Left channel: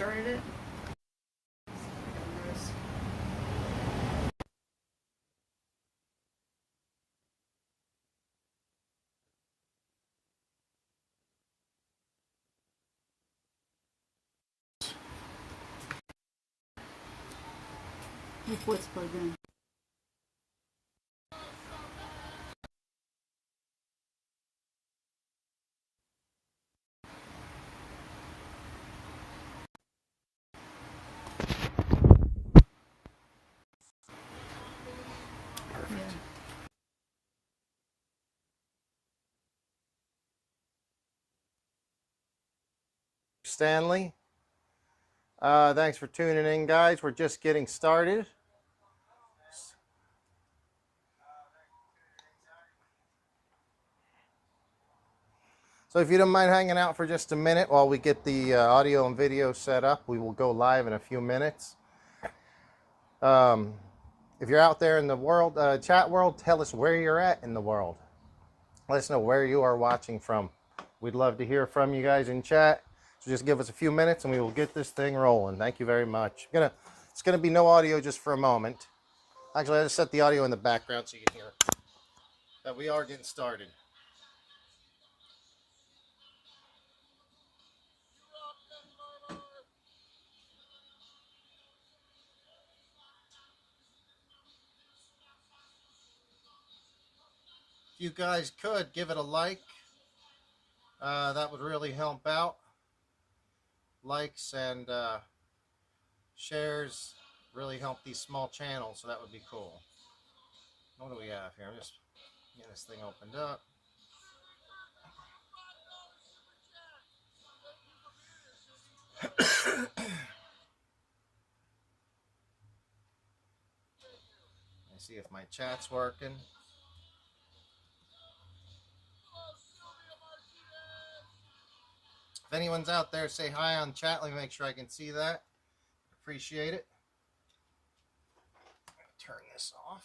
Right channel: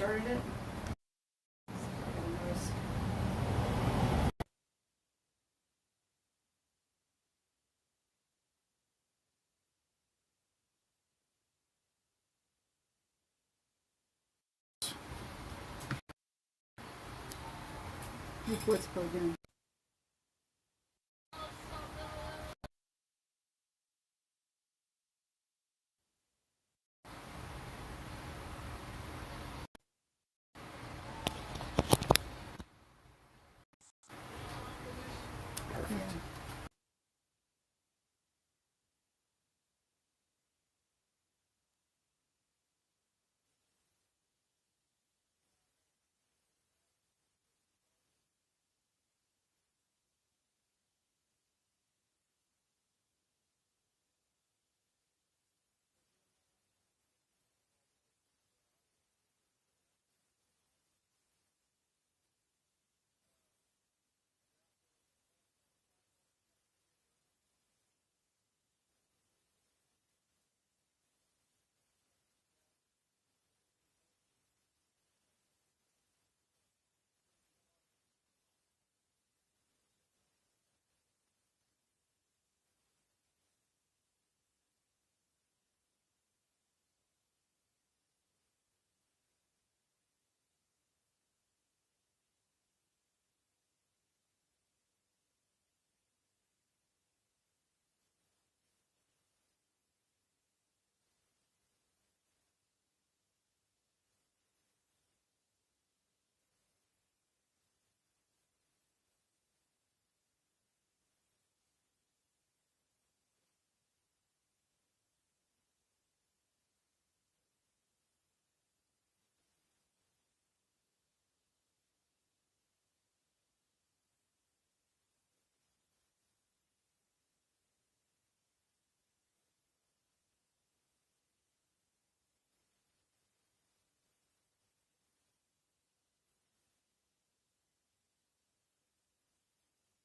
started it. Before it's plugged in. Perfect. Stanley. Thanks for tuning in, guys. We're just getting started. So if you don't mind hanging out for just a minute while we get the audio and video set up, we will go live in a few minutes. If you're out there in the world, chat world, tell us where you're at in the world. Let us know where you are watching from. We'd love to hear from you guys in chat. So just give us a few minutes and we will get this thing rolling. Thank you very much. It's gonna be no audio just for a moment. Actually, I just set the audio in the background so you can hear it. But we are getting started. If you guys could give it a like, that would really help out. Likes and shares really help these small channels, so that would be cool. What do we have here? I'm just getting this thing opened up. Let's see if my chat's working. If anyone's out there, say hi on chat. Let me make sure I can see that. Appreciate it. Turn this off.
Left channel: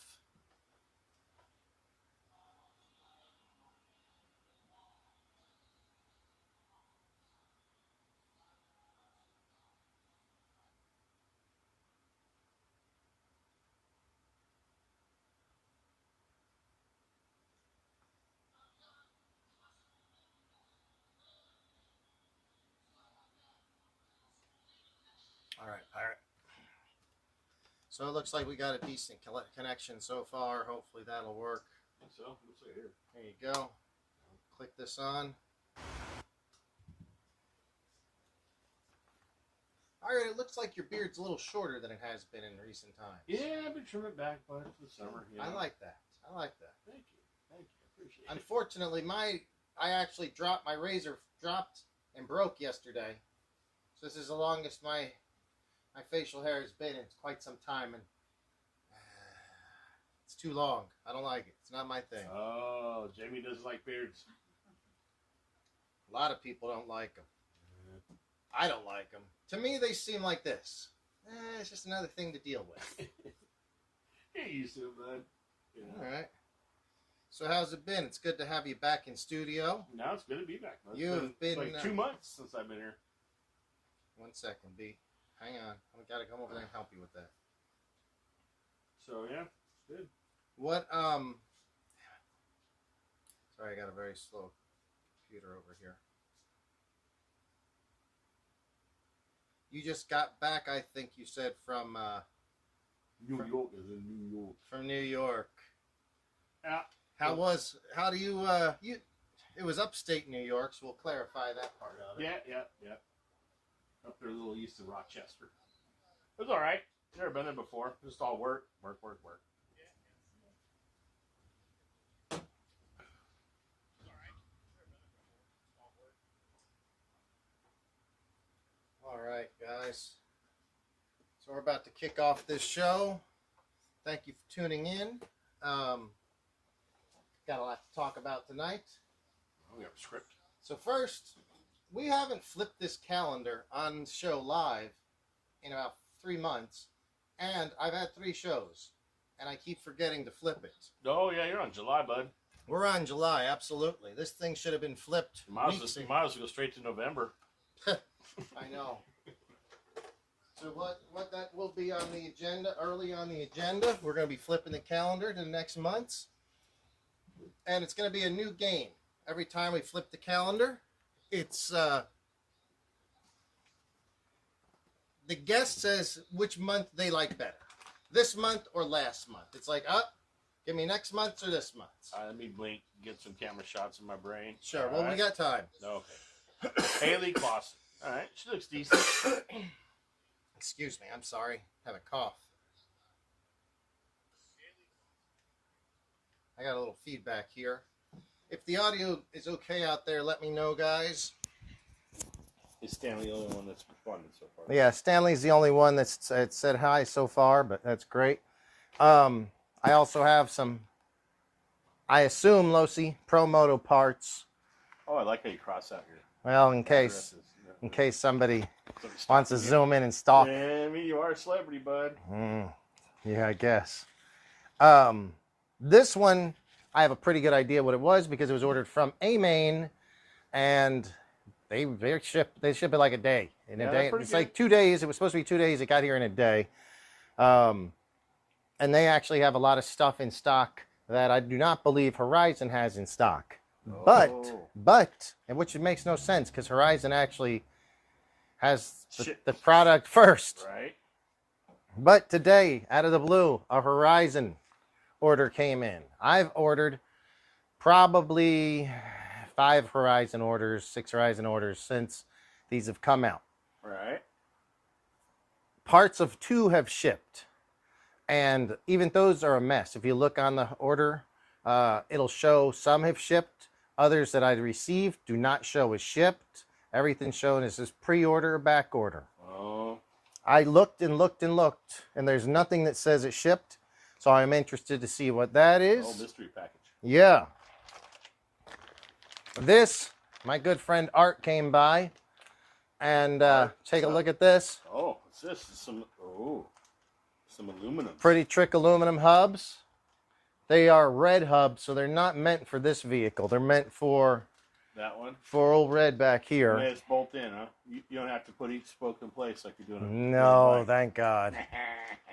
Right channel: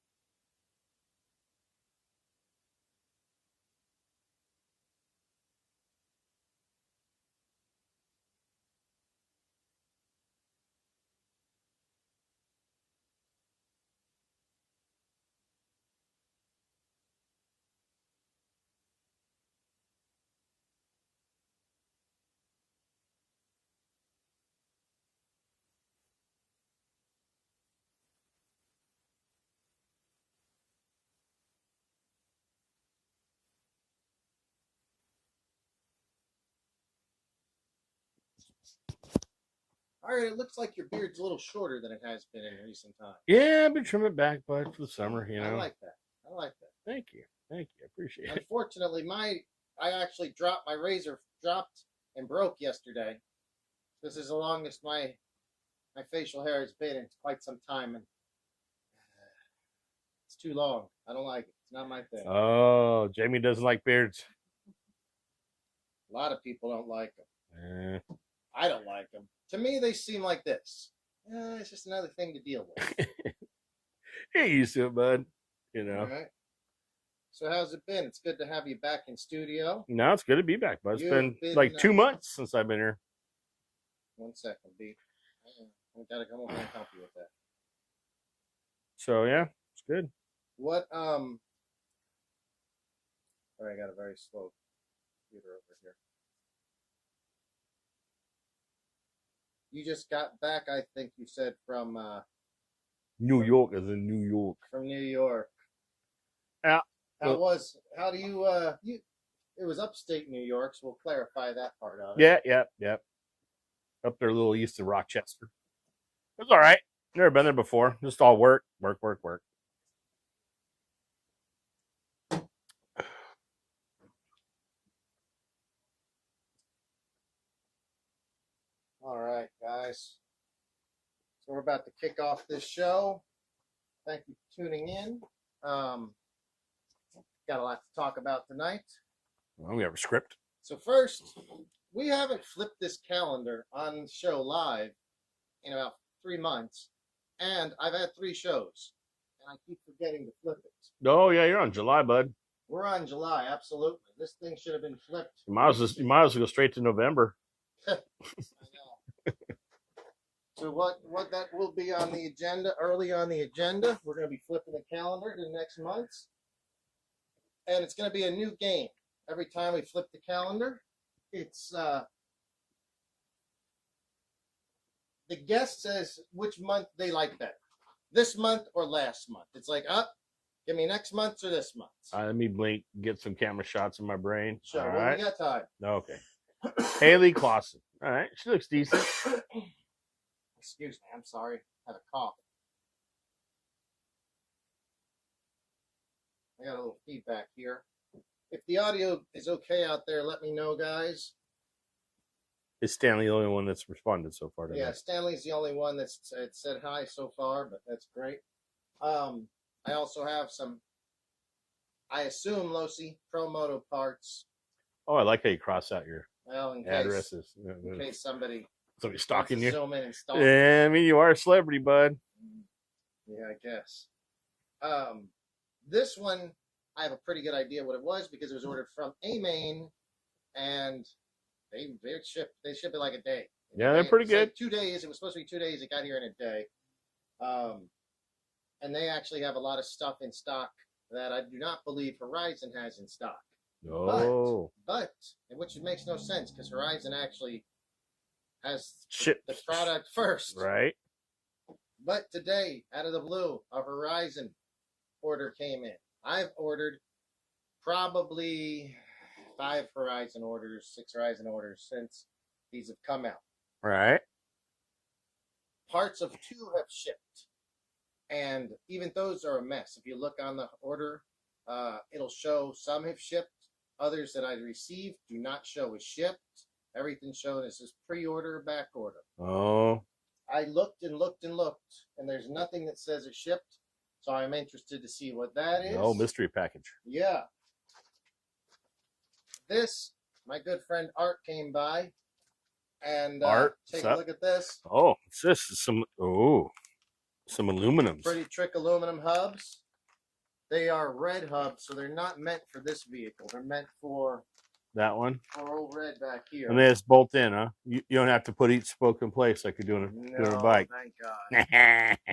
All right, Pirate. So it looks like we got a decent connection so far. Hopefully that'll work. I think so. Looks like here. There you go. Click this on. All right, it looks like your beard's a little shorter than it has been in recent times. Yeah, I've been trimming it back, bud, for the summer, you know. I like that. I like that. Thank you. Thank you. I appreciate it. Unfortunately, I actually dropped my razor, and broke yesterday. So this is the longest my facial hair has been in quite some time, and it's too long. I don't like it. It's not my thing. Oh, Jamie doesn't like beards. A lot of people don't like them. Eh. I don't like them. To me, they seem like this. It's just another thing to deal with. You're used to it, bud. You know. All right. So how's it been? It's good to have you back in studio. No, it's good to be back, bud. It's been like 2 months since I've been here. 1 second, B. Hang on. I gotta come over and help you with that. So yeah, it's good. What sorry, I got a very slow computer over here. You just got back, I think you said, from New York, as in New York. From New York. Yeah. How do you it was upstate New York, so we'll clarify that part of it. Yeah. Up there a little east of Rochester. It was all right. Never been there before. Just all work. All right, guys. So we're about to kick off this show. Thank you for tuning in. Got a lot to talk about tonight. Well, we have a script. So first, we haven't flipped this calendar on the show live in about 3 months, and I've had 3 shows, and I keep forgetting to flip it. Oh yeah, you're on July, bud. We're on July, absolutely. This thing should have been flipped. You might as well go straight to November. I know. So what that will be on the agenda, early on the agenda, we're going to be flipping the calendar to the next month's. And it's going to be a new game. Every time we flip the calendar, it's the guest says which month they like better. This month or last month. It's like, give me next month's or this month's. Let me blink, get some camera shots in my brain. Sure, All well, right. we got time. Okay. Haley Clausen. All right, she looks decent. Excuse me, I'm sorry. I have a cough. I got a little feedback here. If the audio is okay out there, let me know, guys. Is Stanley the only one that's responded so far? Yeah, Stanley's the only one that's said hi so far, but that's great. I also have some, I assume, Losi PROMOTO parts. Oh, I like how you cross out your Well, in case somebody wants to zoom in and stalk. Yeah, I mean, you are a celebrity, bud. Yeah, I guess. This one, I have a pretty good idea what it was because it was ordered from Maine, and they ship it like a day. Yeah, they're pretty good. Like 2 days. It was supposed to be 2 days. It got here in a day. And they actually have a lot of stuff in stock that I do not believe Horizon has in stock. Oh. But which makes no sense because Horizon actually has the product first. Right. But today, out of the blue, a Horizon order came in. I've ordered probably 5 Horizon orders, 6 Horizon orders since these have come out. Right. Parts of 2 have shipped. And even those are a mess. If you look on the order, it'll show some have shipped. Others that I received do not show as shipped. Everything shown is this pre-order or back order. Oh. I looked and looked and looked, and there's nothing that says it shipped. So I'm interested to see what that is. Oh, mystery package. Yeah. This, my good friend Art came by, and take a look at this. Oh, it's just some aluminum. Pretty trick aluminum hubs. They are red hubs, so they're not meant for this vehicle. They're meant for that one. For old Red back here. And they just bolt in, huh? You don't have to put each spoke in place like you're doing No, bike. thank God.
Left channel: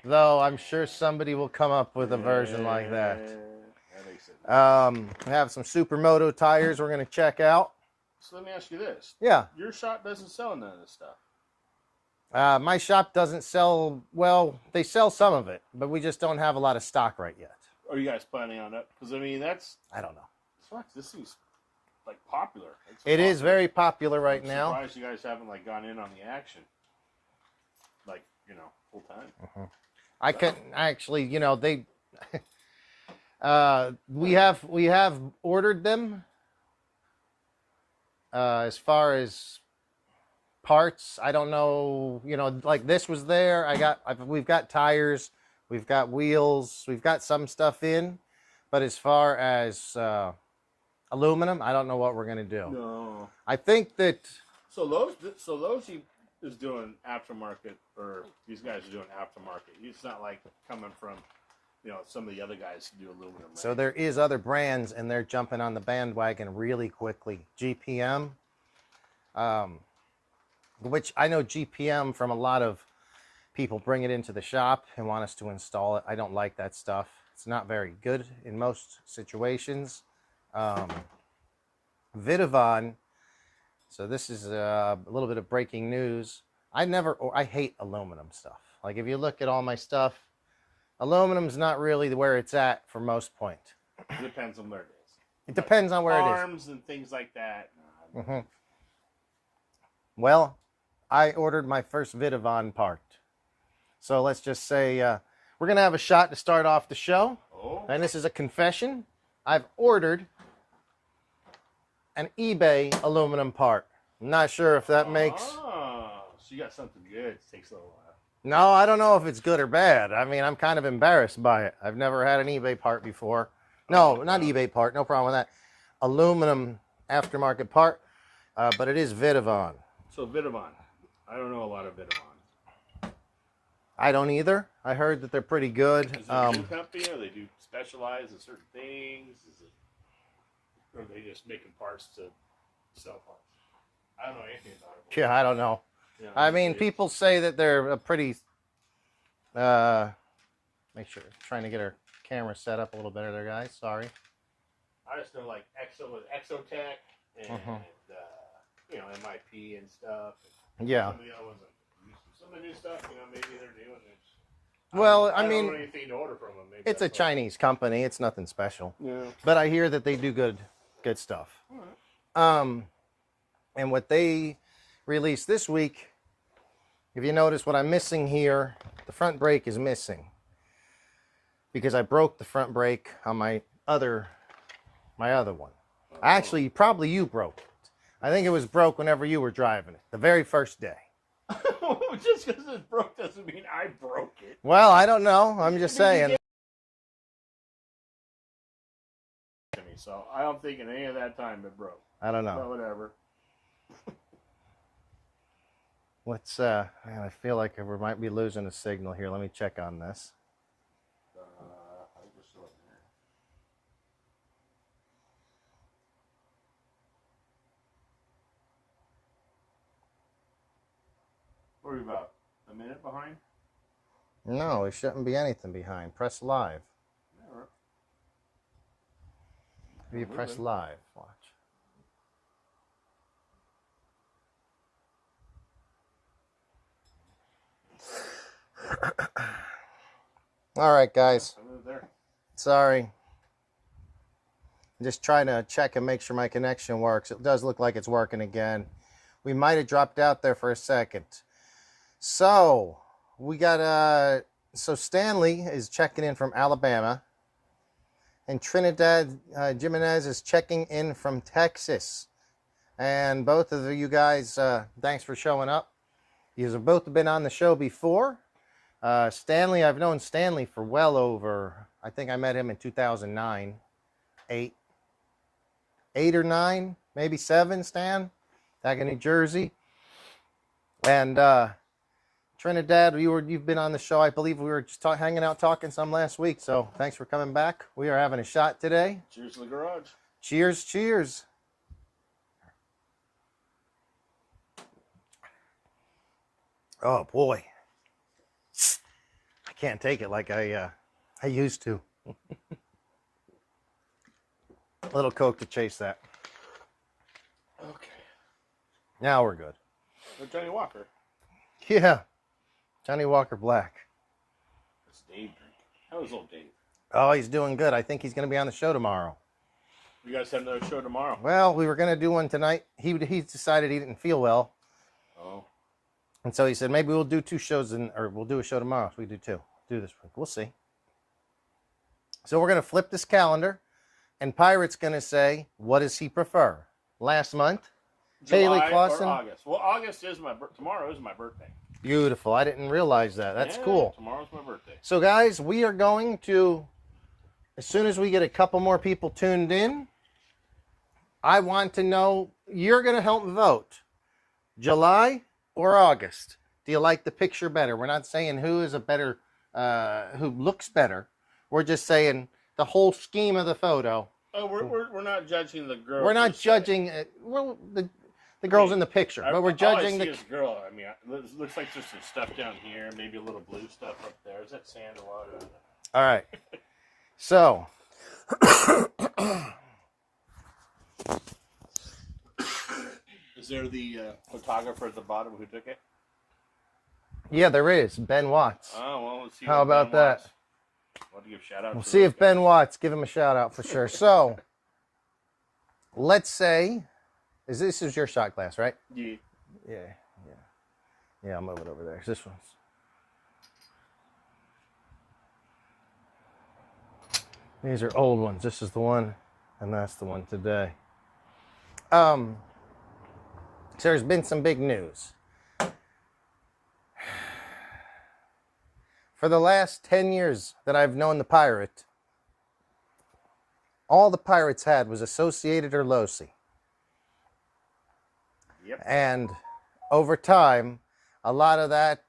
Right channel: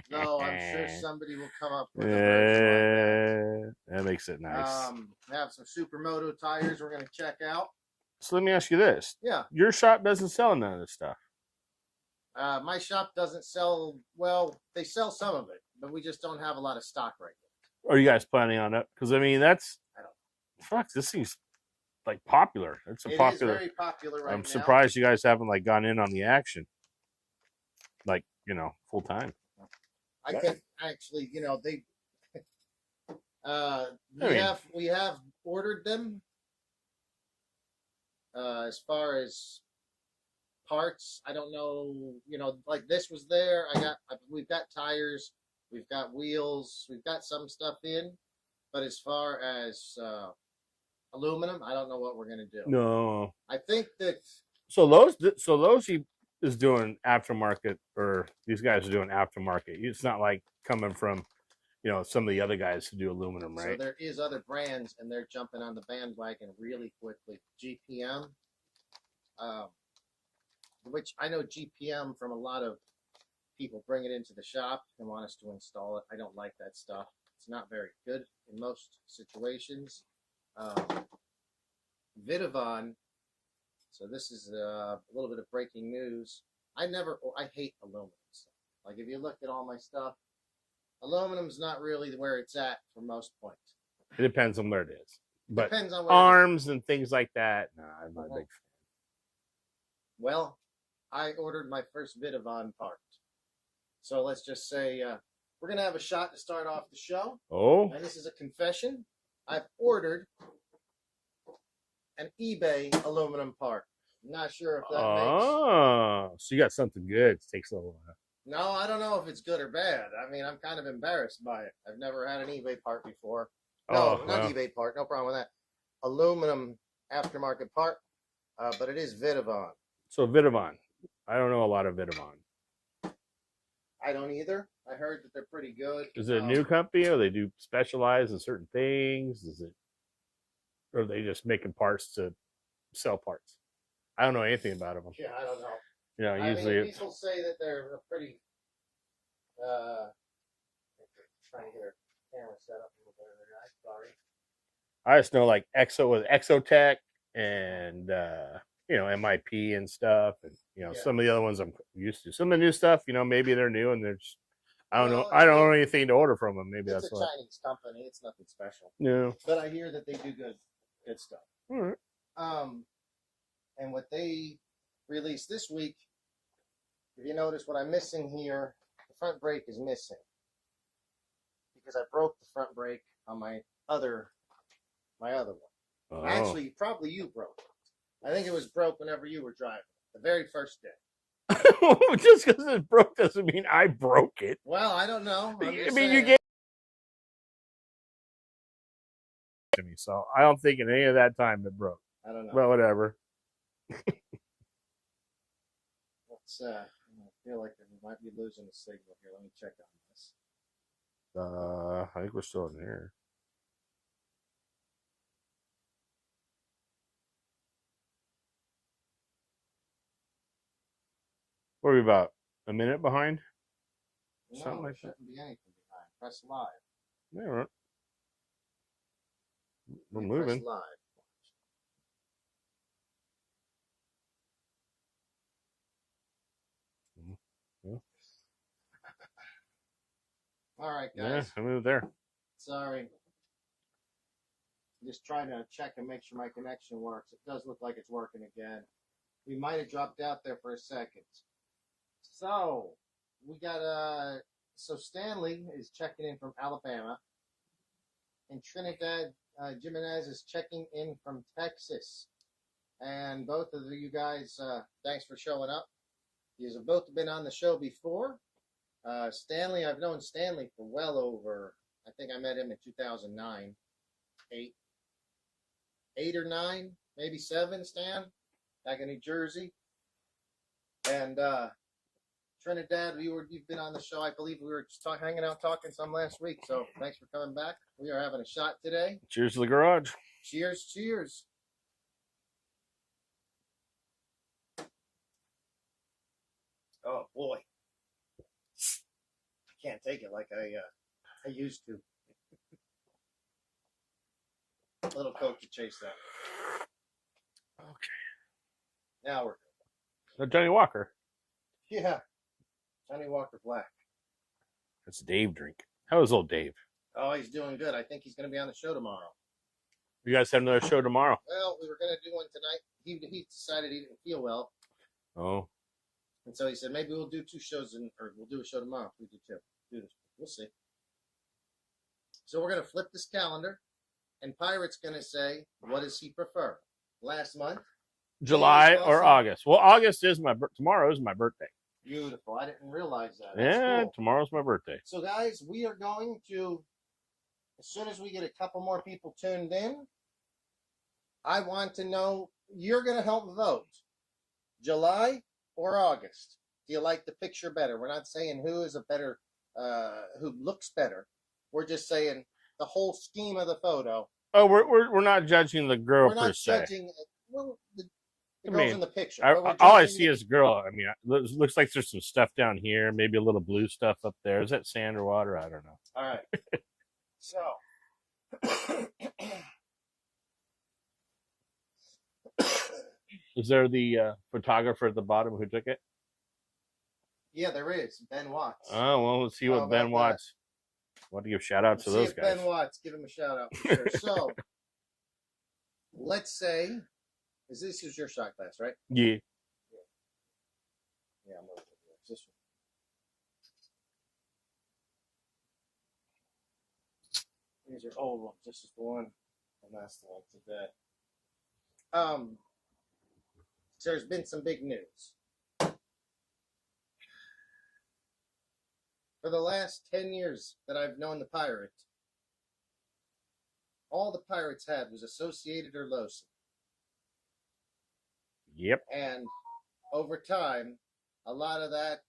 Though I'm sure somebody will come up with a version like that. That makes it nice. We have some Supermoto tires we're going to check out. So let me ask you this. Yeah. Your shop doesn't sell none of this stuff. My shop doesn't sell, well, they sell some of it, but we just don't have a lot of stock right yet. Are you guys planning on it? Because, I mean, that's... I don't know. Fuck, this seems, like, popular. It is very popular right now. I'm surprised you guys haven't, like, gone in on the action. Like, you know, full time. I couldn't, actually, you know, they... we have ordered them. As far as parts, I don't know, you know, like this was there. We've got tires, we've got wheels, we've got some stuff in, but as far as aluminum, I don't know what we're gonna do. No, I think that Losi is doing aftermarket, or these guys are doing aftermarket. It's not like coming from, you know, some of the other guys who do aluminum, right? So there is other brands, and they're jumping on the bandwagon really quickly. GPM, which I know GPM from a lot of people bring it into the shop and want us to install it. I don't like that stuff. It's not very good in most situations. Vidavon. So this is a little bit of breaking news. I hate aluminum stuff. Like if you look at all my stuff, aluminum's not really where it's at for most point. It depends on where it is. It depends on where it is. Arms and things like that. Nah, Well, I ordered my first Vidavon part. So let's just say we're going to have a shot to start off the show. Oh. And this is a confession. I've ordered an eBay aluminum part. I'm not sure if that makes... Oh, so you got something good. It takes a little while. No, I don't know if it's good or bad. I mean, I'm kind of embarrassed by it. I've never had an eBay part before. No, not eBay part. No problem with that. Aluminum aftermarket part, but it is Vidavon. So Vidavon. I don't know a lot of Vidavon. I don't either. I heard that they're pretty good. Is it a new company, or they do specialize in certain things? Or are they just making parts to sell parts? I don't know anything about them. Yeah, I don't know. Yeah, I mean, usually it's- people say that they're a pretty. Make sure trying to get our camera set up a little better there, guys. Sorry. I just know like Exo with Exotech and you know, MIP and stuff, and you know, Yeah. some of the other ones I'm used to. Some of the new stuff, you know, maybe they're new and they're just I don't Well, know. I I don't mean, know anything to order from them. Maybe It's a that's why. Chinese company. It's nothing special. No. But I hear that they do good stuff. All right. And what they released this week, if you notice what I'm missing here, the front brake is missing because I broke the front brake on my other one. Oh. Actually, probably you broke it. I think it was broke whenever you were driving it, the very first day. Just because it's broke doesn't mean I broke it. Well, I don't know. I'm just saying. To me, so I don't think in any of that time it broke. I don't know. But whatever. What's man, I feel like we might be losing a signal here. Let me check on this. I think we're still in here. What are we about? A minute behind? No, there shouldn't be anything behind. Press live. Yeah, right. You We're press moving. live. Watch. All right, guys. Yeah, I moved there. Sorry. I'm just trying to check and make sure my connection works. It does look like it's working again. We might have dropped out there for a second. So we got so Stanley is checking in from Alabama, and Trinidad Jimenez is checking in from Texas. And both of you guys, thanks for showing up. You have both been on the show before. Stanley, I've known Stanley for well over, I think I met him in 2009, 8 or 9, maybe 7, Stan, back in New Jersey. And Trinidad, you've been on the show. I believe we were just hanging out talking some last week. So thanks for coming back. We are having a shot today. Cheers to the garage. Cheers, cheers. Oh boy, I can't take it like I used to. A little Coke to chase that. Okay. Now we're good. Johnny Walker. Yeah, Johnny Walker Black. That's Dave drink. How is old Dave? Oh, he's doing good. I think he's going to be on the show tomorrow. You guys have another show tomorrow. Well, we were going to do one tonight. He decided he didn't feel well. Oh. And so he said, maybe we'll do 2 shows, or we'll do a show tomorrow. So we do 2. Do this week. We'll see. So we're going to flip this calendar, and Pirate's going to say, what does he prefer? Last month? July Bailey or Clausen? August? Well, August is tomorrow is my birthday. Beautiful. I didn't realize that. That's Yeah, cool. Tomorrow's my birthday. So, guys, we are going to, as soon as we get a couple more people tuned in, I want to know, you're going to help vote. July or August? Do you like the picture better? We're not saying who is a better, who looks better. We're just saying the whole scheme of the photo. Oh, we're not judging the girl. We're not per se. judging well, the girls in the picture. But we're all I judging see is girl. I mean, it looks like there's some stuff down here, maybe a little blue stuff up there. Is that sand or water? I don't know. All right. So, is there the photographer at the bottom who took it? yeah, there is Ben Watts. Oh, well, let's see How what about Ben that? wants. I want to give shout outs We'll to see those if Ben guys. Watts, give him a shout out for sure. So, let's say, this is your shot glass, right? Yeah. Yeah, I'll move it over there. This one's. These are old ones. This is the one, and that's the one today. So there's been some big news. For the last 10 years that I've known the Pirate, all the Pirates had was Associated or Losi. Yep. And over time, a lot of that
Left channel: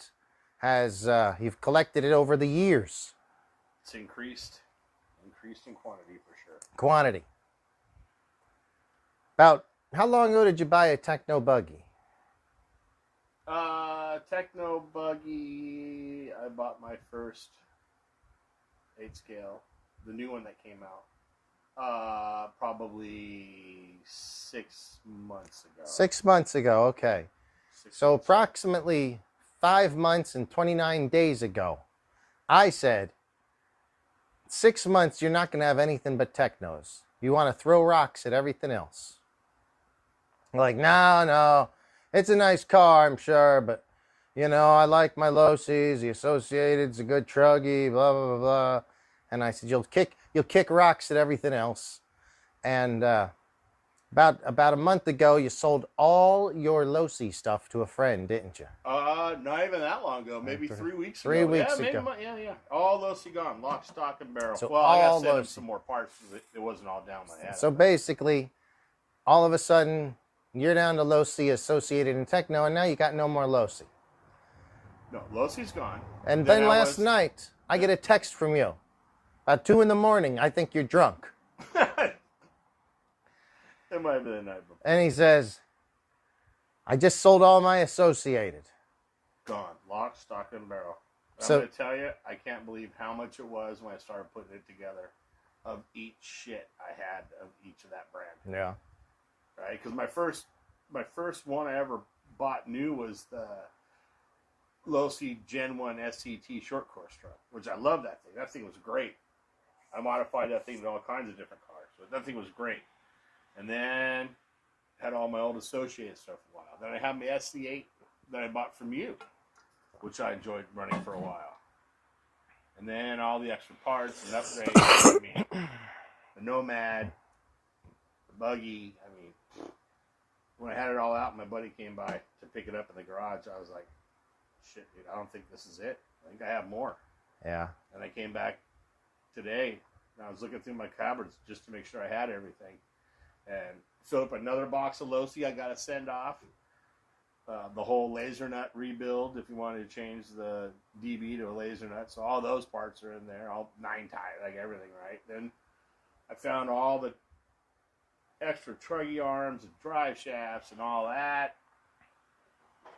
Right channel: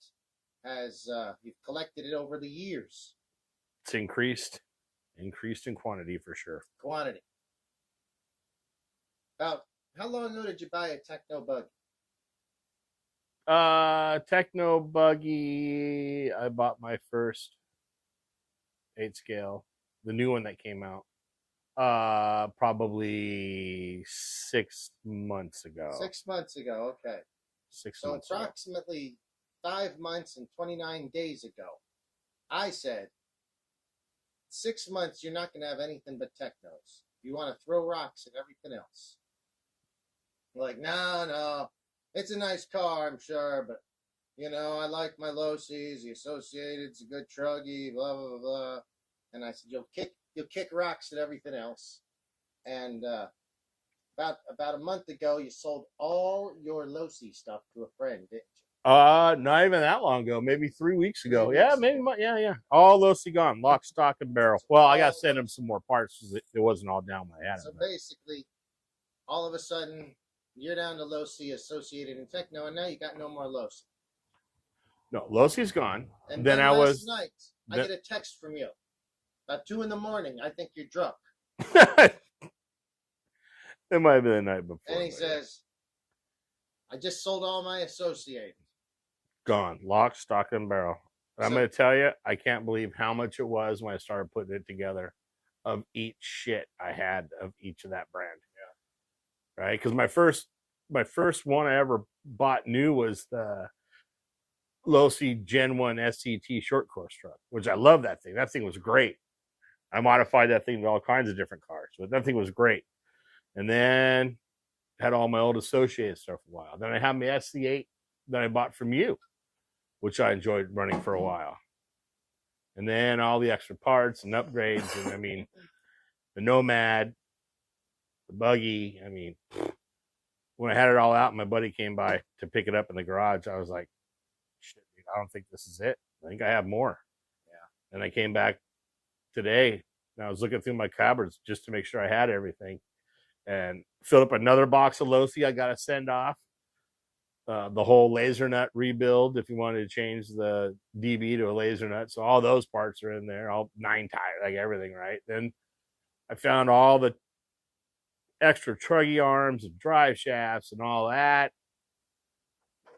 has, you've collected it over the years. It's increased in quantity for sure. Quantity. About, how long ago did you buy a Techno Buggy? Techno buggy. I bought my first 8 scale, the new one that came out. Probably 6 months ago. 6 months ago. Okay. 6 So months ago. approximately 5 months and 29 days ago, I said, 6 months, you're not going to have anything but technos. You want to throw rocks at everything else. Like, no, it's a nice car, I'm sure, but, I like my Losis, the Associated's a good truggy, blah, blah, blah, blah. And I said, you'll kick rocks at everything else. And about a month ago, you sold all your Losi stuff to a friend, didn't you? Not even that long ago. Maybe 3 weeks ago. 3 weeks yeah, maybe. ago. Yeah. All Losi gone, lock, stock, and barrel. So well, I got to all send him Losi. some more parts because it wasn't all down my head. So basically, all of a sudden, you're down to Losi, Associated, and Techno, and now you got no more Losi. No, Losi's gone. And then last night, I get a text from you. About 2 a.m, I think you're drunk. It might have been the night before. And he says, I just sold all my Associated. Gone. Lock, stock, and barrel. I'm going to tell you, I can't believe how much it was when I started putting it together of each shit I had of each of that brand. Yeah. Right? Because my first one I ever bought new was the Losi Gen 1 SCT short course truck, which I love that thing. That thing was great. I modified that thing with all kinds of different cars, but that thing was great. And then had all my old Associated stuff for a while. Then I had my SC8 that I bought from you, which I enjoyed running for a while. And then all the extra parts and upgrades. I mean, the Nomad, the buggy. I mean, when I had it all out, my buddy came by to pick it up in the garage. I was like, shit, dude, I don't think this is it. I think I have more. Yeah. And I came back today and I was looking through my cupboards just to make sure I had everything. And filled up another box of Losi I got to send off. The whole laser nut rebuild if you wanted to change the DB to a laser nut. So all those parts are in there, all 9 tire, like everything, right? Then I found all the extra truggy arms and drive shafts and all that.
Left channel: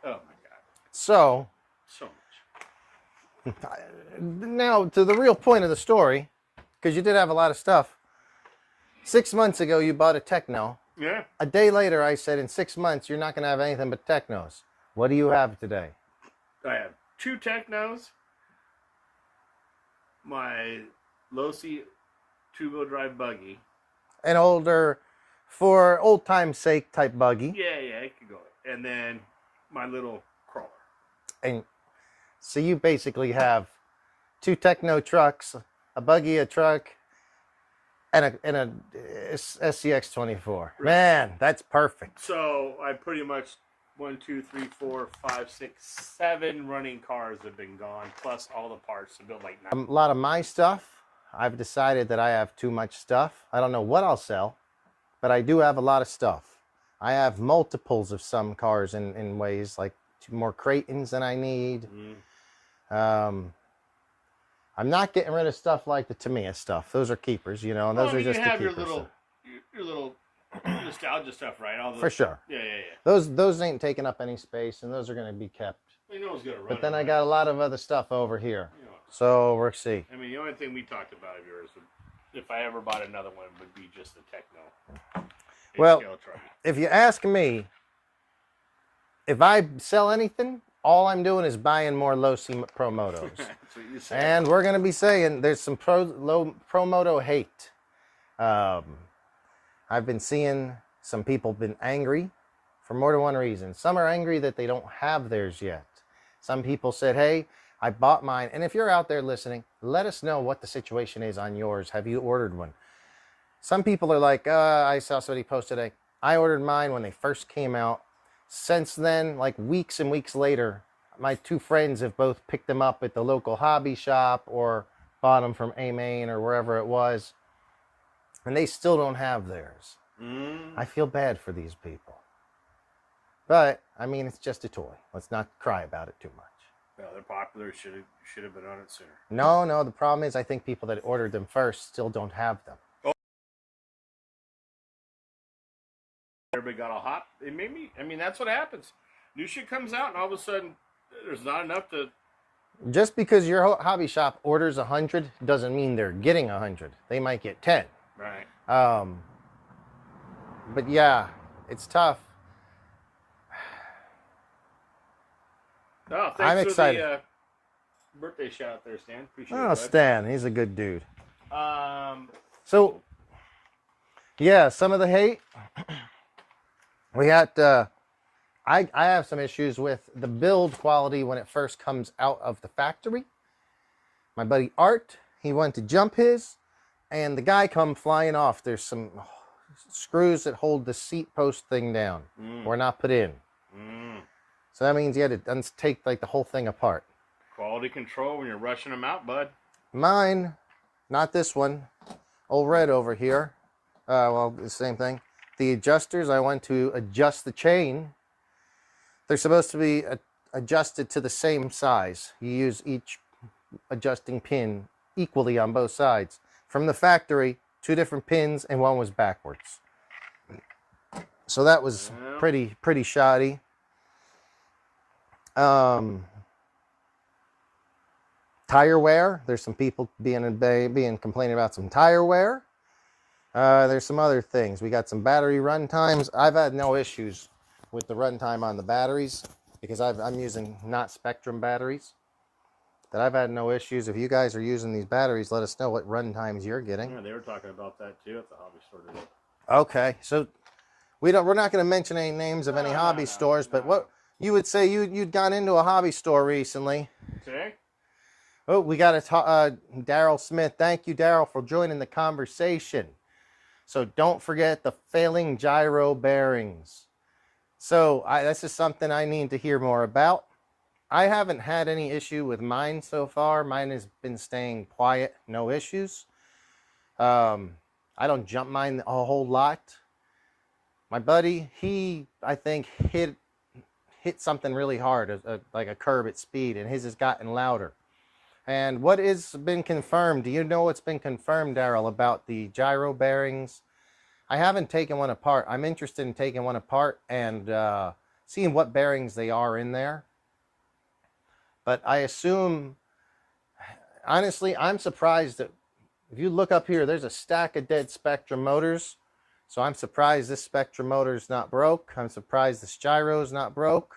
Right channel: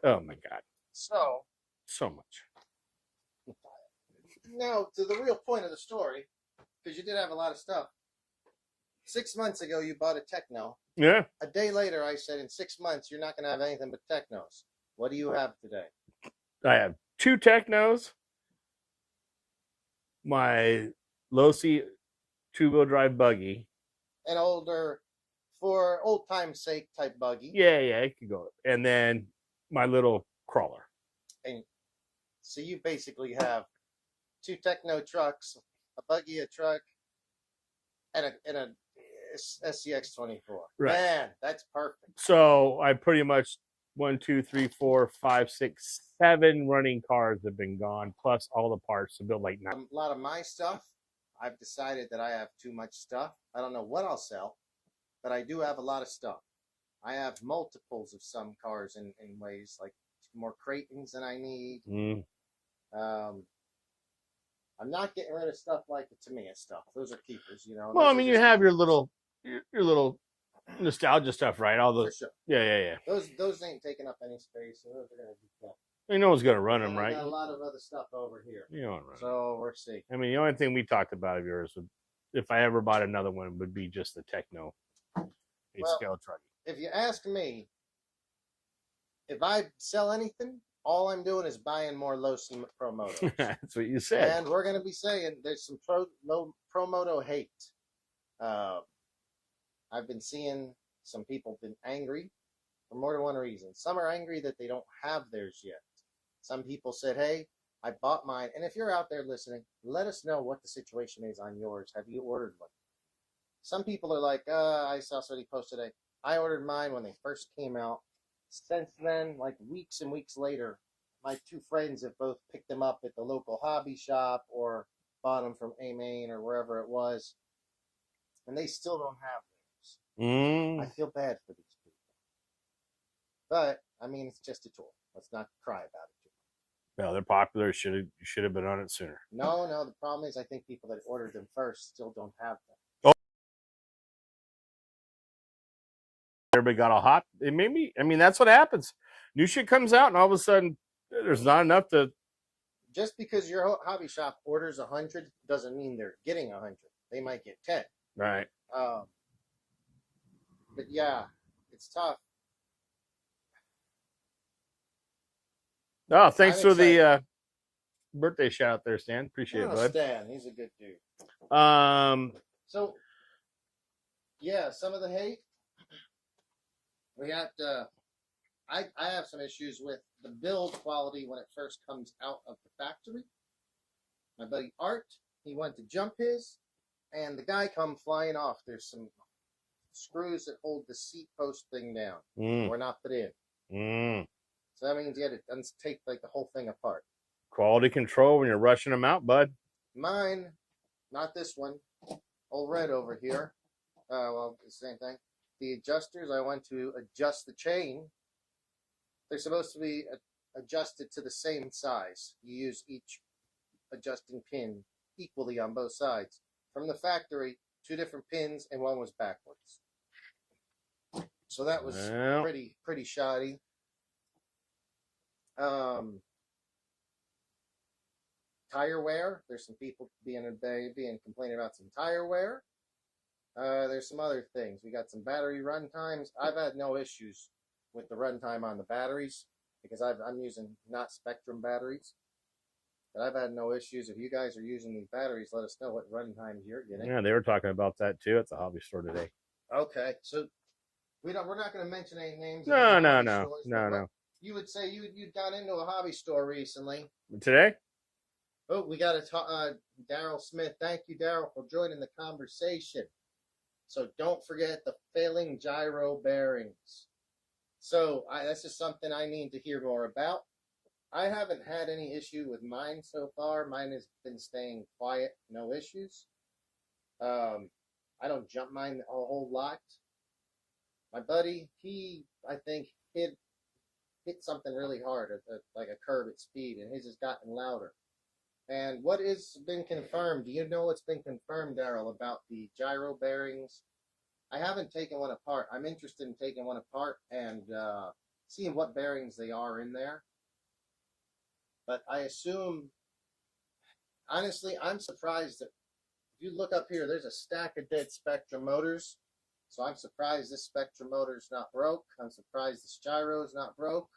Oh my God. So much. Now to the real point of the story, because you did have a lot of stuff. 6 months ago, you bought a Techno. Yeah. A day later, I said, in 6 months, you're not going to have anything but Technos. What do you have today? I have 2 Technos, my Losi 2-wheel drive buggy. An older, for old time's sake type buggy. Yeah, it could go. And then my little crawler. And so you basically have 2 Techno trucks, a buggy, a truck, and a SCX 24. Right. Man, that's perfect. So I pretty much 1, 2, 3, 4, 5, 6, 7 running cars have been gone, plus all the parts to build like 9. A lot of my stuff, I've decided that I have too much stuff. I don't know what I'll sell, but I do have a lot of stuff. I have multiples of some cars in ways, like 2 more Creightons than I need. I'm not getting rid of stuff like the Tamiya stuff. Those are keepers, And well, those I mean, are just you have your little nostalgia stuff, right? All the for sure. Yeah. Those ain't taking up any space, and those are going to be kept. No one's going to run them. Then I got a lot of other stuff over here. So we'll see. I mean, the only thing we talked about of yours, if I ever bought another one, would be just the Techno. Well, if you ask me, if I sell anything, all I'm doing is buying more Losi PROMOTOs. That's what you said. And we're going to be saying there's some PROMOTO hate. I've been seeing some people been angry for more than one reason. Some are angry that they don't have theirs yet. Some people said, hey, I bought mine. And if you're out there listening, let us know what the situation is on yours. Have you ordered one? Some people are like, I saw somebody post today. I ordered mine when they first came out. Since then, like weeks and weeks later, my 2 friends have both picked them up at the local hobby shop or bought them from A-Main or wherever it was. And they still don't have theirs. I feel bad for these people. But, I mean, it's just a toy. Let's not cry about it too much. Well, they're popular. Should have been on it sooner. No. The problem is I think people that ordered them first still don't have them. Everybody got all hot. It made me. I mean, that's what happens. New shit comes out, and all of a sudden, there's not enough to. Just because your hobby shop orders 100 doesn't mean they're getting 100. They might get 10. Right. But yeah, it's tough. Oh, thanks I'm for excited. the birthday shout out there, Stan. Appreciate it, bud. Stan, he's a good dude. Um, So, yeah, some of the hate. We had, I have some issues with the build quality when it first comes out of the factory. My buddy Art, he went to jump his, and the guy come flying off. There's some screws that hold the seat post thing down. Were not put in. So that means you had to take like the whole thing apart. Quality control when you're rushing them out, bud. Mine, not this one. Old Red over here. Well, the same thing. The adjusters, I went to adjust the chain. They're supposed to be adjusted to the same size. You use each adjusting pin equally on both sides. From the factory, 2 different pins, and one was backwards. So that was pretty shoddy. Tire wear. There's some people being complaining about some tire wear. There's some other things. We got some battery run times. I've had no issues with the runtime on the batteries because I'm using not Spectrum batteries. That I've had no issues. If you guys are using these batteries, let us know what run times you're getting. Yeah, they were talking about that too at the hobby store today. Okay, so we're not going to mention any names of any hobby stores, but what you would say you'd gone into a hobby store recently today? Oh, we got Daryl Smith. Thank you, Daryl, for joining the conversation. So don't forget the failing gyro bearings. So this is something I need to hear more about. I haven't had any issue with mine so far. Mine has been staying quiet, no issues. I don't jump mine a whole lot. My buddy, I think hit something really hard, like a curb at speed, and his has gotten louder. And what has been confirmed? Do you know what's been confirmed, Daryl, about the gyro bearings? I haven't taken one apart. I'm interested in taking one apart and seeing what bearings they are in there. But I assume, honestly, I'm surprised that if you look up here, there's a stack of dead Spectrum motors. So I'm surprised this Spectrum motor is not broke. I'm surprised this gyro is not broke.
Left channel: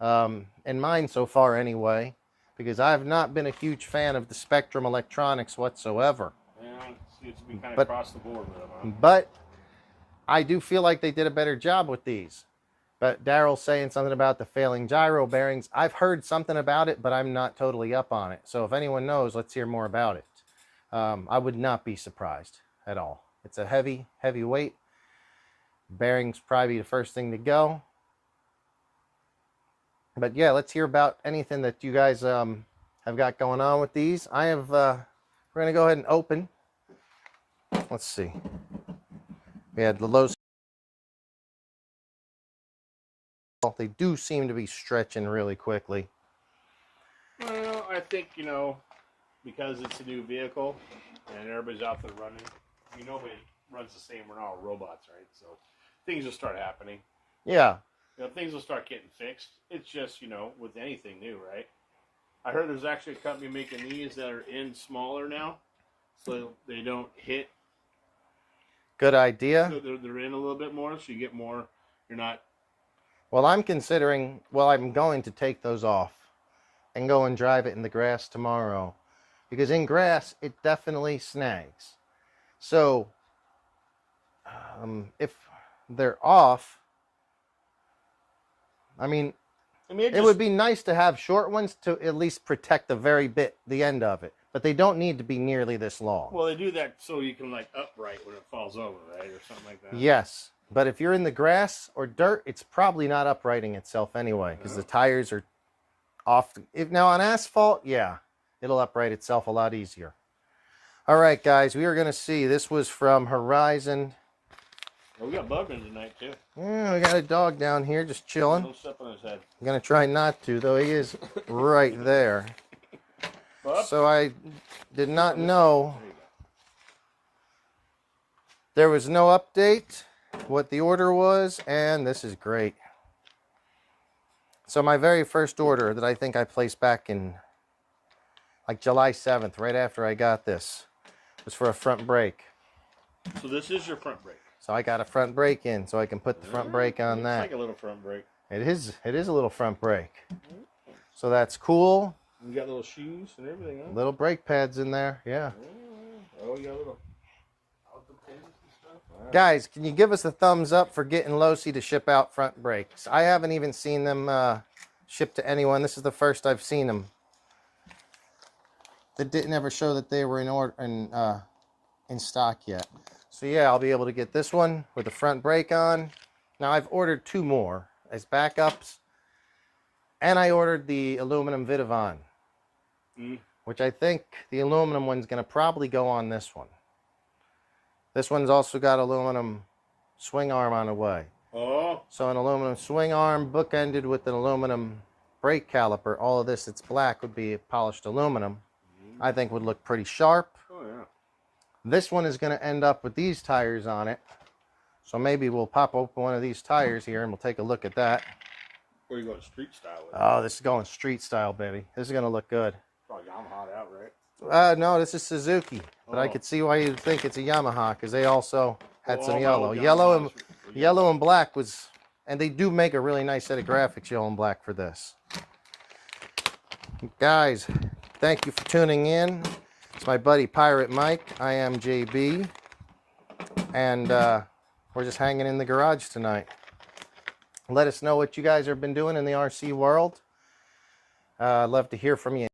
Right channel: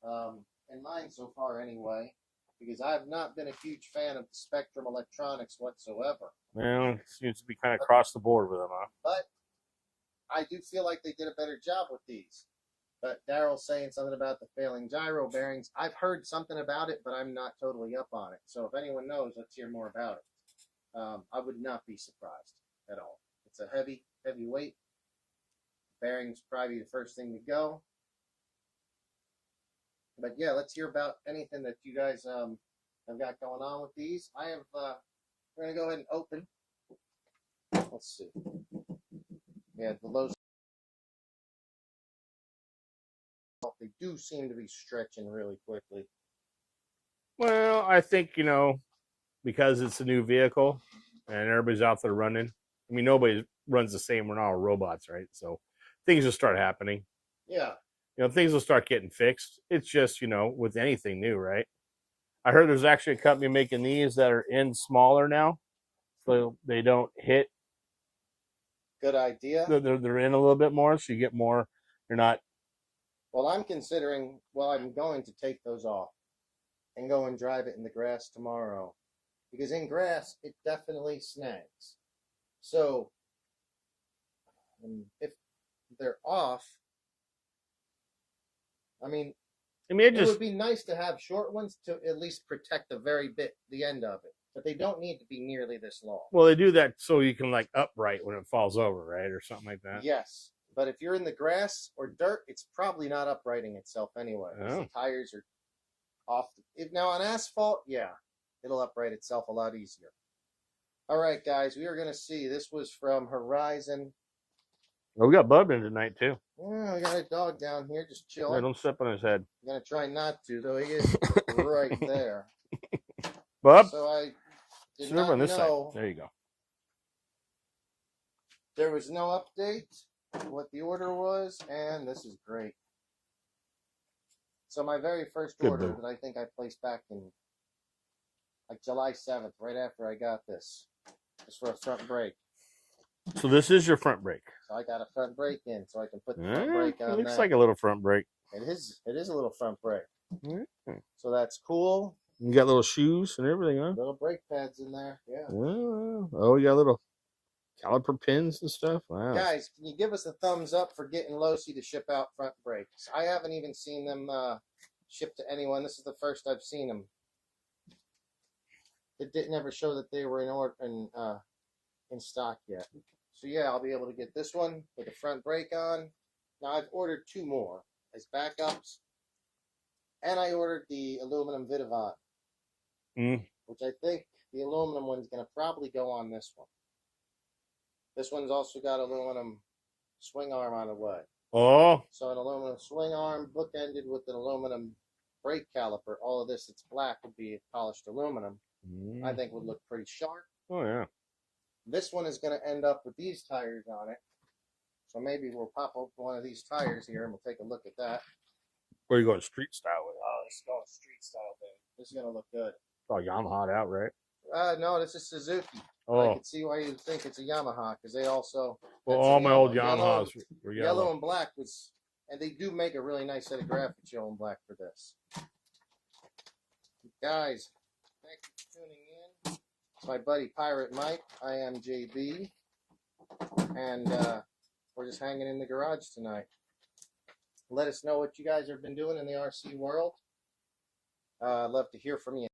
In mine so far anyway. Because I've not been a huge fan of the Spectrum electronics whatsoever. Well, it seems to be kind of across the board with them, huh? But I do feel like they did a better job with these. But Daryl's saying something about the failing gyro bearings. I've heard something about it, but I'm not totally up on it. So if anyone knows, let's hear more about it. I would not be surprised at all. It's a heavy weight. Bearings probably the first thing to go. But yeah, let's hear about anything that you guys have got going on with these. We're going to go ahead and open. Let's see. We had the Losi. They do seem to be stretching really quickly. Well, I think, because it's a new vehicle and everybody's out there running. I mean, nobody runs the same. We're not all robots, right? So things will start happening. Yeah. Things will start getting fixed. It's just, with anything new, right? I heard there's actually a company making these that are in smaller now, so they don't hit. Good idea. They're in a little bit more, so you get more. You're not. Well, I'm going to take those off and go and drive it in the grass tomorrow. Because in grass, it definitely snags. So, if they're off, it would be nice to have short ones to at least protect the end of it. But they don't need to be nearly this long. Well, they do that so you can upright when it falls over, right? Or something like that. Yes. But if you're in the grass or dirt, it's probably not uprighting itself anyway. Because the tires are off. Now on asphalt, yeah, it'll upright itself a lot easier. All right, guys, we are going to see. This was from Horizon. Oh, we got Bub in tonight, too. Yeah, we got a dog down here just chilling. Don't step on his head. I'm going to try not to, though he is right there. Bub? So I did not know. There you go. There was no update, what the order was, and this is great. So my very first order that I think I placed back in like July 7th, right after I got this, was for a front brake. So this is your front brake. So I got a front brake in, so I can put the front brake on that. It's like a little front brake. It is a little front brake. So that's cool. You got little shoes and everything, huh? Little brake pads in there, yeah. Oh, you got little caliper pins and stuff. Wow. Guys, can you give us a thumbs up for getting Losi to ship out front brakes? I haven't even seen them shipped to anyone. This is the first I've seen them. That didn't ever show that they were in stock yet. So yeah, I'll be able to get this one with the front brake on. Now I've ordered 2 more as backups, and I ordered the aluminum Vitavon, which I think the aluminum one's going to probably go on this one. This one's also got aluminum swing arm on the way. Oh. So an aluminum swing arm bookended with an aluminum brake caliper. All of this that's black would be polished aluminum. I think would look pretty sharp. Oh, yeah. This one is going to end up with these tires on it. So maybe we'll pop open one of these tires here and we'll take a look at that. Where are you going street style with it? Oh, this is going street style, baby. This is going to look good. It's all Yamaha out, right? No, this is Suzuki. But I could see why you'd think it's a Yamaha, because they also had some my yellow. old Yellow and black was, and they do make a really nice set of graphics, yellow and black, for this. Guys, thank you for tuning in. It's my buddy Pirate Mike. I am JB. And we're just hanging in the garage tonight. Let us know what you guys have been doing in the RC world. I'd love to hear from you.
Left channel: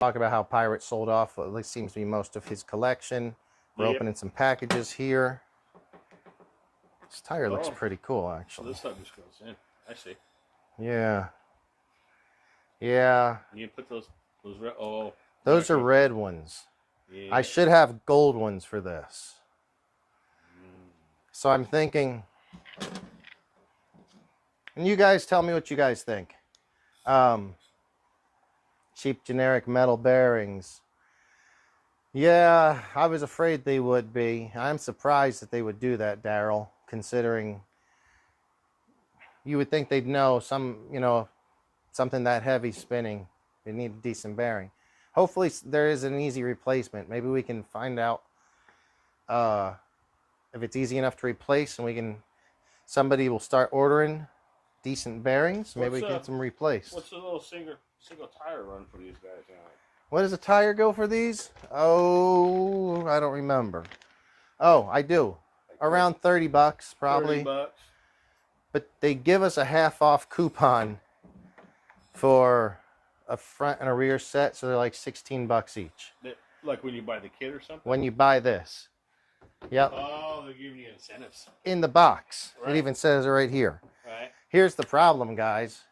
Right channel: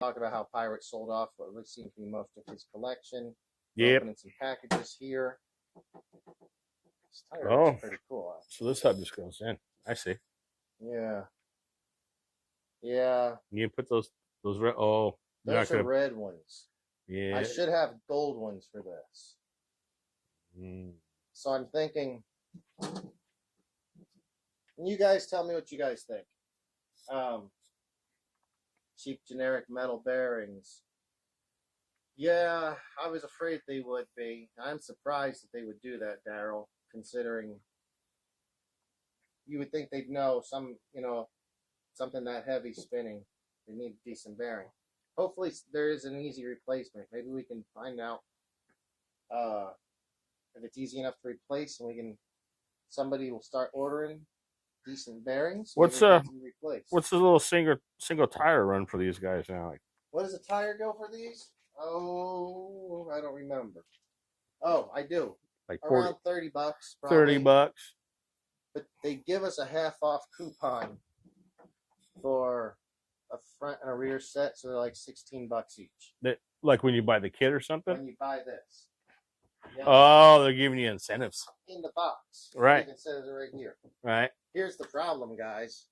Talk about how Pirate sold off what at least seems to be most of his collection. We're opening some packages here. This tire looks pretty cool, actually. So this hub just goes in. I see. Yeah. Yeah. You can put those red. Oh. Those are red ones. Yeah. I should have gold ones for this. So I'm thinking, and you guys tell me what you guys think. Cheap generic metal bearings. Yeah, I was afraid they would be. I'm surprised that they would do that, Daryl, considering you would think they'd know something that heavy spinning. They need a decent bearing. Hopefully there is an easy replacement. Maybe we can find out if it's easy enough to replace, and somebody will start ordering decent bearings. Maybe we can get them replaced. What's the little single tire run for these guys now? Like, what does a tire go for these? Oh, I don't remember. Oh, I do. Like around 30 bucks, probably. 30 bucks. But they give us a half off coupon for a front and a rear set, so they're like 16 bucks each. Like when you buy the kit or something? When you buy this. Yep. Oh, they're giving you incentives. In the box. Right. It even says it right here. Right. Here's the problem, guys.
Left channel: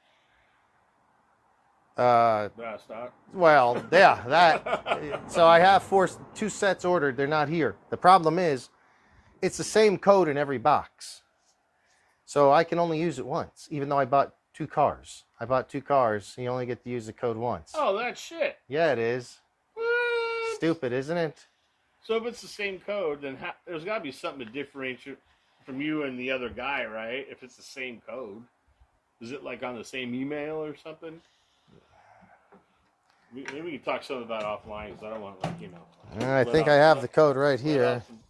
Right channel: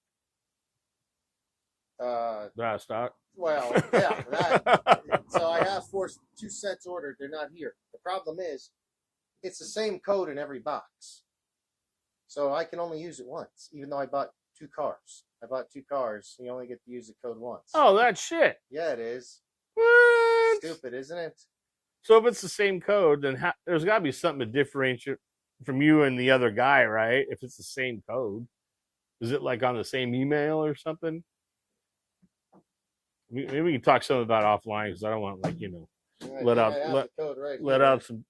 Stock. Well, yeah, that. So I have 2 sets ordered. They're not here. The problem is, it's the same code in every box. So I can only use it once, even though I bought 2 cars. I bought 2 cars. You only get to use the code once. Oh, that's shit. Yeah, it is. What? Stupid, isn't it? So if it's the same code, then there's got to be something to differentiate from you and the other guy, right? If it's the same code. Is it like on the same email or something? Maybe we can talk something about offline, because I don't want, like, I think I have the code right here. Let out some...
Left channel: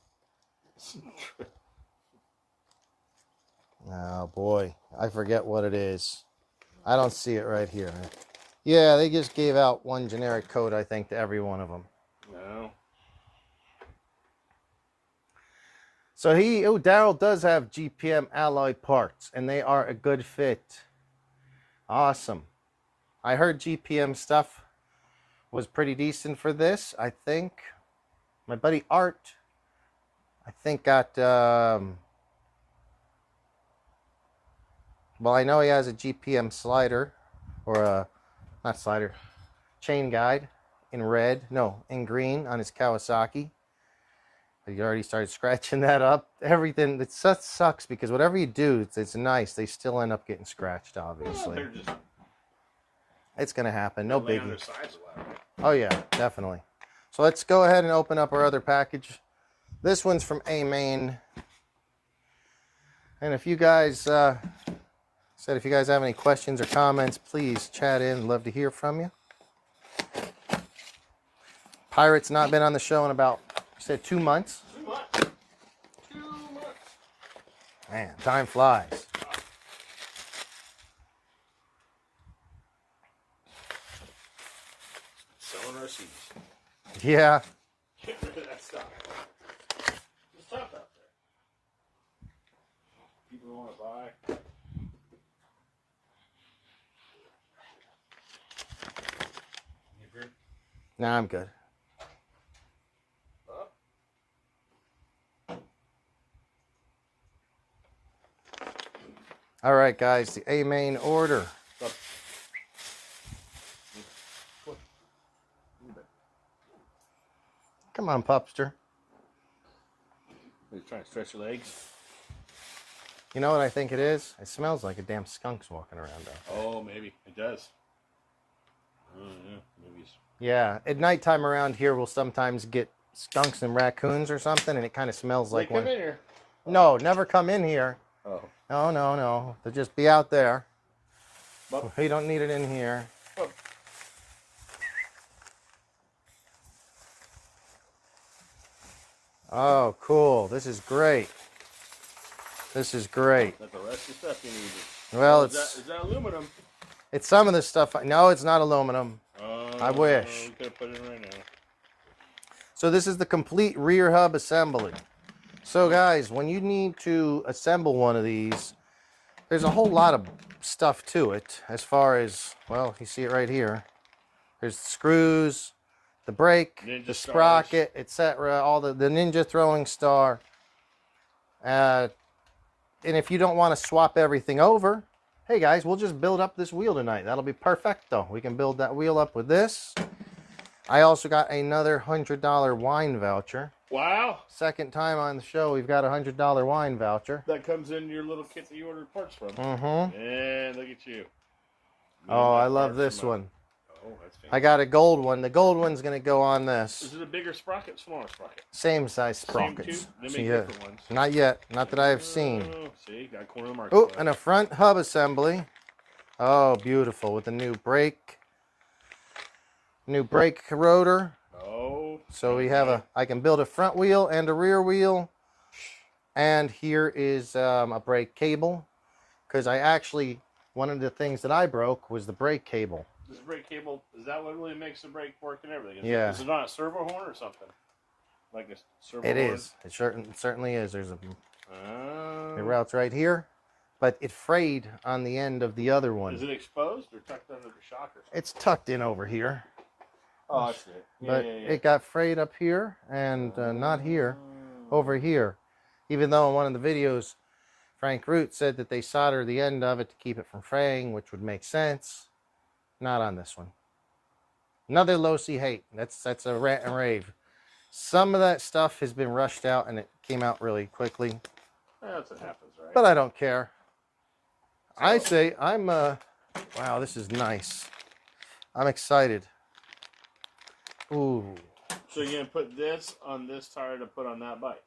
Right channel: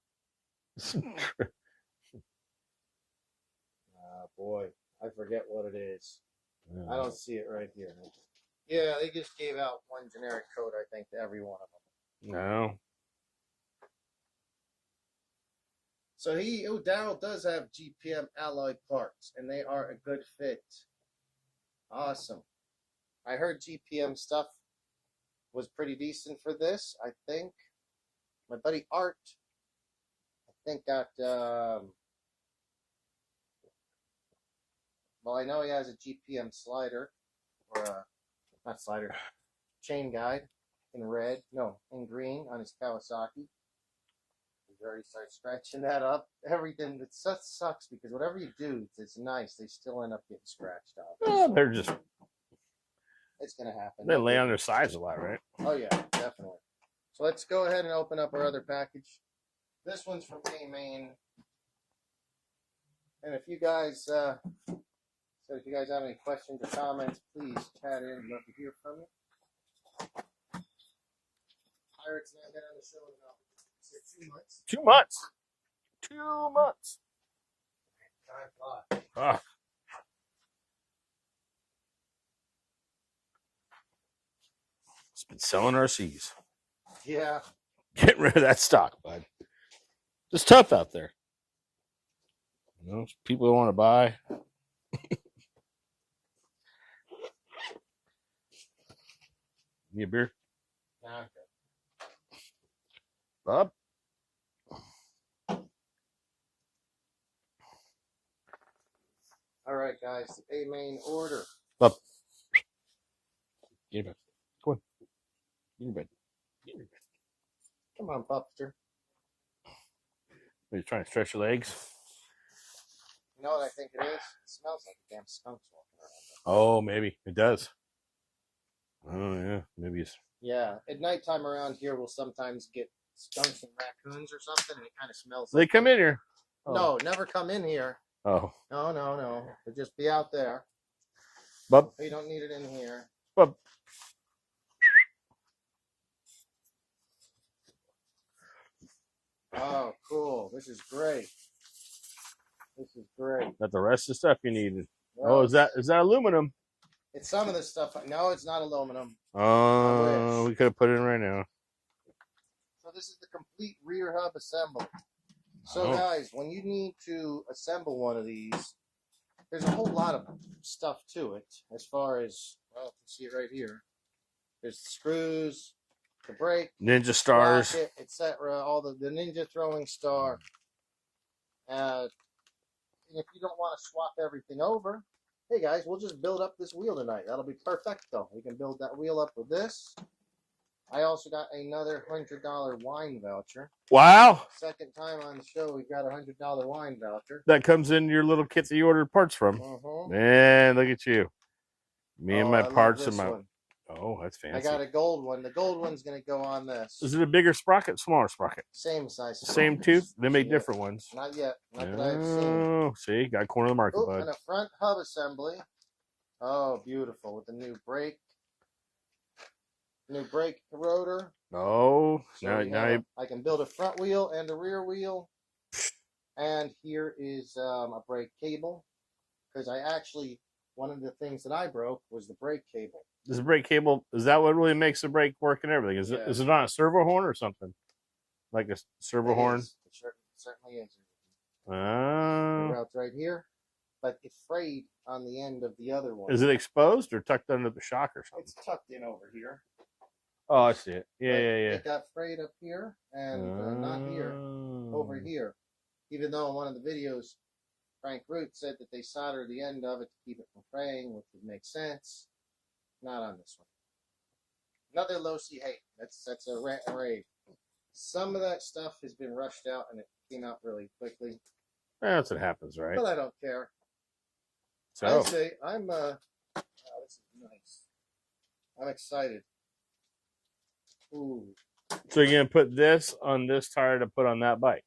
Oh, boy. I forget what it is. I don't see it right here. Yeah, they just gave out one generic code, I think, to every one of them. No. So Daryl does have GPM alloy parts, and they are a good fit. Awesome. I heard GPM stuff was pretty decent for this, I think. My buddy Art, I think got, well, I know he has a GPM slider, or not slider, chain guide in red, no, in green on his Kawasaki. He already started scratching that up. Everything, it sucks because whatever you do, it's nice. They still end up getting scratched, obviously. Well, they're just... It's going to happen. They lay on their sides a lot, right? Oh, yeah, definitely. So let's go ahead and open up our other package. This one's from A-Main. And if you guys if you guys have any questions or comments, please chat in. Love to hear from you. Pirate's not been on the show in about, you said 2 months? 2 months. 2 months. Man, time flies. Ah. It's been selling RCs. Yeah. Getting rid of that stock. Like, it's tough out there. You know, people don't want to buy. Need a beer? Nah, I'm good. Bob? All right, guys, the A main order. Bob. Get in bed. Come on. Get in bed. Get in bed. Come on, pupster. Are you trying to stretch your legs? You know what I think it is? It smells like a damn skunk's walking around though. Oh, maybe. It does. Oh, yeah. Maybe it's... Yeah, at nighttime around here, we'll sometimes get skunks and raccoons or something, and it kind of smells like They come in here. Oh. No, never come in here. Oh. No, no, no. They'll just be out there. Bub. We don't need it in here. Bub. Oh, cool. This is great. This is great. Got the rest of the stuff you need. Well, oh, is that aluminum? It's some of the stuff. No, it's not aluminum. I wish. We could have put it in right now. So this is the complete rear hub assembly. So guys, when you need to assemble one of these, there's a whole lot of stuff to it. As far as, well, you see it right here. There's the screws, the brake, Ninja the stars, sprocket, etc. All the ninja throwing star. And if you don't want to swap everything over, hey guys, we'll just build up this wheel tonight. That'll be perfecto. We can build that wheel up with this. I also got another $100 wine voucher. Wow. Second time on the show, we've got a $100 wine voucher. That comes in your little kit that you ordered parts from. Mm-hmm. And look at you. Me and my I parts. love this one. Oh, that's fancy. I got a gold one. The gold one's going to go on this. Is it a bigger sprocket, smaller sprocket? Same size sprockets. Same tooth? They make Yeah. different ones. Not yet. Not that I've seen. Oh, see, got corner of the market. Oh, bud. and a front hub assembly. Oh, beautiful. With a new brake. New brake rotor. Oh. So we have I can build a front wheel and a rear wheel. And here is a brake cable. Because I actually, one of the things that I broke was the brake cable. Is the brake cable, is that what really makes the brake work and everything? Yeah. Is it on a servo horn or something? Like a servo horn? It is. It certainly is. There's a it Oh. routes right here. But it frayed on the end of the other one. Is it exposed or tucked under the shockers? It's tucked in over here. Oh, I see it. Yeah, But yeah, yeah. it got frayed up here and not here, over here. Even though in one of the videos, Frank Root said that they solder the end of it to keep it from fraying, which would make sense. Not on this one. Another Losi hate. That's a rant and rave. Some of that stuff has been rushed out and it came out really quickly. That's what happens, right? But I don't care. I Oh. say I'm wow, this is nice. I'm excited. Ooh. So you're going to put this on this tire to put on that bike?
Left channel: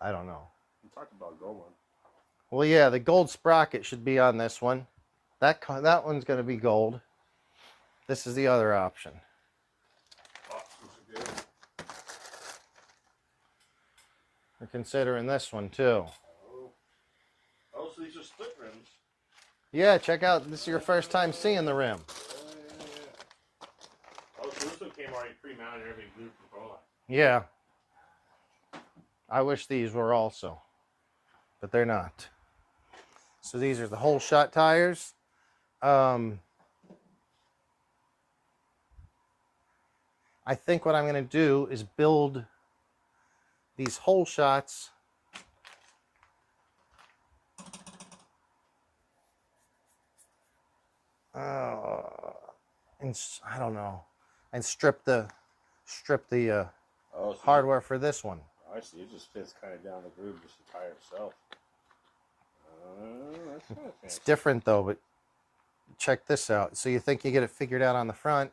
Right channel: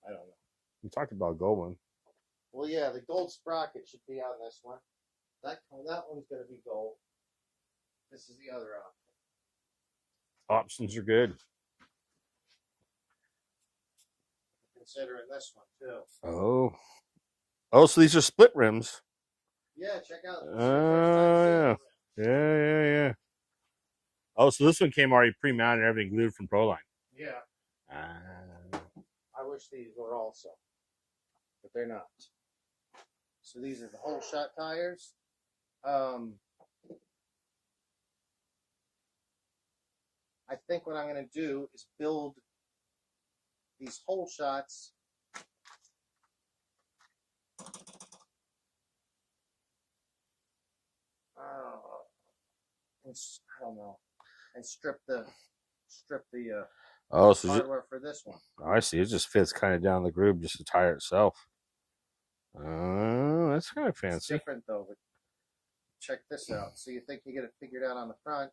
I don't know. We talked about gold one. Well, yeah, the gold sprocket should be on this one. That one's going to be gold. This is the other option. Options are good. We're considering this one too. Oh. Oh, so these are split rims. Yeah, check out. This is your first time seeing the rim. Yeah. Oh, so this one came already pre-mounted and everything glued from Proline. Yeah. I wish these were also, but they're not. So these are the whole shot tires. I think what I'm going to do is build these whole shots and I don't know, and strip the Oh, so hardware for this one. I see. It just fits kind of down the groove, just the tire itself. Oh, that's kind of fancy. It's different though, but check this out. So you think you get it figured out on the front?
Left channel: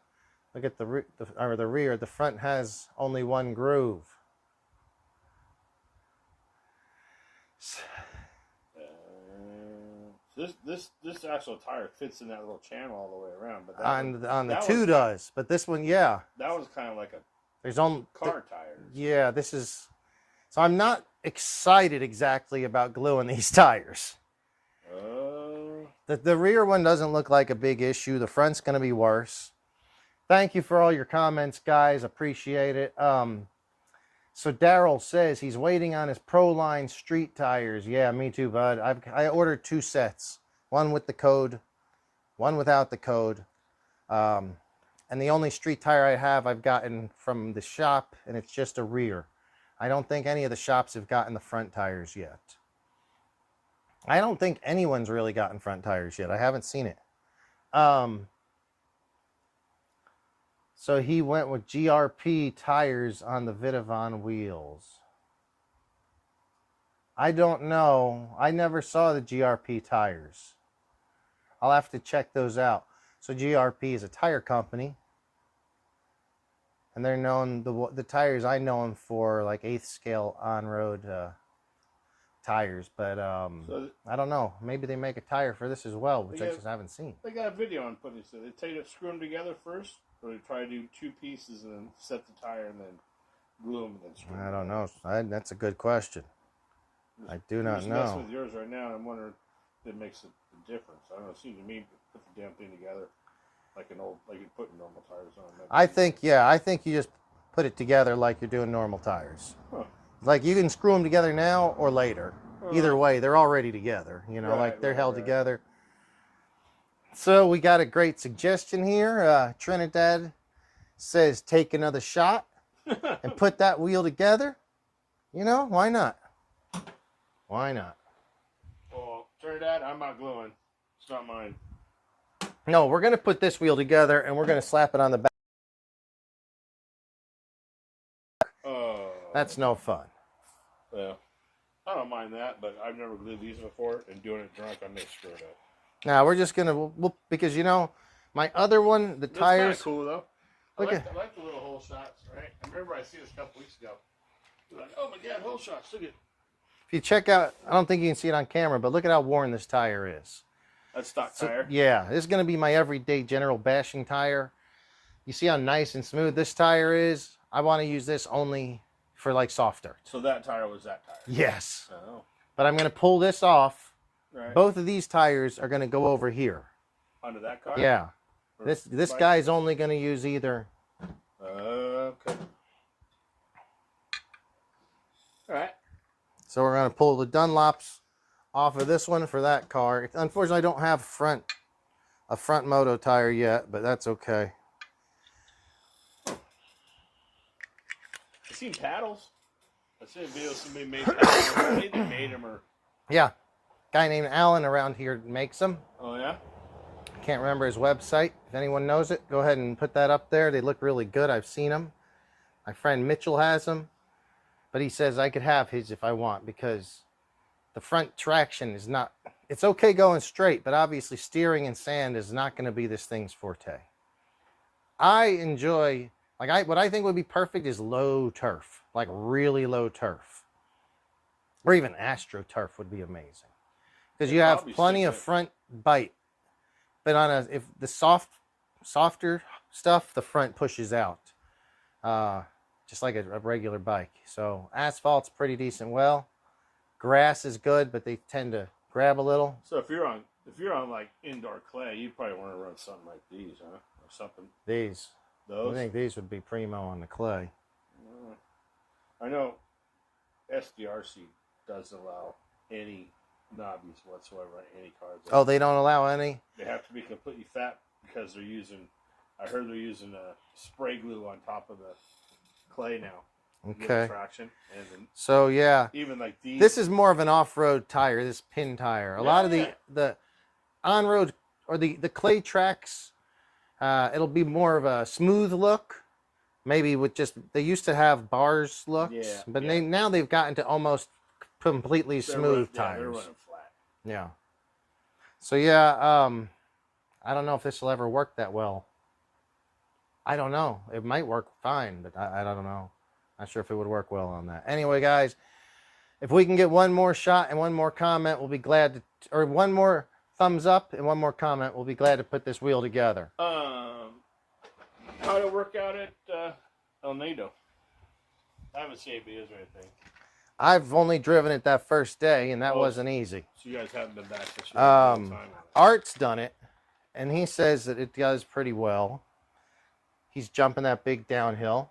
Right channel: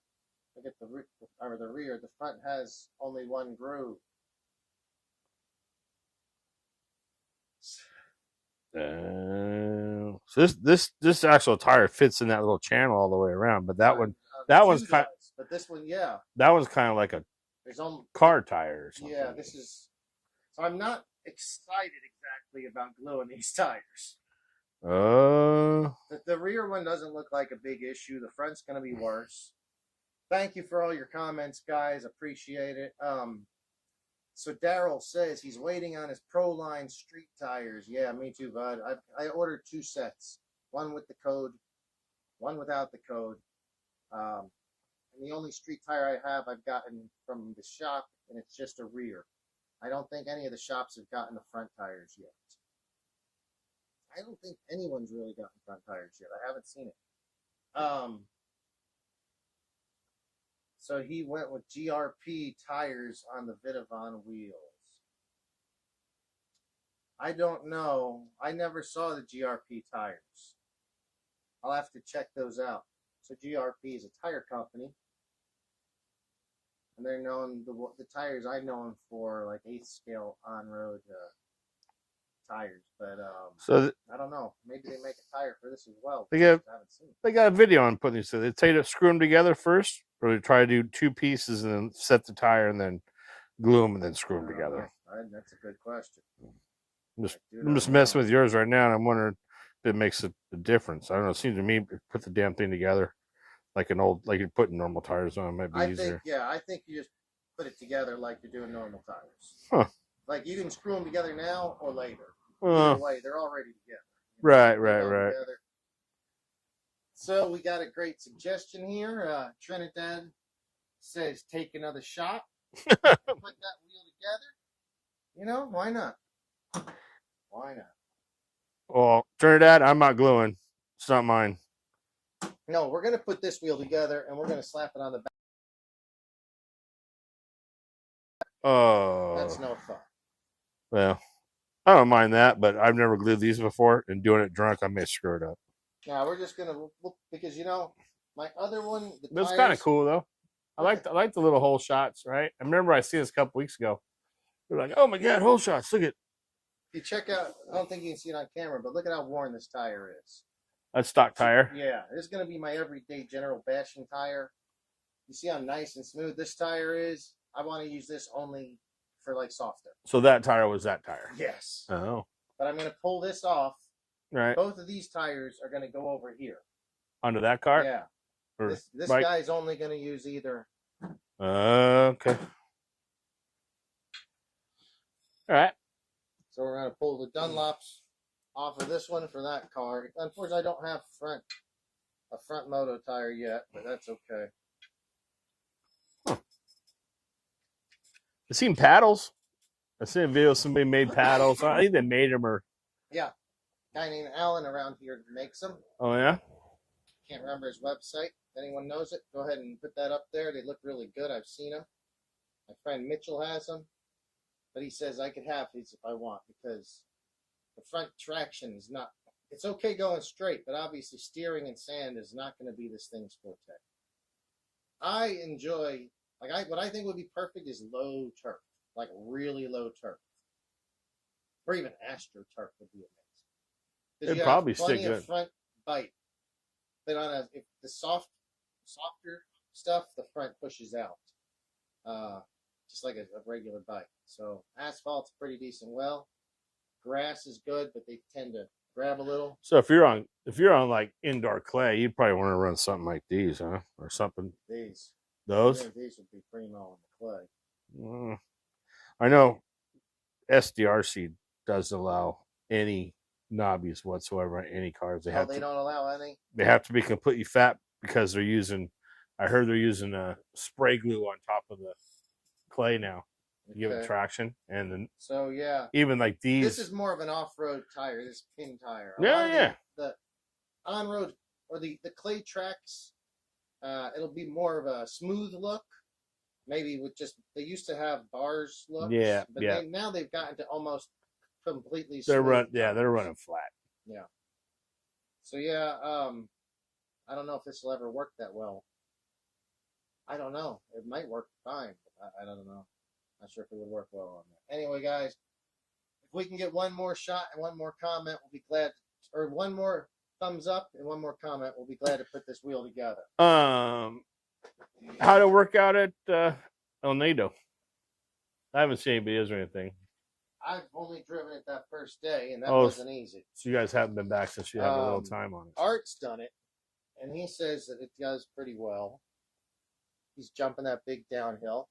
Look at the rear. The front has only one groove. So this actual tire fits in that little channel all the way around, but that on the that two does, but this one, yeah, that one's kind of like a there's on car tire. Yeah, this is. So I'm not excited exactly about gluing these tires. The rear one doesn't look like a big issue. The front's going to be worse. Thank you for all your comments, guys. Appreciate it. So Daryl says he's waiting on his Proline street tires. Yeah, me too, bud. I ordered 2 sets. One with the code, one without the code. And the only street tire I have, I've gotten from the shop, and it's just a rear. I don't think any of the shops have gotten the front tires yet. I don't think anyone's really gotten front tires yet. I haven't seen it. So he went with GRP tires on the Vitavon wheels. I don't know. I never saw the GRP tires. I'll have to check those out. So GRP is a tire company. And they're known, the tires I know them for, like 8th scale on-road tires. But I don't know. Maybe they make a tire for this as well, which I just haven't seen. They got a video on putting these together. They tell you to screw them together first, or they try to do 2 pieces and then set the tire and then glue them and then screw them together. That's a good question. I'm just messing with yours right now, and I'm wondering if it makes a difference. I don't know. It seems to me put the damn thing together like you're putting normal tires on. I think you just put it together like you're doing normal tires. Huh. Like you can screw them together now or later. Either way, they're already together. You know, they're held together. So we got a great suggestion here. Trinidad says take another shot and put that wheel together. You know, why not? Why not? Well, Trinidad, I'm not gluing. It's not mine. No, we're going to put this wheel together and we're going to slap it on the back. Oh. That's no fun. Well, I don't mind that, but I've never glued these before, and doing it drunk, I may screw it up. Now, we're just going to, because, you know, my other one, the tires. That's kind of cool, though. I like the little hole shots, right? I remember I seen this a couple weeks ago. They're like, oh my God, hole shots. Look at. If you check out, I don't think you can see it on camera, but look at how worn this tire is. That's stock tire? Yeah, this is going to be my everyday general bashing tire. You see how nice and smooth this tire is? I want to use this only for like softer. So that tire was that tire? Yes. Oh. But I'm going to pull this off. Right. Both of these tires are going to go over here. Under that car? Yeah. Or this guy's only going to use either. Okay. All right. So we're going to pull the Dunlops off of this one for that car. Unfortunately, I don't have a front moto tire yet, but that's okay. Huh. I seen paddles. I seen a video somebody made paddles. I think they made them or. Yeah. Guy named Alan around here makes them. Oh, yeah? Can't remember his website. If anyone knows it, go ahead and put that up there. They look really good. I've seen them. My friend Mitchell has them. But he says I could have his if I want because the front traction is not... It's okay going straight, but obviously steering in sand is not going to be this thing's forte. I enjoy... what I think would be perfect is low turf. Like really low turf. Or even AstroTurf would be amazing. Because you have plenty of front bite. But on if the softer stuff, the front pushes out. Just like a regular bike. So asphalt's pretty decent. Well, grass is good, but they tend to grab a little. So if you're on like indoor clay, you'd probably want to run something like these, huh? Or something. These. Those? I think these would be primo on the clay. I know SDRC doesn't allow any knobbies whatsoever on any cars. They don't allow any? They have to be completely fat because I heard they're using spray glue on top of the clay now. Okay. Give traction. And then so yeah. Even like these. This is more of an off-road tire, this pin tire. A lot of the on-road or the clay tracks, it'll be more of a smooth look. Maybe with just, they used to have bars looks. Yeah. But now they've gotten to almost completely smooth tires. They're running flat. Yeah. So yeah, I don't know if this will ever work that well. I don't know. It might work fine, but I don't know. Not sure if it would work well on that. Anyway, guys, If we can get one more shot and one more comment, we'll be glad to, or one more thumbs up and one more comment, we'll be glad to put this wheel together. How to work out at El Nido? I haven't seen any videos or anything. I've only driven it that first day, and that wasn't easy. So you guys haven't been back since you had a little time on it. Art's done it, and he says that it does pretty well. He's jumping that big downhill.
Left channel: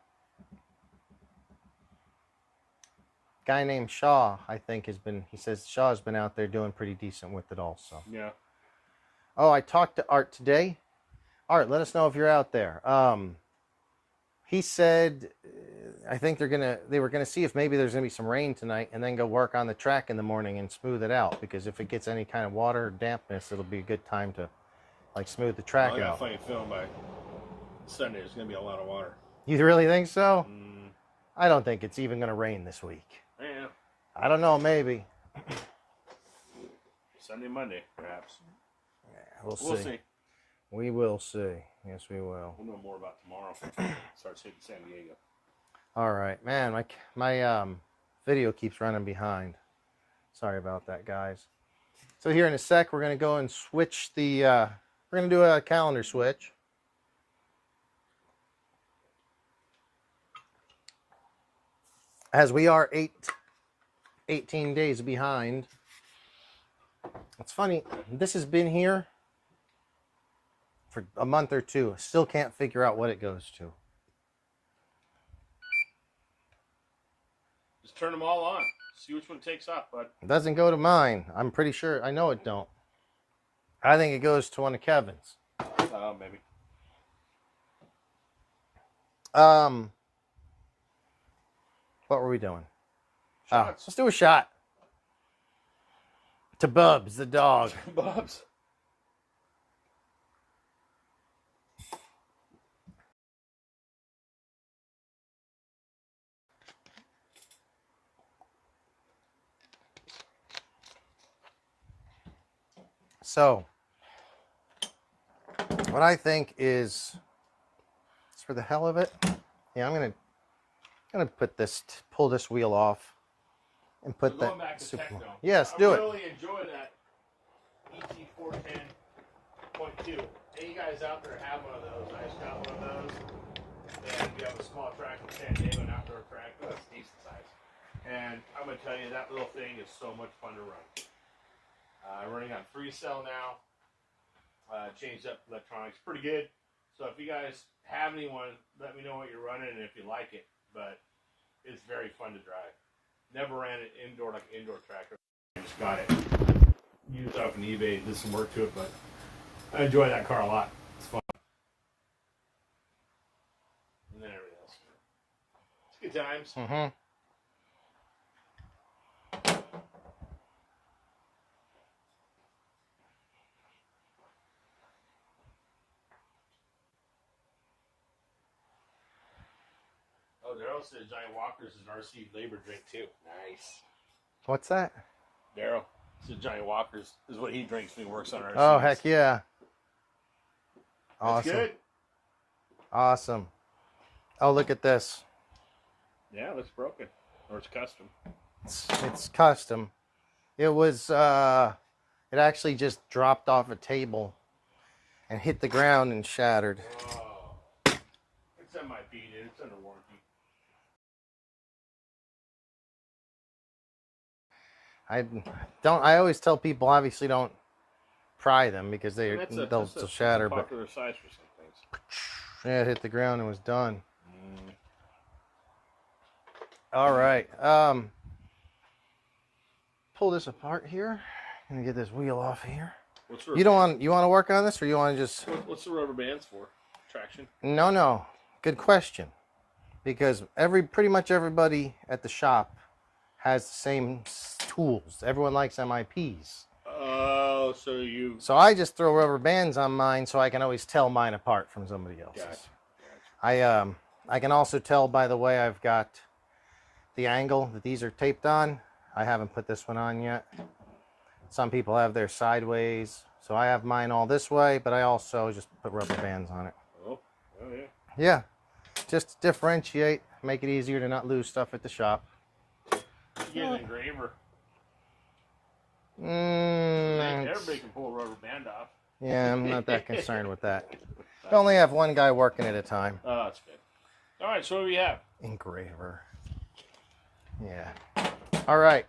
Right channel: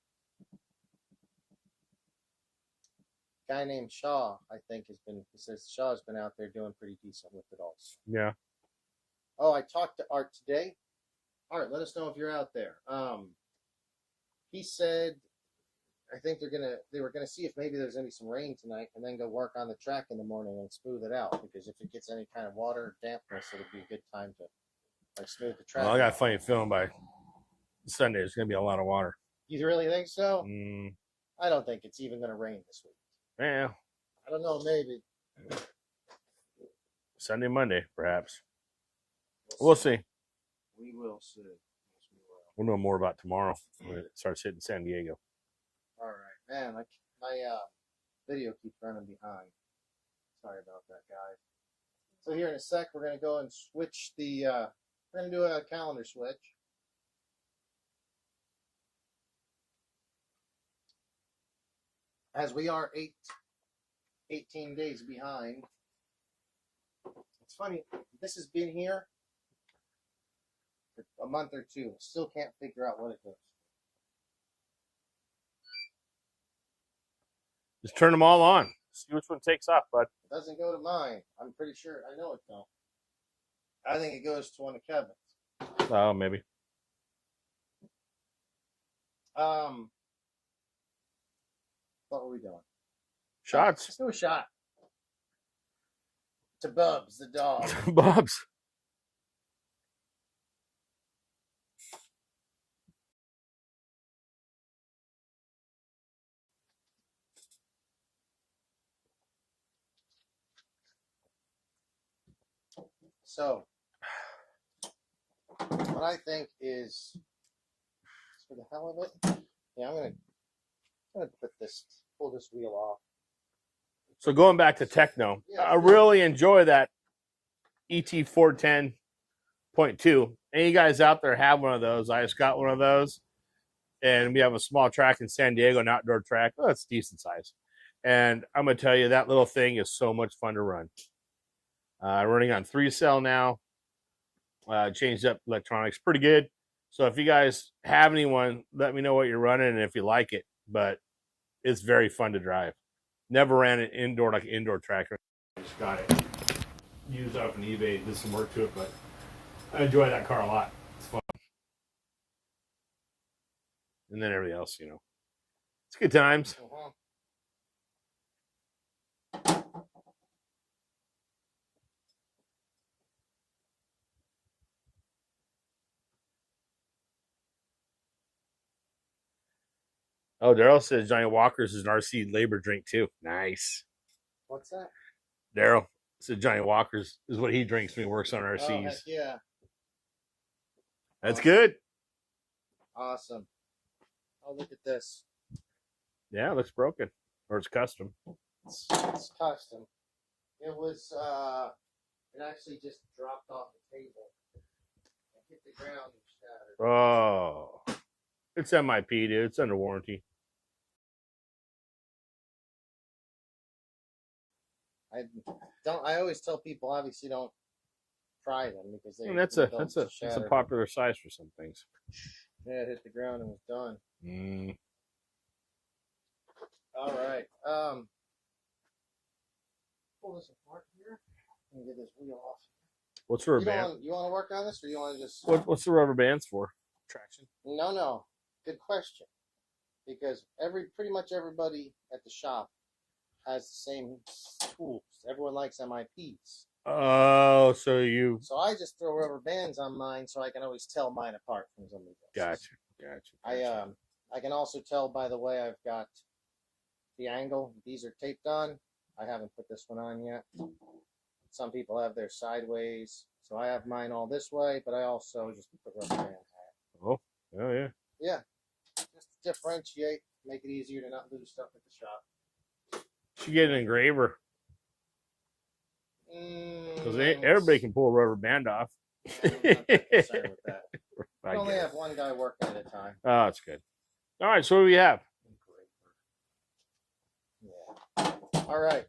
Guy named Shaw, I think, he says Shaw's been out there doing pretty decent with it also. Yeah. Oh, I talked to Art today. Art, let us know if you're out there. He said, I think they were gonna see if maybe there's gonna be some rain tonight, and then go work on the track in the morning and smooth it out, because if it gets any kind of water or dampness, it'll be a good time to like smooth the track I got out. a funny feeling by Sunday there's gonna be a lot of water. You really think so? I don't think it's even gonna rain this week. Yeah. I don't know, maybe. Sunday, Monday, perhaps. Yeah, we'll see. We will see. Yes, we will. We'll know more about tomorrow. It starts hitting San Diego. All right, man. My video keeps running behind. Sorry about that, guys. So here in a sec, we're gonna go and switch the. We're gonna do a calendar switch. As we are 18 days behind. It's funny, this has been here for a month or two. Still can't figure out what it goes to. Just turn them all on. See which one takes off, bud. It doesn't go to mine. I'm pretty sure. I know it don't. I think it goes to one of Kevin's. Oh, maybe. What were we doing? Shots. Let's do a shot. To Bubs, the dog. Bubs. So, what I think is, for the hell of it, yeah, I'm gonna put this, pull this wheel off. And put So going back to techno, yes, I really enjoy that ET 410.2. Any guys out there have one of those? I just got one of those, and we have a small track in San Diego, an outdoor track. Oh, it's decent size, and I'm gonna tell you that little thing is so much fun to run. Running on 3-cell now. Changed up electronics pretty good. So if you guys have anyone, let me know what you're running and if you like it. But it's very fun to drive. Never ran it indoor, like an indoor tracker. I just got it used off on eBay and did some work to it, but I enjoy that car a lot. It's fun. And then everything else, you know. It's good times. Mm-hmm. Oh, Daryl says Johnny Walker's is an RC labor drink too. Nice. What's that? Daryl said Johnny Walker's is what he drinks when he works on RCs. Oh, heck yeah. That's Awesome. good. Awesome. Oh, look at this. Yeah, it looks broken. Or it's custom. It's custom. It was, it actually just dropped off a table and hit the ground and shattered. Oh. It's MIP, dude. It's under warranty. I always tell people, obviously don't pry them because they'll shatter. That's a popular size for some things. Yeah, it hit the ground and was done. Mm. All right. Pull this apart here. I'm gonna get this wheel off here. What's the you want to work on this, or you want to just? What's the rubber bands for? Traction? No. Good question. Because pretty much everybody at the shop has the same tools. Everyone likes MIPs. Oh, So I just throw rubber bands on mine so I can always tell mine apart from somebody else's. Gotcha. I can also tell by the way I've got the angle that these are taped on. I haven't put this one on yet. Some people have their sideways. So I have mine all this way, but I also just put rubber bands on it. Oh yeah. Yeah. Just to differentiate, make it easier to not lose stuff at the shop. Should get an engraver. Everybody can pull a rubber band off. Yeah, I'm not that concerned with that. You only have one guy working at a time. Oh, that's good. All right, so what do we have? Engraver. Yeah. All right.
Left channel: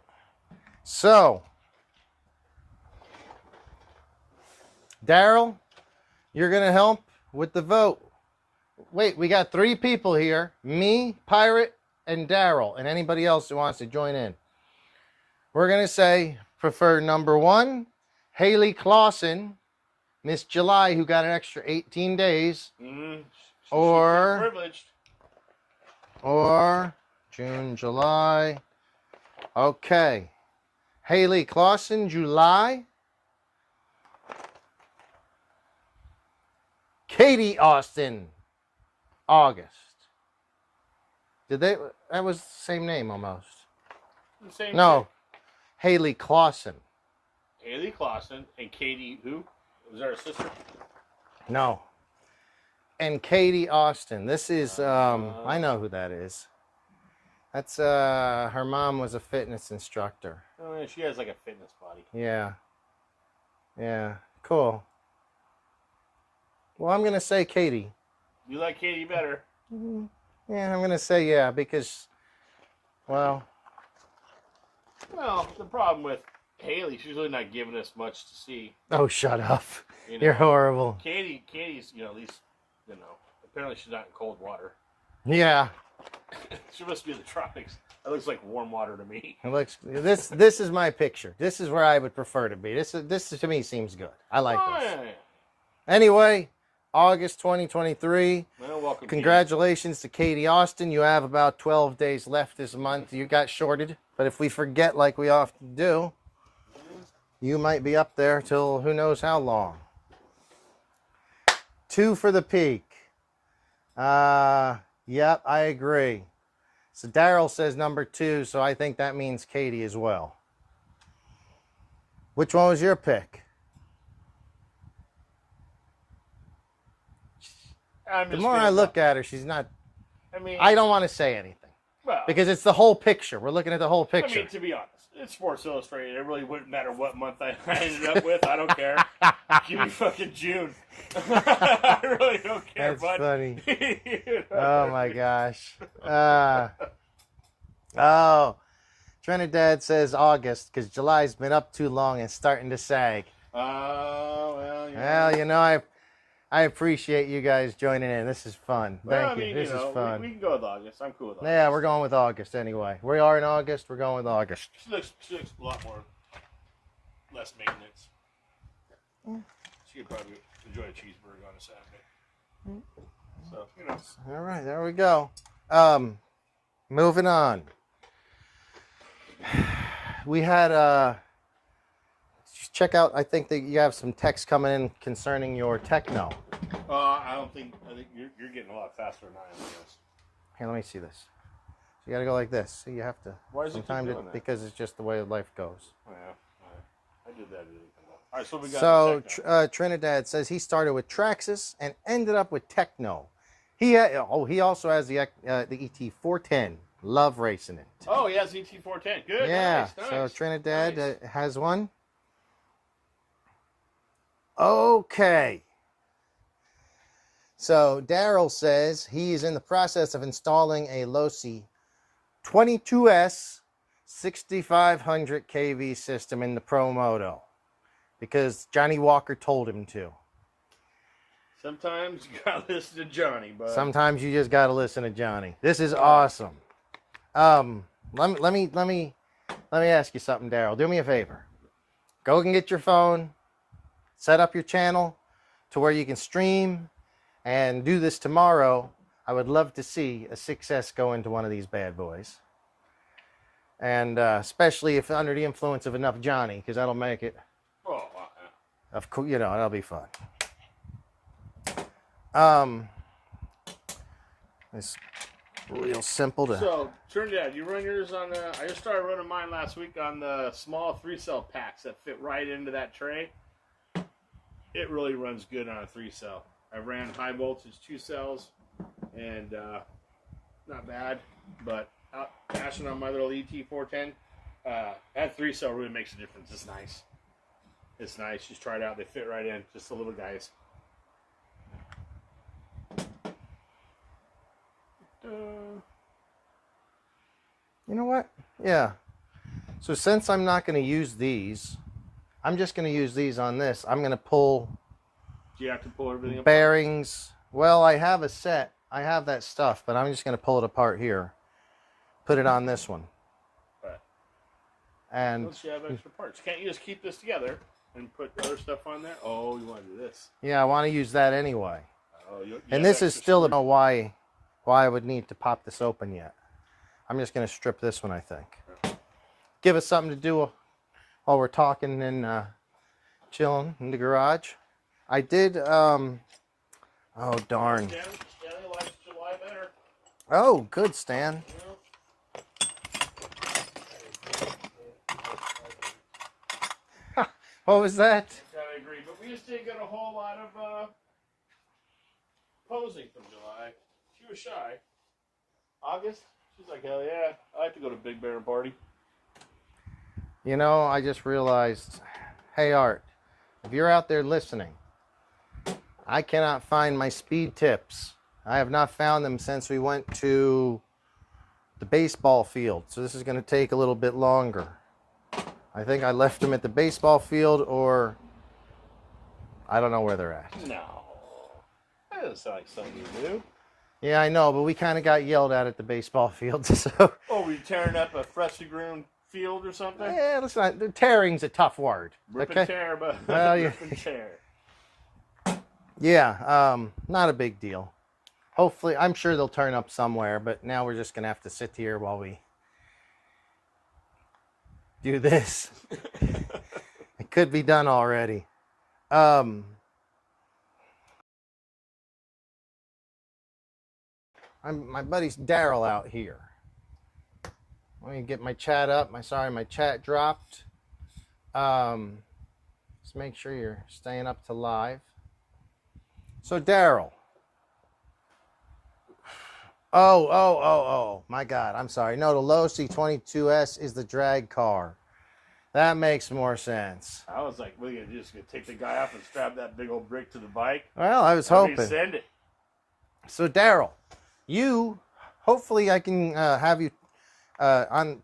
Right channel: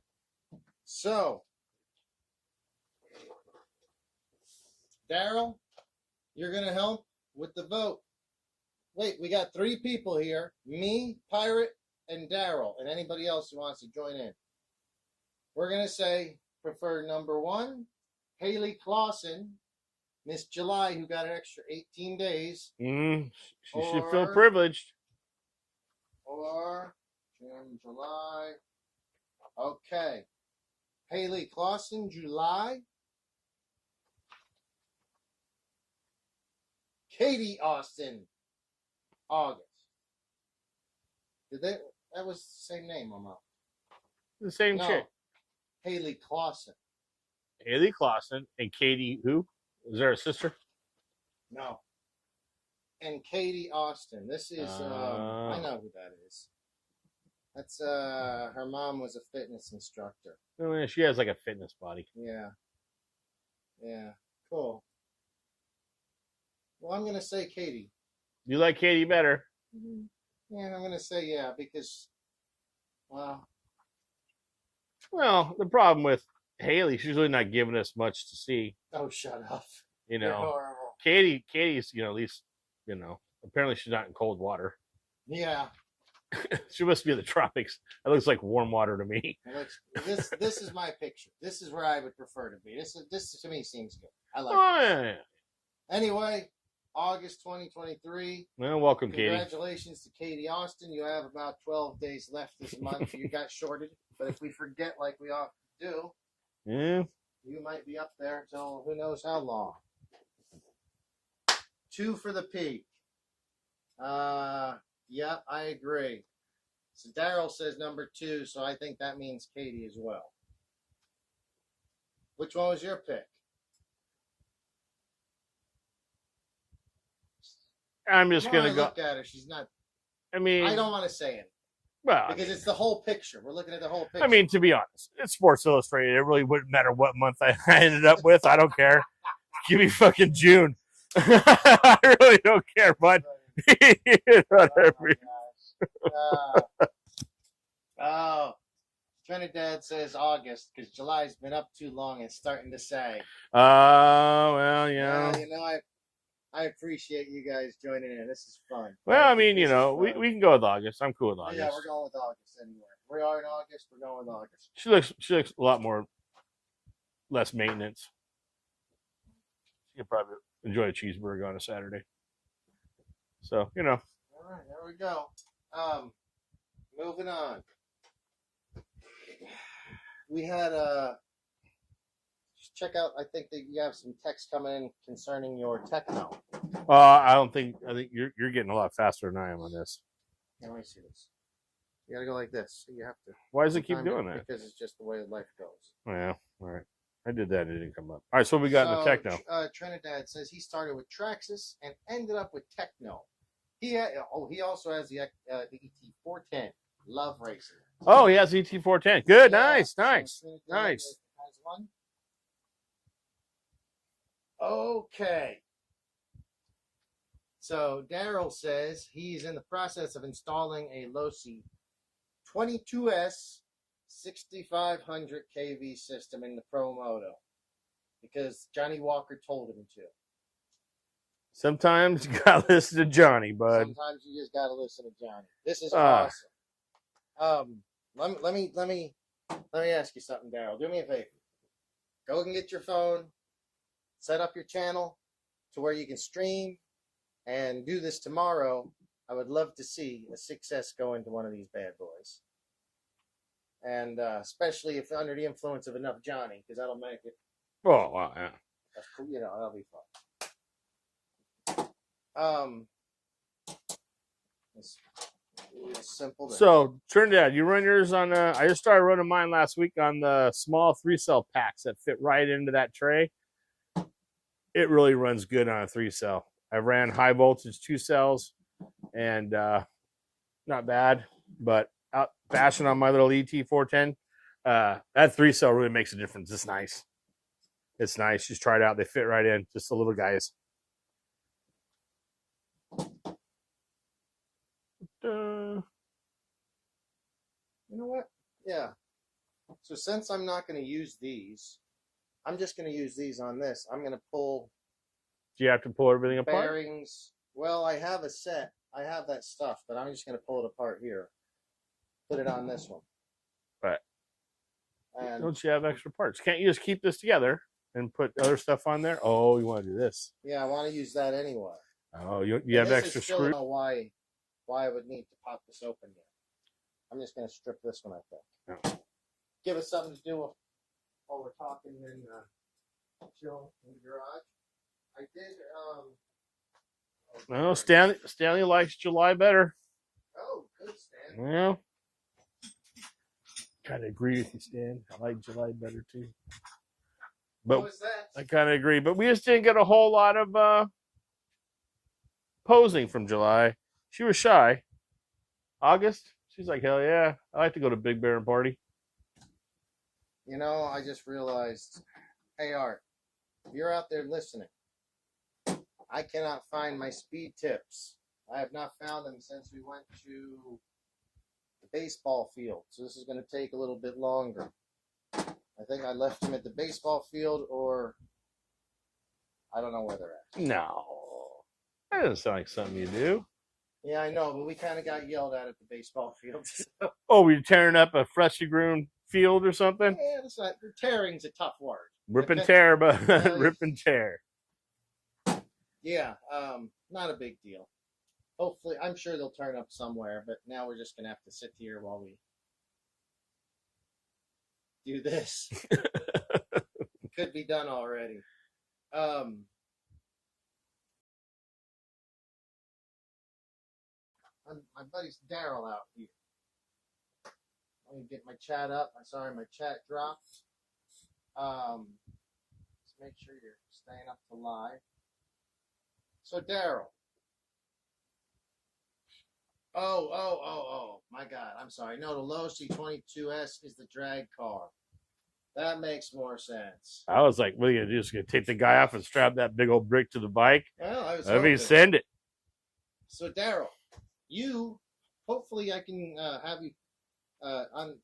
So, Daryl, you're going to help with the vote. Wait, we got 3 people here. Me, Pirate, and Daryl, and anybody else who wants to join in. We're going to say prefer number 1, Haley Clausen, Miss July, who got an extra 18 days. She feel privileged. Or June, July. Okay. Haley Clausen, July. Katie Austin, August. Did they? That was the same name almost. The same. No. Chick. Haley Clausen. Haley Clausen and Katie who? Was there a sister? No. And Katie Austin. This is I know who that is. That's her mom was a fitness instructor. Oh yeah, she has like a fitness body. Yeah. Yeah. Cool. Well, I'm gonna say Katie. You like Katie better? Yeah, I'm gonna say yeah because, well, the problem with Haley, she's really not giving us much to see. oh, shut up! You know, You're horrible. Katie's, at least, apparently she's not in cold water. Yeah, She must be in the tropics. It looks like warm water to me. it looks. This is my picture. This is where I would prefer to be. This to me seems good. I like this. Yeah. Anyway, August 2023. Well, welcome. Congratulations to Katie Austin. You have about 12 days left this month. You got shorted, but if we forget like we often do, Yeah. you might be up there till who knows how long. 2 for the peak. Yep, I agree. So Daryl says number 2, so I think that means Katie as well. Which one was your pick? I'm The just more gonna I look at her, she's not. I mean, I don't want to say anything well, because it's the whole picture. We're looking at the whole picture. I mean, to be honest, it's Sports Illustrated. It really wouldn't matter what month I ended up with. I don't care. Give me fucking June. I really don't care, That's bud. funny. You know, Oh my gosh. Oh, Trinidad says August because July's been up too long and starting to sag. Well, yeah. Well, you know, I appreciate you guys joining in. This is fun. Well, I Thank mean, This is we fun. can go with August. I'm cool with August. Yeah, we're going with August anyway. We are in August. We're going with August. She looks a lot less maintenance. She could probably enjoy a cheeseburger on a Saturday. So, All right, there we go. Moving on. We had check out. I think that you have some text coming in concerning your techno. I think you're getting a lot faster than I am on this. Here, let me see this. You got to go like this. See, you have to. Why does it keep sometime doing that? Because it's just the way life goes. Yeah, all right. I did that. It didn't come up. All right, so we got the techno. Trinidad says he started with Traxxas and ended up with techno. He also has the ET410. Love racing it. Oh, he has the ET410. Good, Yeah, nice. So Trinidad nice. has one. Okay. So Daryl says he's in the process of installing a Losi 22S 6500 kV system in the ProMoto because Johnny Walker told him to. Sometimes you gotta listen to Johnny, bud. Sometimes you just gotta listen to Johnny. This is awesome. Let me ask you something, Daryl. Do me a favor. Go and get your phone, set up your channel to where you can stream and do this tomorrow. I would love to see a 6S go into one of these bad boys. And especially if under the influence of enough Johnny, because that'll make it. Oh, wow, yeah. Of course, that'll be fun. It's real simple to. So, Trinidad, you run yours on. I just started running mine last week on the small 3-cell packs that fit right into that tray. It really runs good on a 3-cell. I ran high voltage 2 cells, and not bad. But out bashing on my little ET410, That 3-cell really makes a difference. It's nice. It's nice. Just try it out. They fit right in. Just the little guys. You know what? Yeah. So since I'm not going to use these, I'm just going to use these on this. I'm going to pull. Do you have to pull everything apart? Bearings. Well, I have a set. I have that stuff, but I'm just going to pull it apart here. Put it on this one. Right. And once you have extra parts, can't you just keep this together and put other stuff on there? Oh, you want to do this? Yeah, I want to use that anyway. Oh, you and this is still don't know why I would need to pop this open yet. I'm just going to strip this one, I think. Give us something to do while we're talking and chilling in the garage. I did. Oh darn! Stanley likes July better. Oh, good, Stan. Yeah. Kind of agree with you, Stan. I like July better too. What was that? I kind of agree, but we just didn't get a whole lot of posing from July. She was shy. August, she's like, hell yeah, I like to go to Big Bear and party. You know, I just realized, hey Art, if you're out there listening, I cannot find my speed tips. I have not found them since we went to the baseball field. So this is going to take a little bit longer. I think I left them at the baseball field, or I don't know where they're at. No. That doesn't sound like something you do. Yeah, I know, but we kind of got yelled at the baseball field. So. Oh, were you tearing up a freshly groomed field or something? Yeah, let's not. The tearing's a tough word. Rip and tear, but rip and tear. Yeah, not a big deal. Hopefully, I'm sure they'll turn up somewhere, but now we're just going to have to sit here while we do this. It could be done already. My buddy's Daryl out here. Let me get my chat up. My chat dropped. Just make sure you're staying up to live. So Daryl. Oh, my God. I'm sorry. No, the Losi 22S is the drag car. That makes more sense. I was like, what are you going to do? Just going to take the guy off and strap that big old brick to the bike? Well, I was hoping. Send it. So, Daryl, hopefully I can have you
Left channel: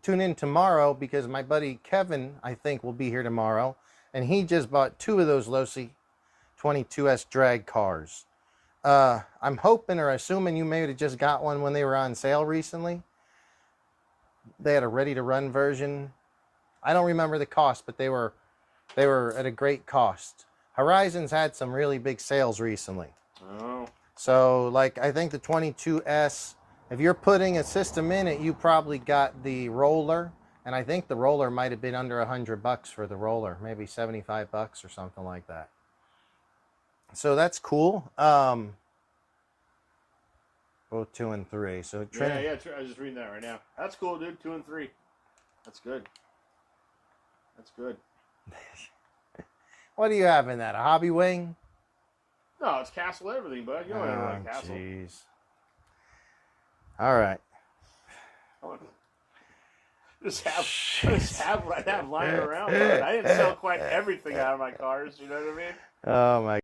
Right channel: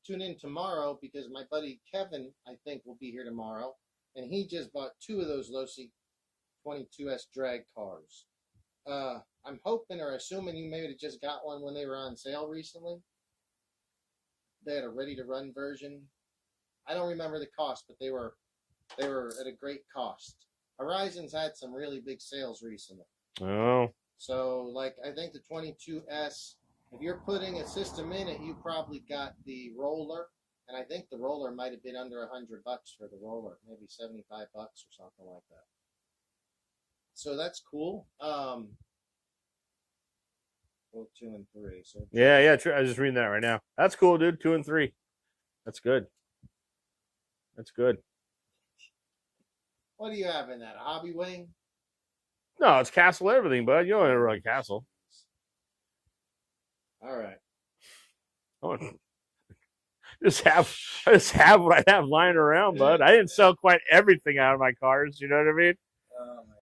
tune in tomorrow, because my buddy Kevin, I think, will be here tomorrow. And he just bought 2 of those Losi 22S drag cars. I'm hoping or assuming you may have just got one when they were on sale recently. They had a ready-to-run version. I don't remember the cost, but they were at a great cost. Horizon's had some really big sales recently. Oh. So, like, I think the 22S, if you're putting a system in it, you probably got the roller. And I think the roller might have been under $100 for the roller, maybe $75 or something like that. So that's cool. Both 2 and 3. So yeah. I was just reading that right now. That's cool, dude. 2 and 3. That's good. That's good. What do you have in that? A hobby wing? No, it's Castle everything, bud. You don't ever run Castle. Geez. All right. Just have what I have lying around, bud. I didn't sell quite everything out of my cars. You know what I mean? Oh my.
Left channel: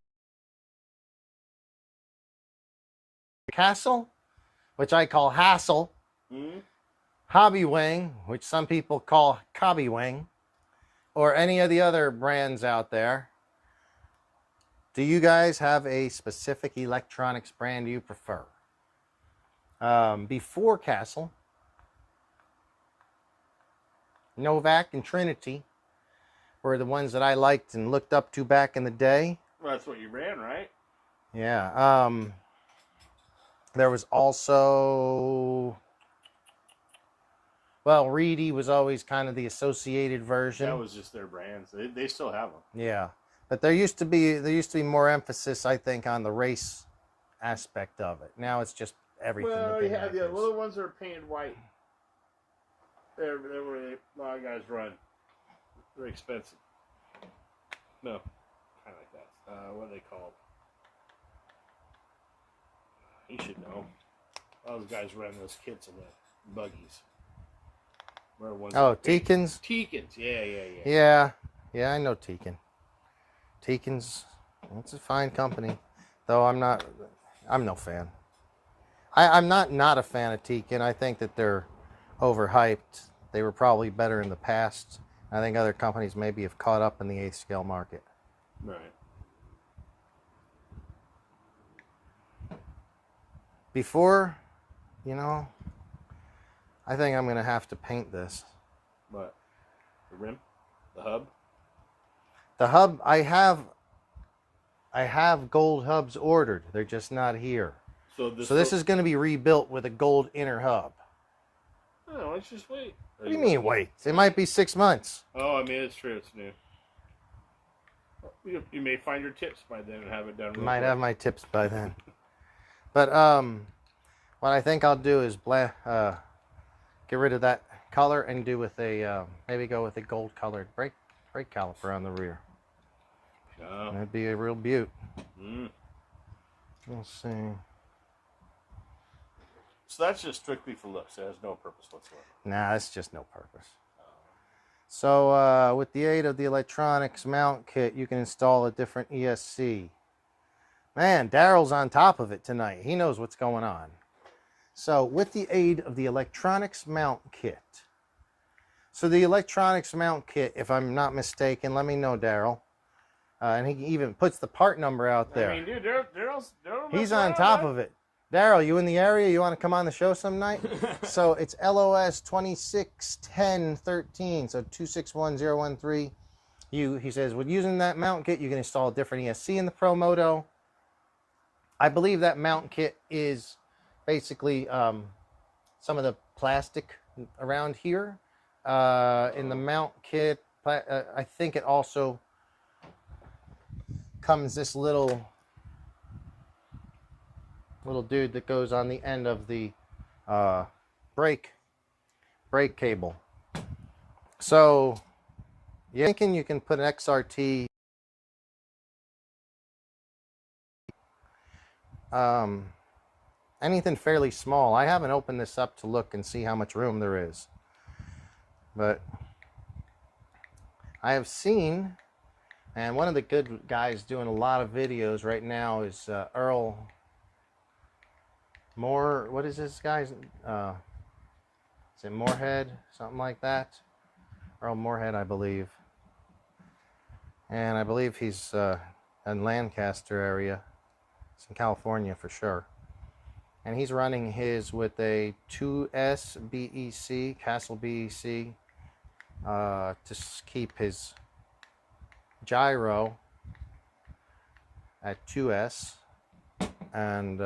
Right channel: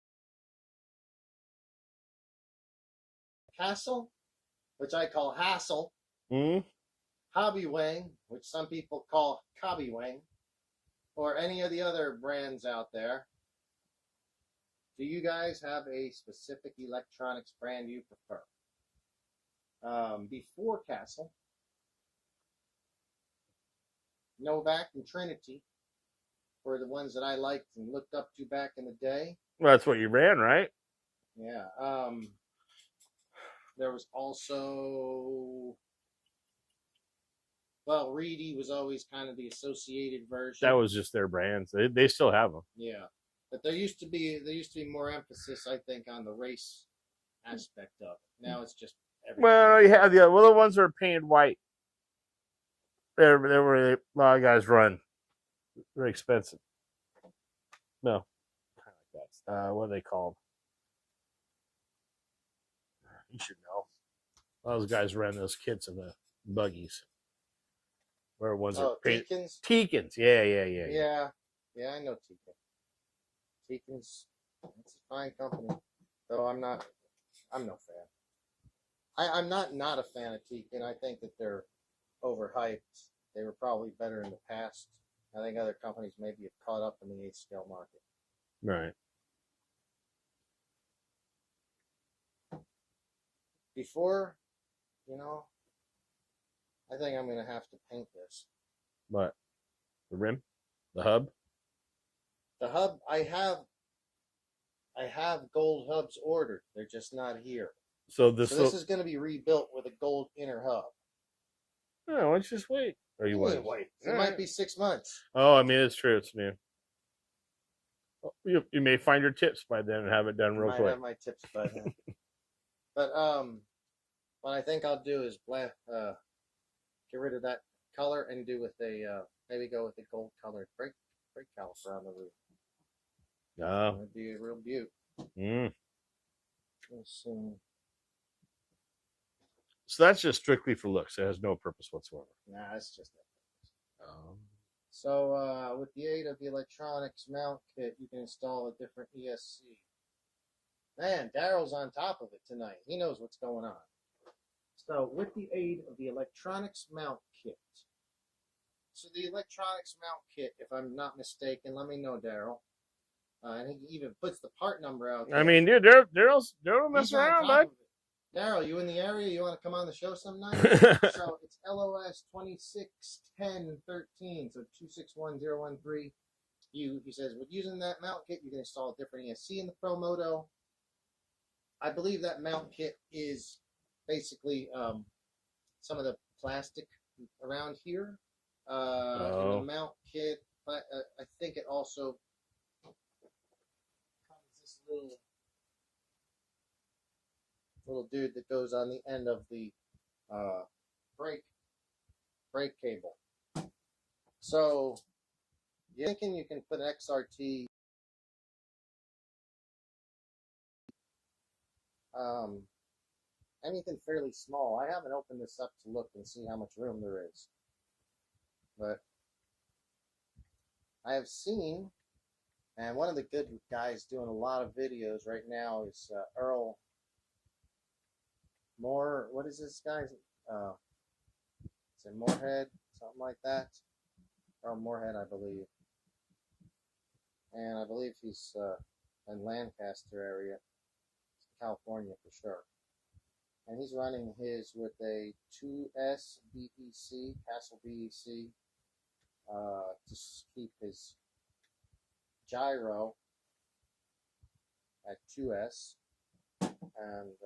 Castle, which I call hassle. Mm-hmm. Hobby wing, which some people call cobby wing, or any of the other brands out there. Do you guys have a specific electronics brand you prefer? Before Castle, Novak and Trinity were the ones that I liked and looked up to back in the day. Well, that's what you ran, right? Yeah. There was also, well, Reedy was always kind of the associated version. That was just their brands. They still have them. Yeah, but there used to be more emphasis, I think, on the race aspect of it. Now it's just everything. Well, you have the ones that are painted white. They're where a lot of guys run. They're expensive. No, kind of like that. What are they called? You should know. Those guys ran those kits in the buggies. Where was Oh, it? Teekins? Teekins. Yeah. Yeah, I know Teekin. Teekins, it's a fine company. Though I'm no fan. I'm not a fan of Teekin. I think that they're overhyped. They were probably better in the past. I think other companies maybe have caught up in the 8th scale market. Right. Before, I think I'm going to have to paint this. What? The rim? The hub? The hub, I have gold hubs ordered. They're just not here. So this is going to be rebuilt with a gold inner hub. Oh, let's just wait. What do you mean wait? It might be 6 months. Oh, I mean, it's true. It's new. You may find your tips by then and have it done real quick. Might have my tips by then. But what I think I'll do is get rid of that color and do with a maybe go with a gold colored brake caliper on the rear. Oh. That'd be a real beaut. Mm. Let's see. So that's just strictly for looks. It has no purpose whatsoever. Nah, it's just no purpose. So with the aid of the electronics mount kit, you can install a different ESC. Man, Daryl's on top of it tonight. He knows what's going on. So with the aid of the electronics mount kit. So the electronics mount kit, if I'm not mistaken, let me know, Daryl. And he even puts the part number out there. I mean, dude, Daryl's he's on top of it. Daryl, you in the area? You want to come on the show some night? So it's LOS 261013, so 261013. He says, with using that mount kit, you can install a different ESC in the ProMoto. I believe that mount kit is basically some of the plastic around here. In the mount kit, I think it also comes this little dude that goes on the end of the brake cable. So you're thinking you can put an XRT anything fairly small. I haven't opened this up to look and see how much room there is, but I have seen, and one of the good guys doing a lot of videos right now is Earl Moore. What is this guy's? Is it Moorhead? Something like that. Earl Moorhead, I believe. And I believe he's in Lancaster area. It's in California for sure. And he's running his with a 2S BEC, Castle BEC, to keep his gyro at 2S. And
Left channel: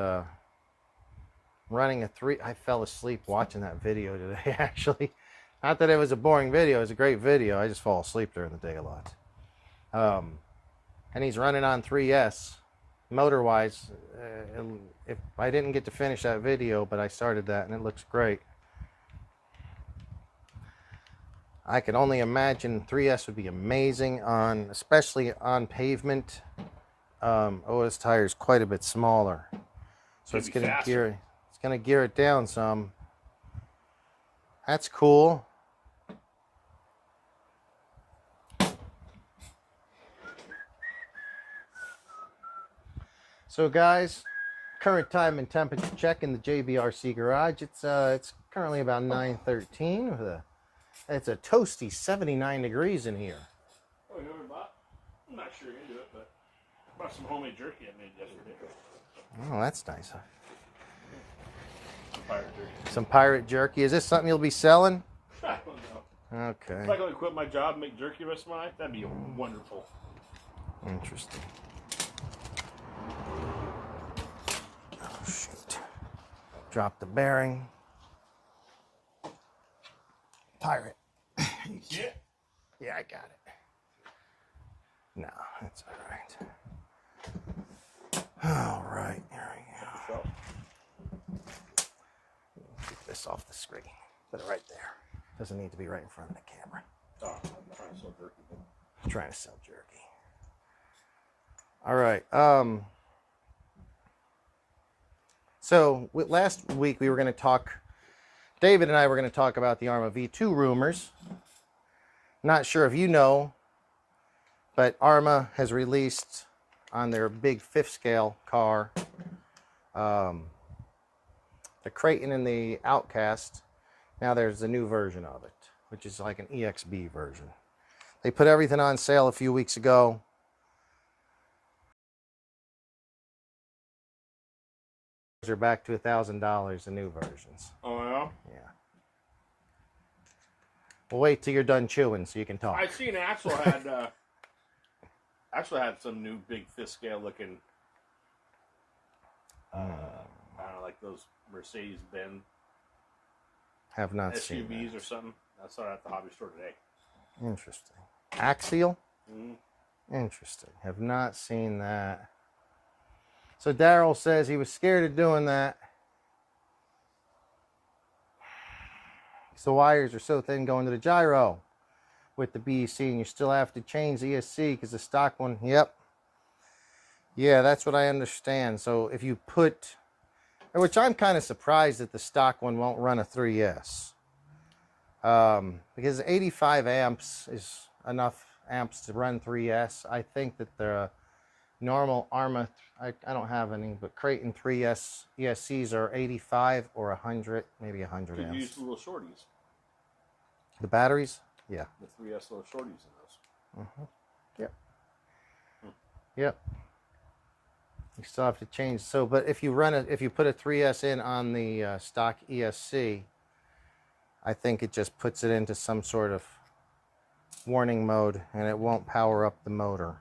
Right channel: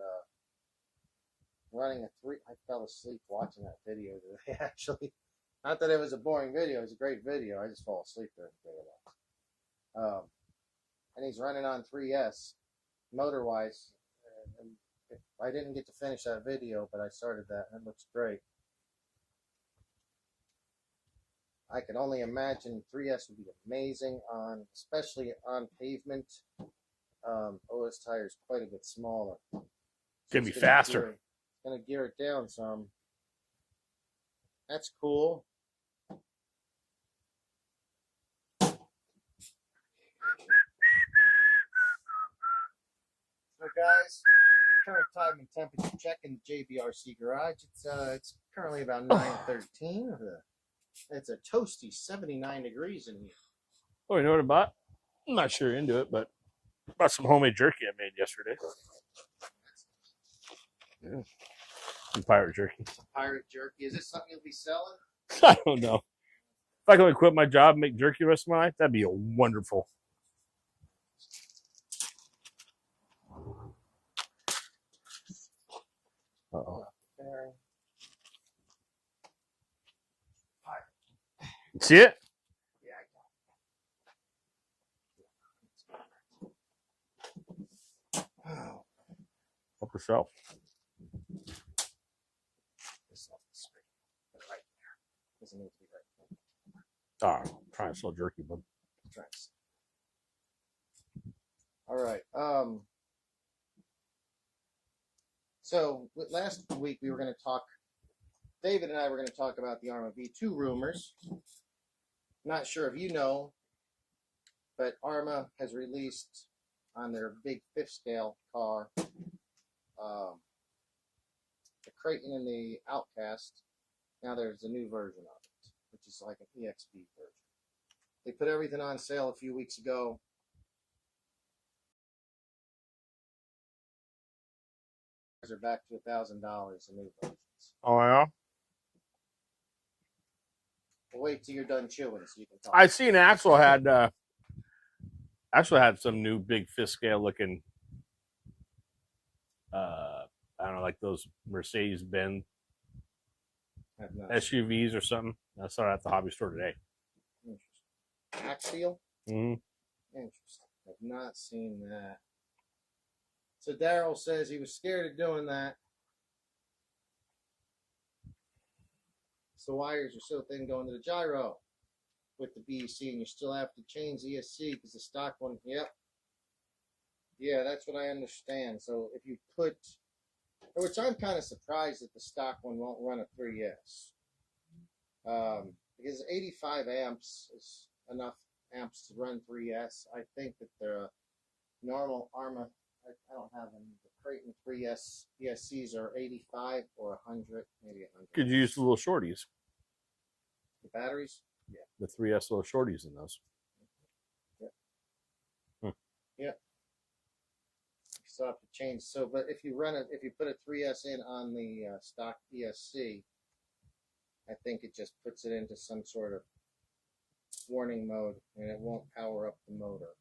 running a 3. I fell asleep watching that video today, actually. Not that it was a boring video. It was a great video. I just fall asleep during the day a lot. And he's running on 3S. Motor-wise, if I didn't get to finish that video, but I started that, and it looks great. I can only imagine 3S would be amazing especially on pavement. OS tire is quite a bit smaller, so it's going to be faster. It's going to gear it down some. That's cool. So guys, current time and temperature check in the JBRC garage. It's currently about 9:13. It's a toasty 79 degrees in here. Oh, you know what I bought? I'm not sure into it, but I bought some homemade jerky I made yesterday. Oh, that's nice. Some pirate jerky. Some pirate jerky. Is this something you'll be selling? I don't know. Okay. If I could only quit my job and make jerky the rest of my life, that'd be wonderful. Interesting. Oh, shoot. Uh-oh. Drop the bearing. Pirate. See it? Yeah, I got it. No, that's all right. All right, here we go. Help yourself. Keep this off the screen. Put it right there. Doesn't need to be right in front of the camera. Oh, I'm trying to sell jerky, but I'm trying to sell jerky. All right. So last week we were going to talk David and I were going to talk about the Arma V2 rumors. Not sure if you know, but Arma has released on their big 5th scale car, the Creighton and the Outcast. Now there's a new version of it, which is like an EXB version. They put everything on sale a few weeks ago. They're back to $1,000, the new versions. Oh, yeah? Yeah. We'll wait till you're done chewing so you can talk. I seen Axel had some new big 5th scale looking, I don't know, like those Mercedes-Benz Have not seen SUVs or something. I saw it at the hobby store today. that. Interesting. Axial? Mm-hmm. Interesting. Have not seen that. So Daryl says he was scared of doing that. The wires are so thin going to the gyro with the BEC, and you still have to change the ESC because the stock one, yep. Yeah, that's what I understand. So if you put, which I'm kind of surprised that the stock one won't run a 3S. Because 85 amps is enough amps to run 3S. I think that the normal Arma, I don't have any, but Creighton 3S ESCs are 85 or 100, maybe 100 Could amps. you use the little shorties? The batteries? Yeah. The 3S little shorties in those. Yep. Hmm. Yep. You still have to change. So, but if you run it, if you put a 3S in on the stock ESC, I think it just puts it into some sort of warning mode, and it won't power up the motor.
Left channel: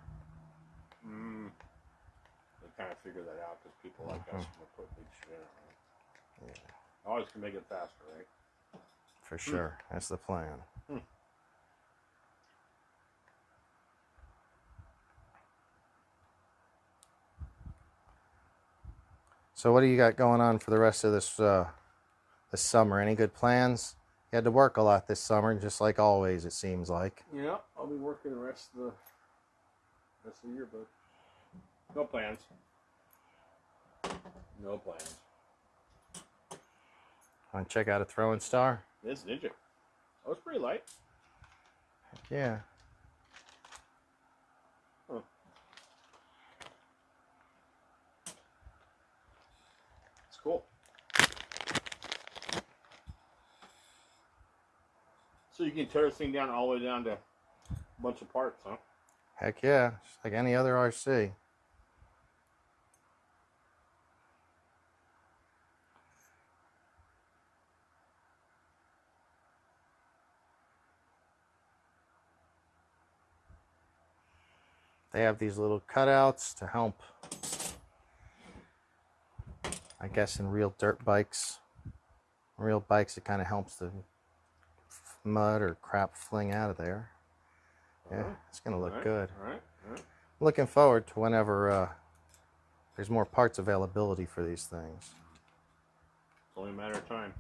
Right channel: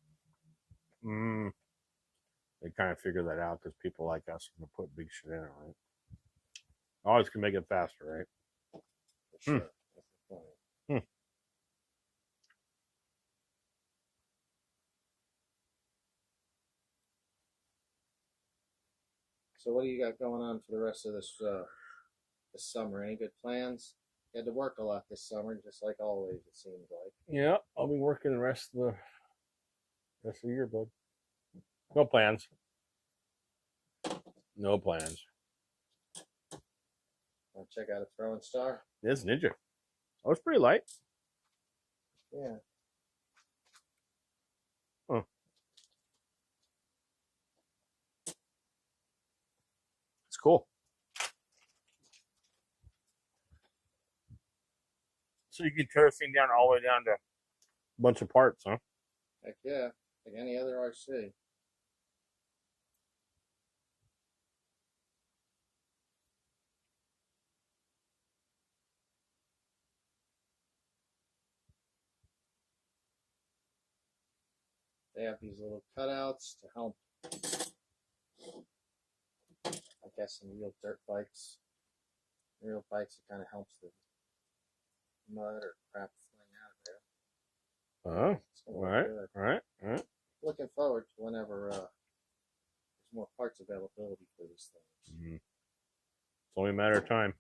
They kind of figure that out because people like us can put big shit in it, right? Yeah. Always can make it faster, right? For sure. That's the plan. So what do you got going on for the rest of this this summer? Any good plans? You had to work a lot this summer, just like always, it seems like. Yeah, I'll be working the rest of the year, bud. No plans. No plans. Want to check out a throwing star? It's Ninja. Oh, it's pretty light. Yeah. Oh. It's cool. So you can tear this thing down all the way down to a bunch of parts, huh? Heck yeah. Just like any other RC. They have these little cutouts to help, I guess, in real dirt bikes. Real bikes, it kind of helps the mud or crap fling out of there. Yeah, it's going to look good. All right. Looking forward to whenever there's more parts availability for these things. It's only a matter of time.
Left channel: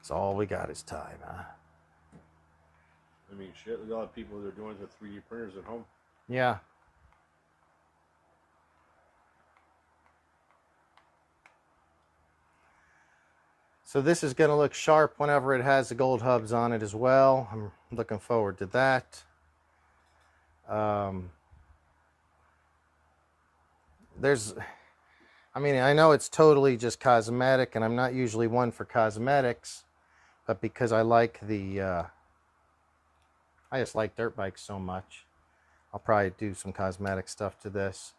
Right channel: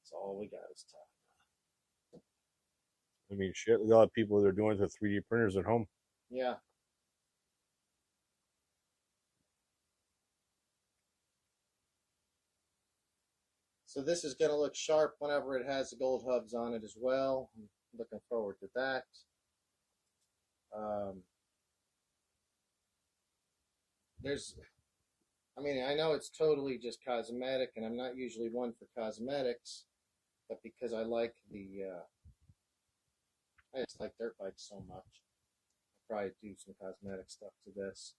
It's all we got is time, huh? I mean, shit, look at all the people that are doing it with 3D printers at home. Yeah. So this is going to look sharp whenever it has the gold hubs on it as well. I'm looking forward to that. I mean, I know it's totally just cosmetic, and I'm not usually one for cosmetics, but because I like I just like dirt bikes so much, I'll probably do some cosmetic stuff to this.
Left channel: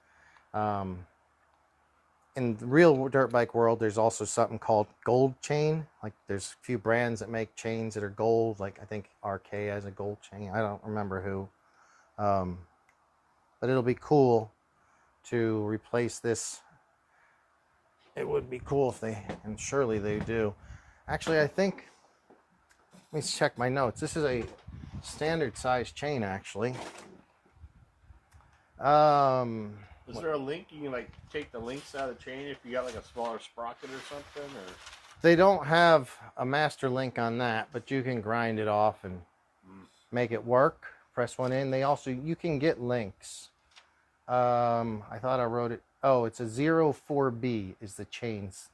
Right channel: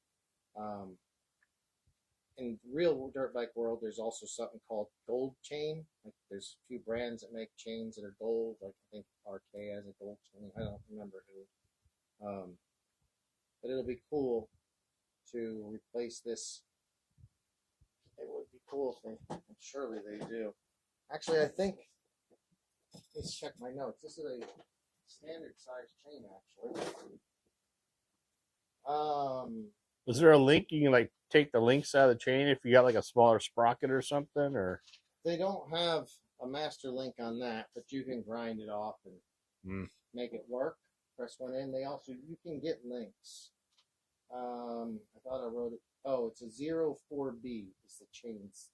In the real dirt bike world, there's also something called gold chain. Like there's a few brands that make chains that are gold. Like I think RK has a gold chain. I don't remember who. But it'll be cool to replace this. It would be cool if they, and surely they do. Actually, I think, let me check my notes. This is a standard size chain, actually. Is there a link you can like take the links out of the chain if you got like a smaller sprocket or something, or? They don't have a master link on that, but you can grind it off and make it work. Press one in. They also, you can get links. I thought I wrote it. Oh, it's a 04B is the chains.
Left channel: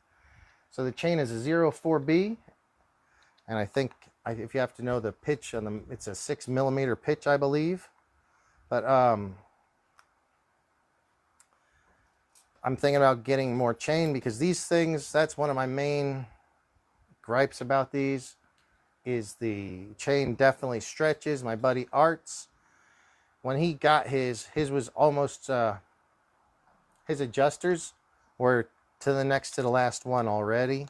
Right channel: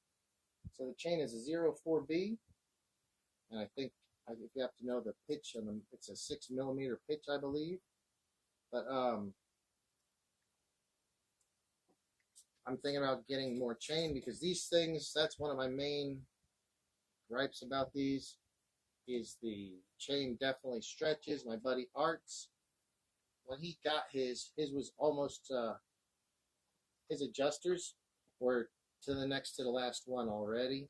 So the chain is a 04B, And I think if you have to know the pitch on the, it's a 6mm pitch, I believe. But I'm thinking about getting more chain because these things, that's one of my main gripes about these, is the chain definitely stretches. My buddy Arts, when he got his was almost, his adjusters were to the next to the last one already.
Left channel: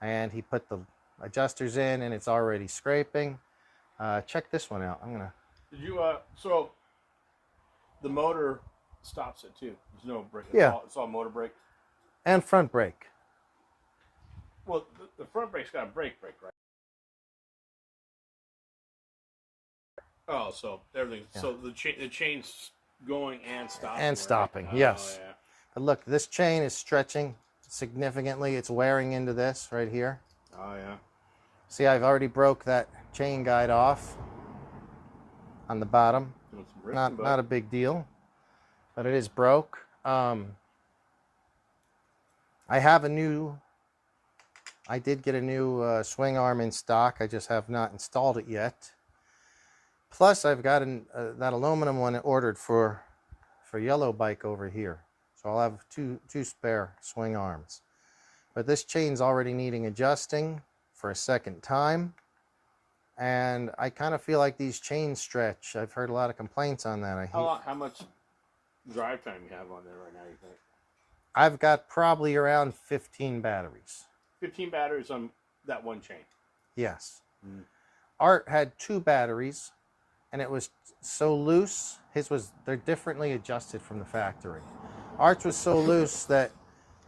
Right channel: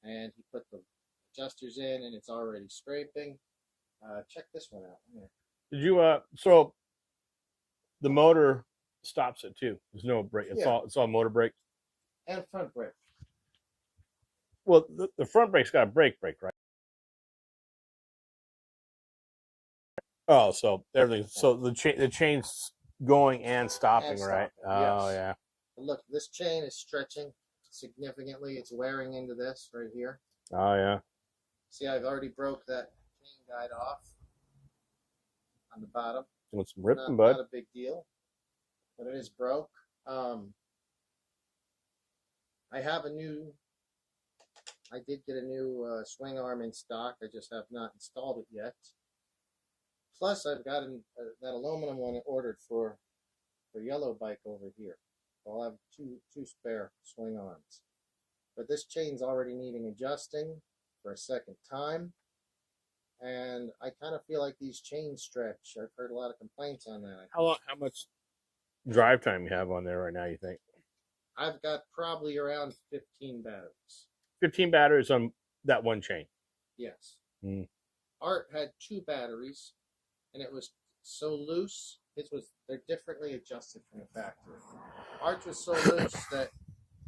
And he put the adjusters in and it's already scraping. Check this one out. I'm gonna. Did you so the motor stops it too? There's no brake. It's all motor brake and front brake. Well, the front brake's got a brake, right? Oh, so everything. Yeah. So the chain's going and stopping. And stopping. Right? Yes. Oh yeah. But look, this chain is stretching significantly. It's wearing into this right here. Oh yeah. See, I've already broke that chain guide off on the bottom. It's ripped, not a big deal, but it is broke. I did get a new swing arm in stock. I just have not installed it yet. Plus, I've got that aluminum one ordered for Yellow Bike over here. So I'll have two spare swing arms. But this chain's already needing adjusting for a second time. And I kind of feel like these chains stretch. I've heard a lot of complaints on that. How much drive time you have on there right now, you think? I've got probably around 15 batteries. 15 batteries on that one chain? Yes. Art had 2 batteries, and it was so loose. They're differently adjusted from the factory. Art's was so loose that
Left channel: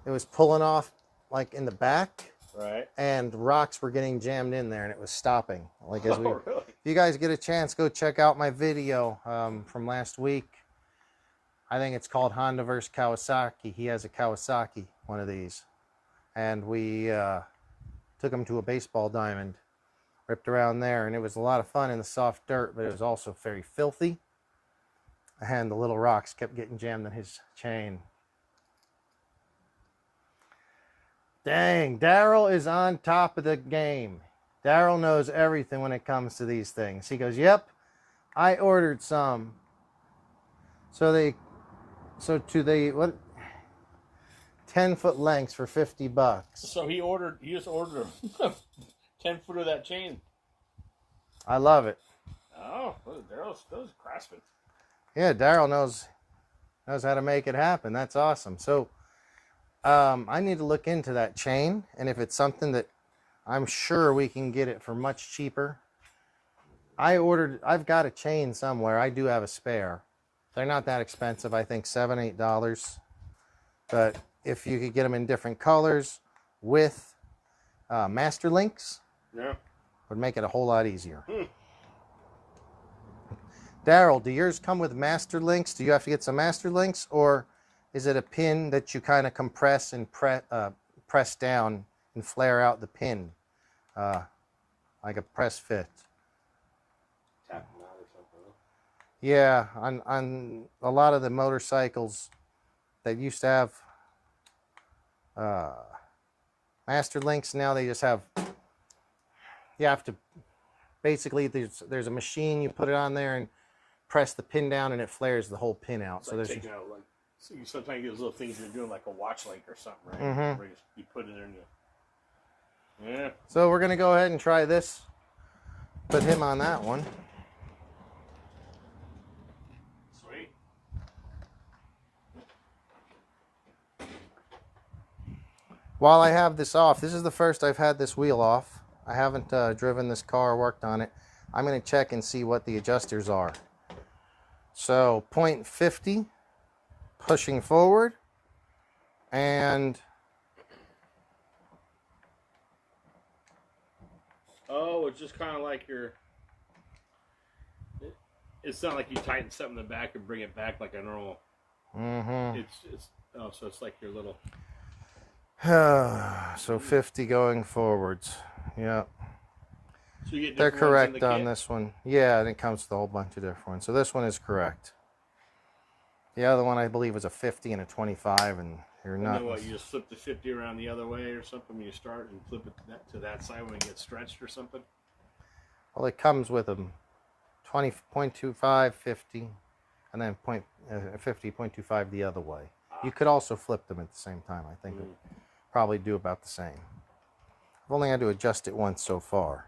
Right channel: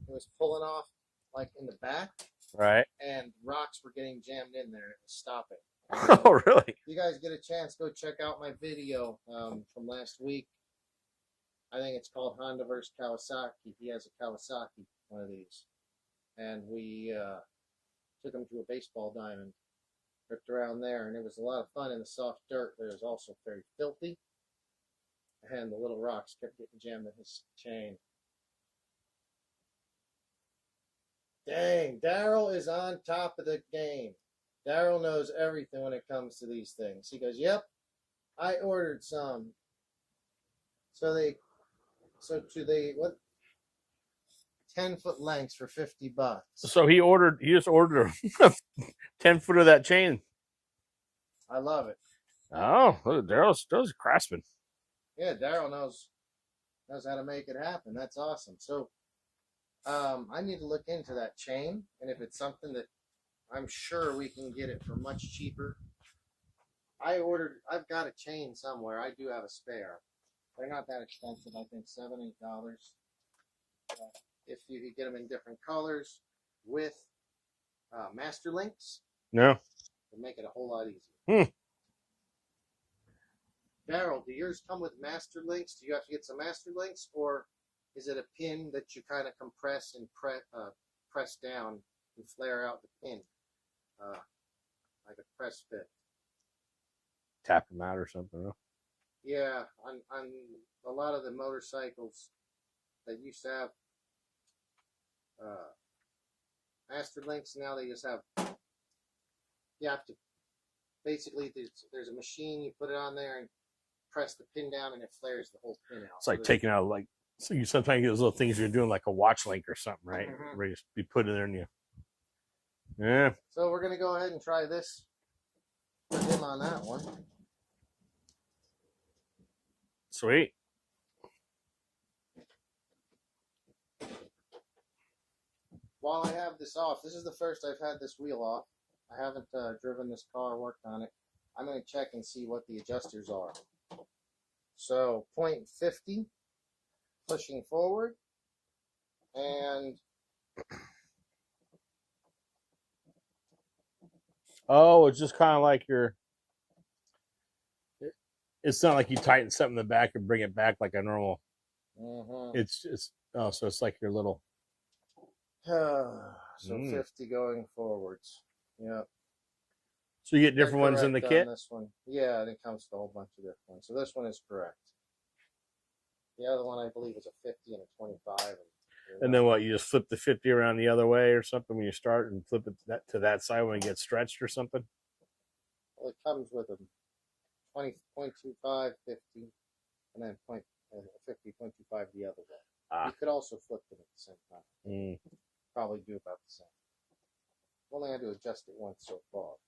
it was pulling off like in the back. Right. And rocks were getting jammed in there and it was stopping. Oh, really? If you guys get a chance, go check out my video from last week. I think it's called Honda vs. Kawasaki. He has a Kawasaki, one of these. And we took him to a baseball diamond, ripped around there, and it was a lot of fun in the soft dirt, but it was also very filthy. And the little rocks kept getting jammed in his chain. Dang, Daryl is on top of the game. Daryl knows everything when it comes to these things. He goes, yep, I ordered some. So what? 10-foot lengths for $50. So he just ordered a 10-foot of that chain. I love it. Oh, Daryl's a craftsman. Yeah, Daryl knows how to make it happen. That's awesome. So I need to look into that chain, and if it's something that I'm sure we can get it for much cheaper. I've got a chain somewhere. I do have a spare. They're not that expensive. I think $7, $8. But if you could get them in different colors with master links, would make it a whole lot easier. Daryl, do yours come with master links? Do you have to get some master links, or is it a pin that you kind of compress and press down and flare out the pin like a press fit? Tap them out or something. Huh? Yeah, on a lot of the motorcycles that used to have master links, now they just have, you have to, basically there's a machine, you put it on there and press the pin down and it flares the whole pin out. It's like taking out, like, so you sometimes get those little things you're doing like a watch link or something, right? Mm-hmm. Where you put it there and yeah. So we're going to go ahead and try this. Put him on that one. Sweet. While I have this off, this is the first I've had this wheel off. I haven't driven this car, worked on it. I'm going to check and see what the adjusters are. So 0.50, pushing forward, and oh, it's just kind of like it's not like you tighten something in the back and bring it back like a normal. Mm-hmm. So it's like your little. So 50 going forwards. Yeah. So you get They're different ones in the correct kit? on this one. Yeah, and it comes with a whole bunch of different ones. So this one is correct. The other one I believe was a 50 and a 25, and you're And then what? You just flip the 50 around the other way or something when you start, and flip it to that side when it gets stretched or something. Well, it comes with a 20.25, 50, and then 50.25 the other way. You could also flip them at the same time. I think it'd probably do about the same. I've only had to adjust it once so far,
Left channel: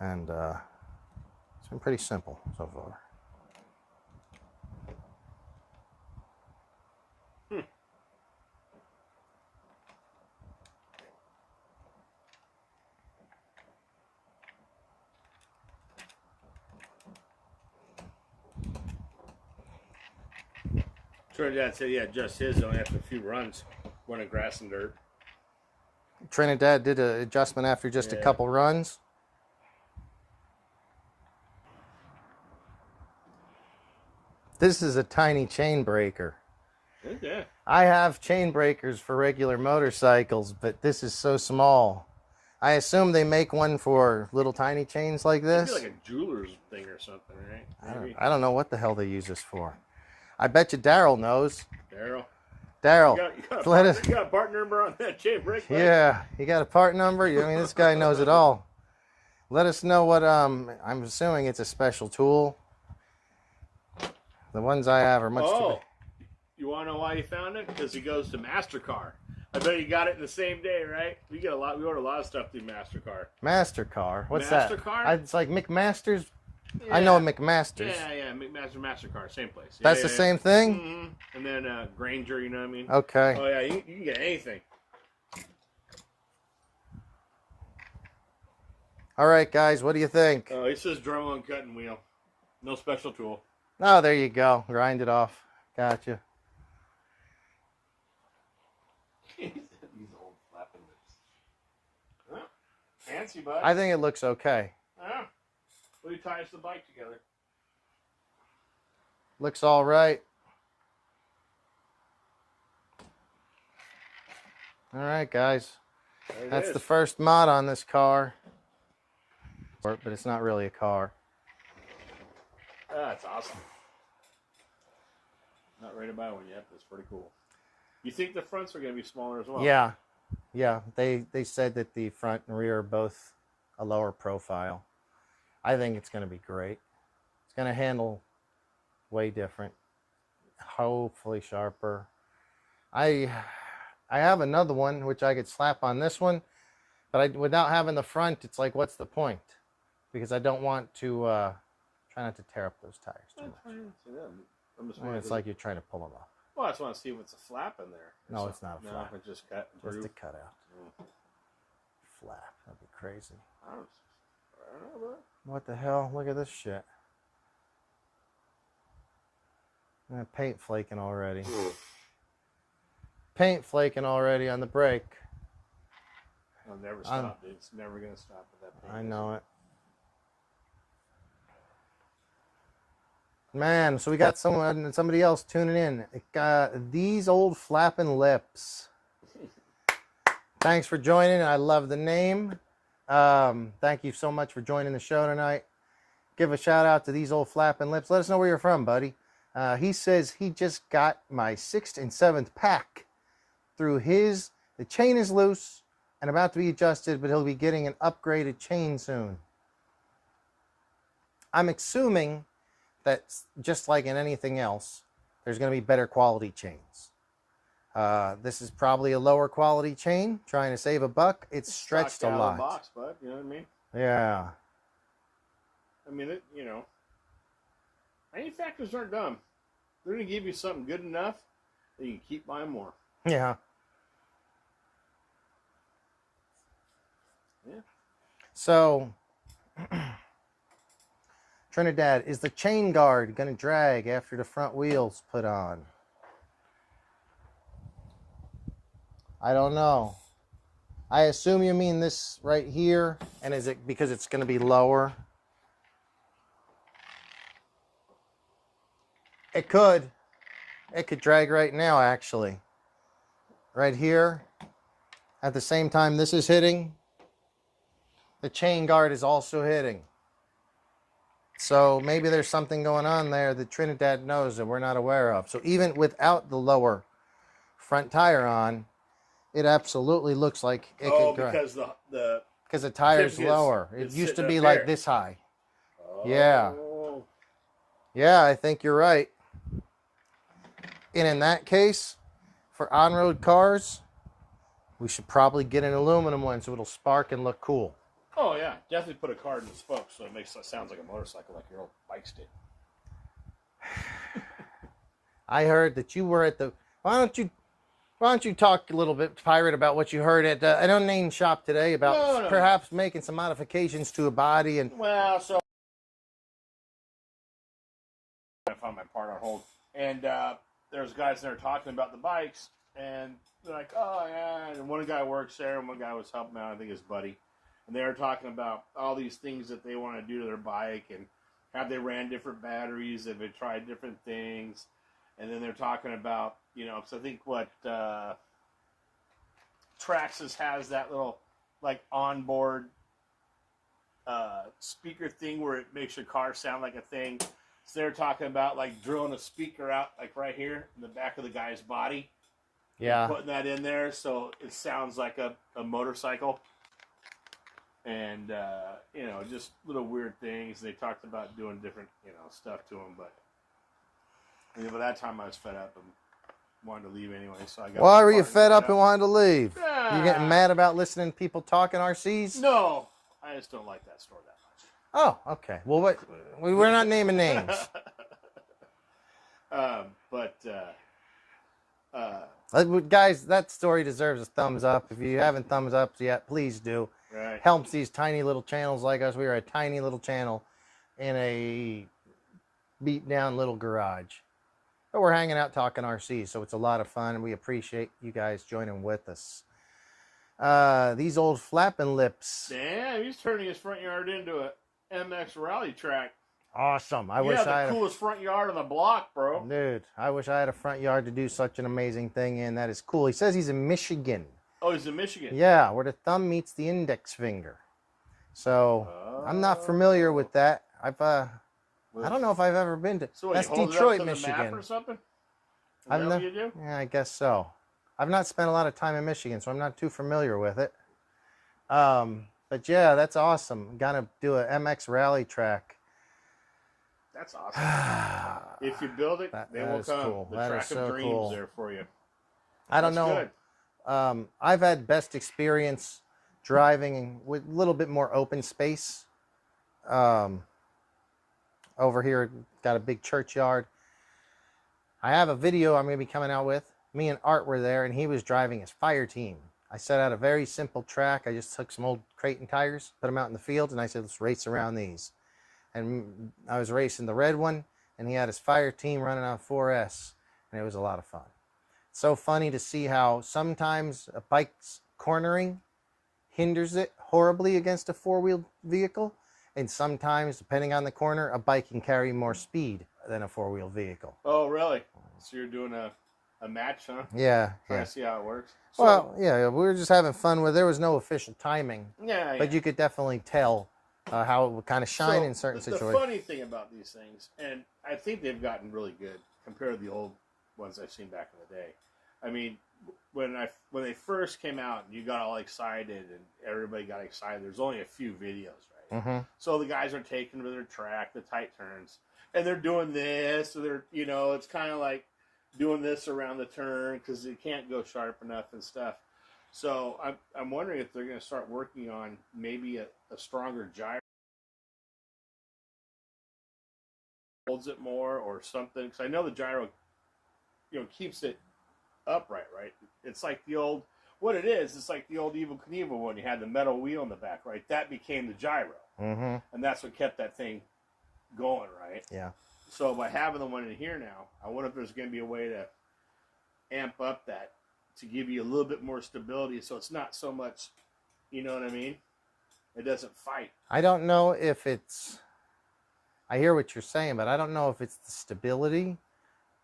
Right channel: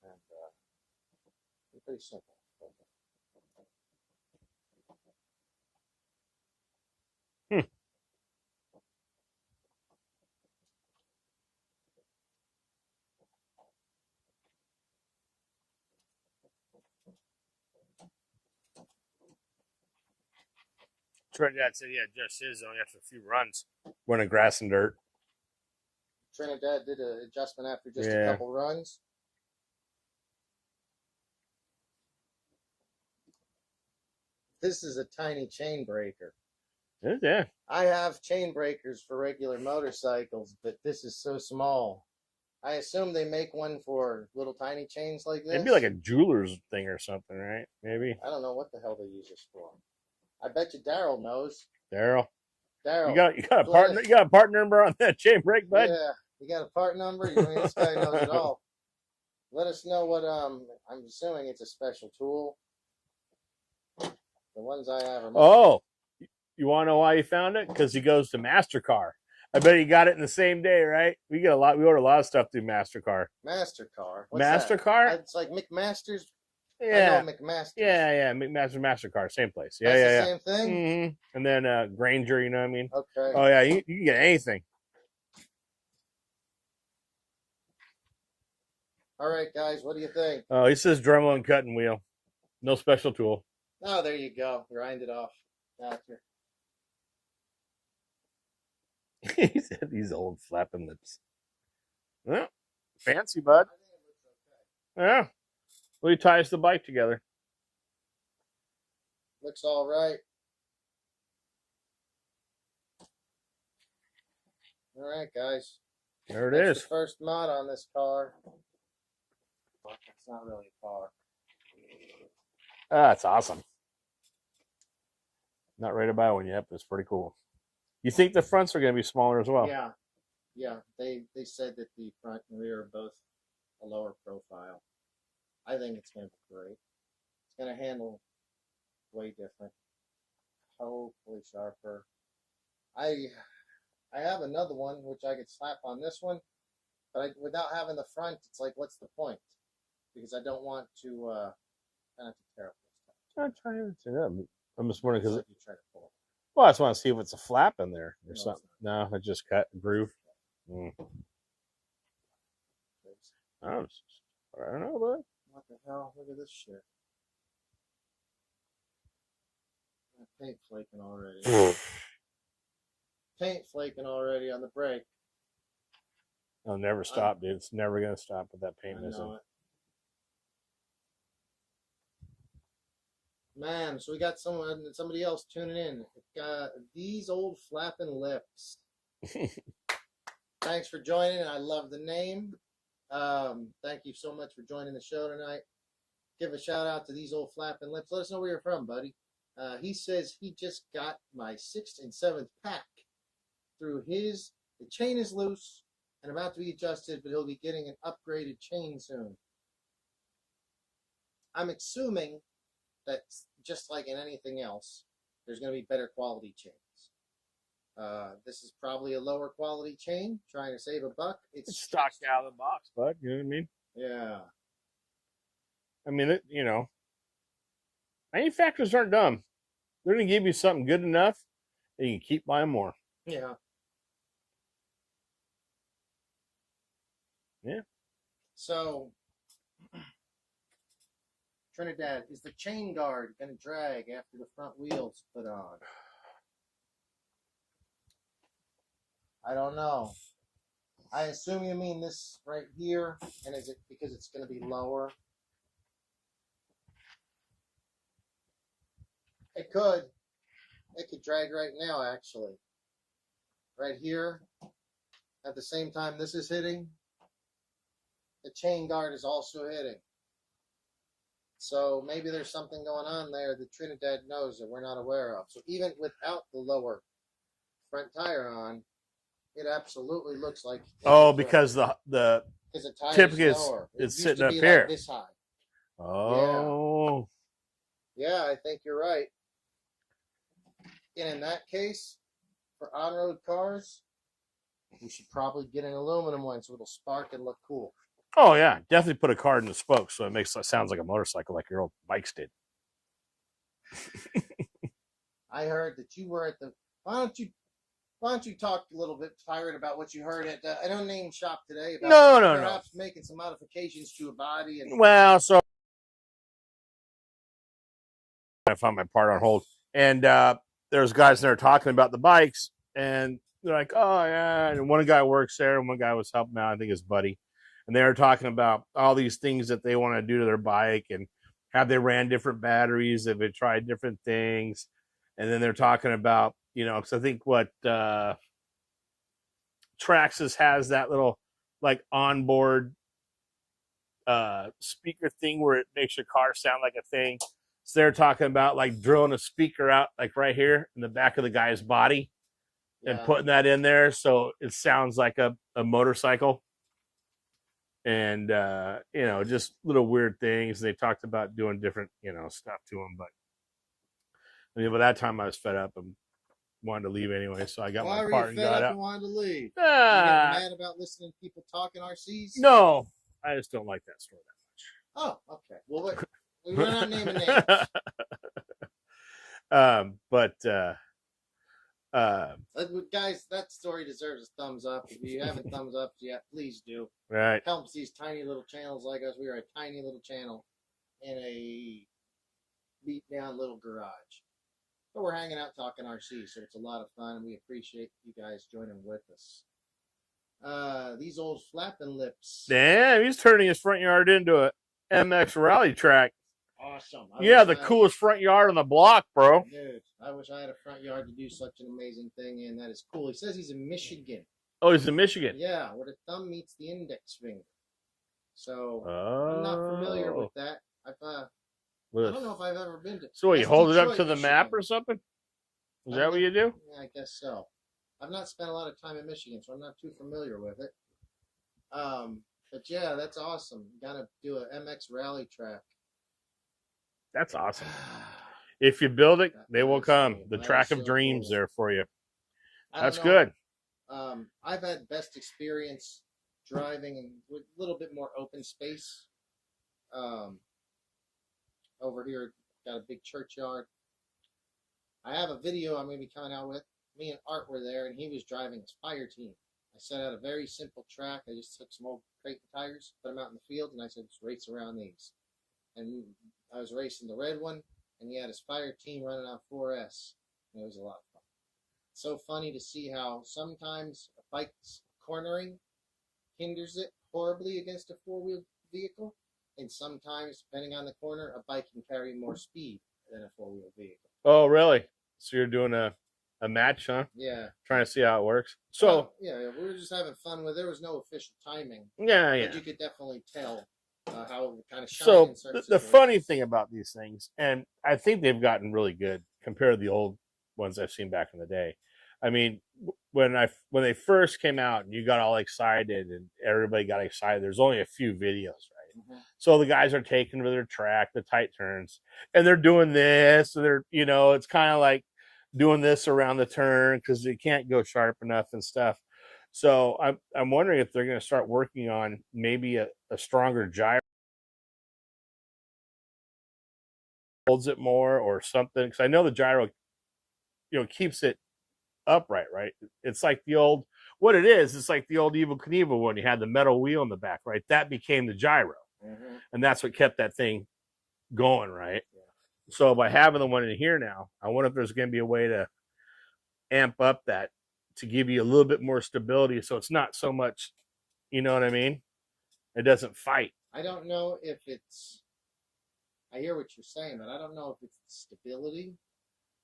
and it's been pretty simple so far. Trinidad said, yeah, just his only after a few runs, running grass and dirt. Trinidad did an adjustment after just a couple runs. This is a tiny chain breaker. Yeah. I have chain breakers for regular motorcycles, but this is so small. I assume they make one for little tiny chains like this. It'd be like a jeweler's thing or something, right? Maybe. I don't know what the hell they use this for. I bet you Daryl knows. Daryl. Daryl. You got a part number on that chain brake? Yeah, you got a part number? I mean, this guy knows it all. Let us know what, I'm assuming it's a special tool. The ones I have are much... Oh, you want to know why he found it? Because he goes to MasterCard. I bet he got it in the same day, right? We order a lot of stuff through MasterCard. MasterCard? What's MasterCard? that? It's like McMaster's. Yeah. I know McMaster's. Yeah, MasterCard, same place. That's the same thing? Mm-hmm. And then Granger, you know what I mean? Okay. Oh, yeah, you can get anything. All right, guys, what do you think? Oh, he says Dremel and cutting wheel. No special tool. Oh, there you go. Grind it off. Gotcha. He said these old flapping lips. Yeah, fancy, bud. I think it looks okay. Yeah. Well, he ties the bike together. Looks all right. All right, guys. There it That's is. the first mod on this car. But it's not really a car. Ah, that's awesome. Not ready to buy one yet, but it's pretty cool. You think the fronts are going to be smaller as well? Yeah. Yeah. They said that the front and rear are both a lower profile. I think it's going to be great. It's going to handle way different. Hopefully sharper. I have another one which I could slap on this one, but without having the front, it's like, what's the point? Because I don't want to try not to tear up those tires. I'm just wondering, it's like you're trying to pull them off. Well, I just want to see if it's a flap in there. No, something. it's not. No, it just cut groove. Just cut out. Flap. That'd be crazy. I don't know, bud. What the hell? Look at this shit. Paint flaking already. Paint flaking already on the brake. I'll never stop, dude. It's never going to stop with that paint. I know it. Man, so we got somebody else tuning in. It got these old flapping lips. Thanks for joining. I love the name. Thank you so much for joining the show tonight. Give a shout out to these old flapping lips. Let us know where you're from, buddy. He says he just got my 6th and 7th pack through the chain is loose and about to be adjusted, but he'll be getting an upgraded chain soon. I'm assuming that just like in anything else, there's going to be better quality chains. This is probably a lower quality chain, trying to save a buck. It's stretched a lot. Out of the box, bud. You know what I mean? Yeah. I mean, manufacturers aren't dumb. They're going to give you something good enough that you can keep buying more. Yeah. Yeah. So, Trinidad, is the chain guard going to drag after the front wheels put on? I don't know. I assume you mean this right here, and is it because it's going to be lower? It could. It could drag right now, actually. Right here. At the same time this is hitting, the chain guard is also hitting. So maybe there's something going on there that Trinidad knows that we're not aware of. So even without the lower front tire on, it absolutely looks like it Oh, could go- because the because the tire's tip is- lower. It is used to sitting be up like here. this high. Oh. Yeah, I think you're right. And in that case, for on-road cars, we should probably get an aluminum one so it'll spark and look cool. Oh yeah, definitely put a card in the spokes so it sounds like a motorcycle, like your old bikes did. I heard that you were at the. Why don't you talk a little bit, Pirate, about what you heard at an unnamed shop today about perhaps making some modifications to a body and. Well, so I found my part on hold, and there's guys there talking about the bikes, and they're like, "Oh yeah," and one guy works there, and one guy was helping out, I think his buddy, and they were talking about all these things that they want to do to their bike, and have they ran different batteries, have they tried different things, and then they're talking about, you know, because I think what Traxxas has that little like onboard speaker thing where it makes your car sound like a thing. So they're talking about like drilling a speaker out like right here in the back of the guy's body, and putting that in there so it sounds like a motorcycle. And you know, just little weird things. They talked about doing different, you know, stuff to them, but I mean, by that time I was fed up and wanted to leave anyway. So I got. Why were you fed up and wanted to leave? You getting mad about listening to people talking RCs? No, I just don't like that store that much. Oh, okay. Well, we're not naming names. Guys, that story deserves a thumbs up. If you haven't thumbs up yet, please do. Right. Helps these tiny little channels like us. We are a tiny little channel in a beat down little garage. But we're hanging out talking RCs, so it's a lot of fun. We appreciate you guys joining with us. These old flapping lips. Damn, he's turning his front yard into a MX rally track. Awesome. The coolest front yard on the block, bro. Dude, I wish I had a front yard to do such an amazing thing in. That is cool. He says he's in Michigan. Oh, he's in Michigan. Yeah, where the thumb meets the index finger. So I'm not familiar with that. I don't know if I've ever been to. So you hold Detroit, it up to Michigan. the map or something? Is that what you do? Yeah, I guess so. I've not spent a lot of time in Michigan, so I'm not too familiar with it. But yeah, that's awesome. Gonna do a MX rally track. That's awesome. If you build it, they will come. Cool. The That track is of so dreams cool. there for you. I don't That's know. good. I've had best experience driving with a little bit more open space. Over here, got a big churchyard. I have a video I'm going to be coming out with. Me and Art were there, and he was driving his fire team. I set out a very simple track. I just took some old Creighton tires, put them out in the field, and I said, let's race around these. And I was racing the red one, and he had his fire team running on 4S, and it was a lot of fun. It's so funny to see how sometimes a bike's cornering hinders it horribly against a four-wheeled vehicle, and sometimes, depending on the corner, a bike can carry more speed than a four-wheel vehicle. Oh, really? So you're doing a match, huh? Yeah. Trying to see how it works. So, Well, yeah, we were just having fun with. There was no official timing, yeah. but you could definitely tell how it would kind of shine in certain the situations. funny thing about these things, and I think they've gotten really good compared to the old ones I've seen back in the day. I mean, when they first came out and you got all excited and everybody got excited, there's only a few videos, right? Mm-hmm. So the guys are taking to their track, the tight turns, and they're doing this. So they're, you know, it's kind of like doing this around the turn because they can't go sharp enough and stuff. So I'm wondering if they're going to start working on maybe a stronger gyro, holds it more or something. Because I know the gyro, you know, keeps it upright, right? It's like the old, what it is, it's like the old Evel Knievel when you had the metal wheel in the back, right? That became the gyro. Mm-hmm. And that's what kept that thing going, right? Yeah. So by having the one in here now, I wonder if there's going to be a way to amp up that to give you a little bit more stability so it's not so much, you know what I mean? It doesn't fight. I don't know if it's, I hear what you're saying, but I don't know if it's the stability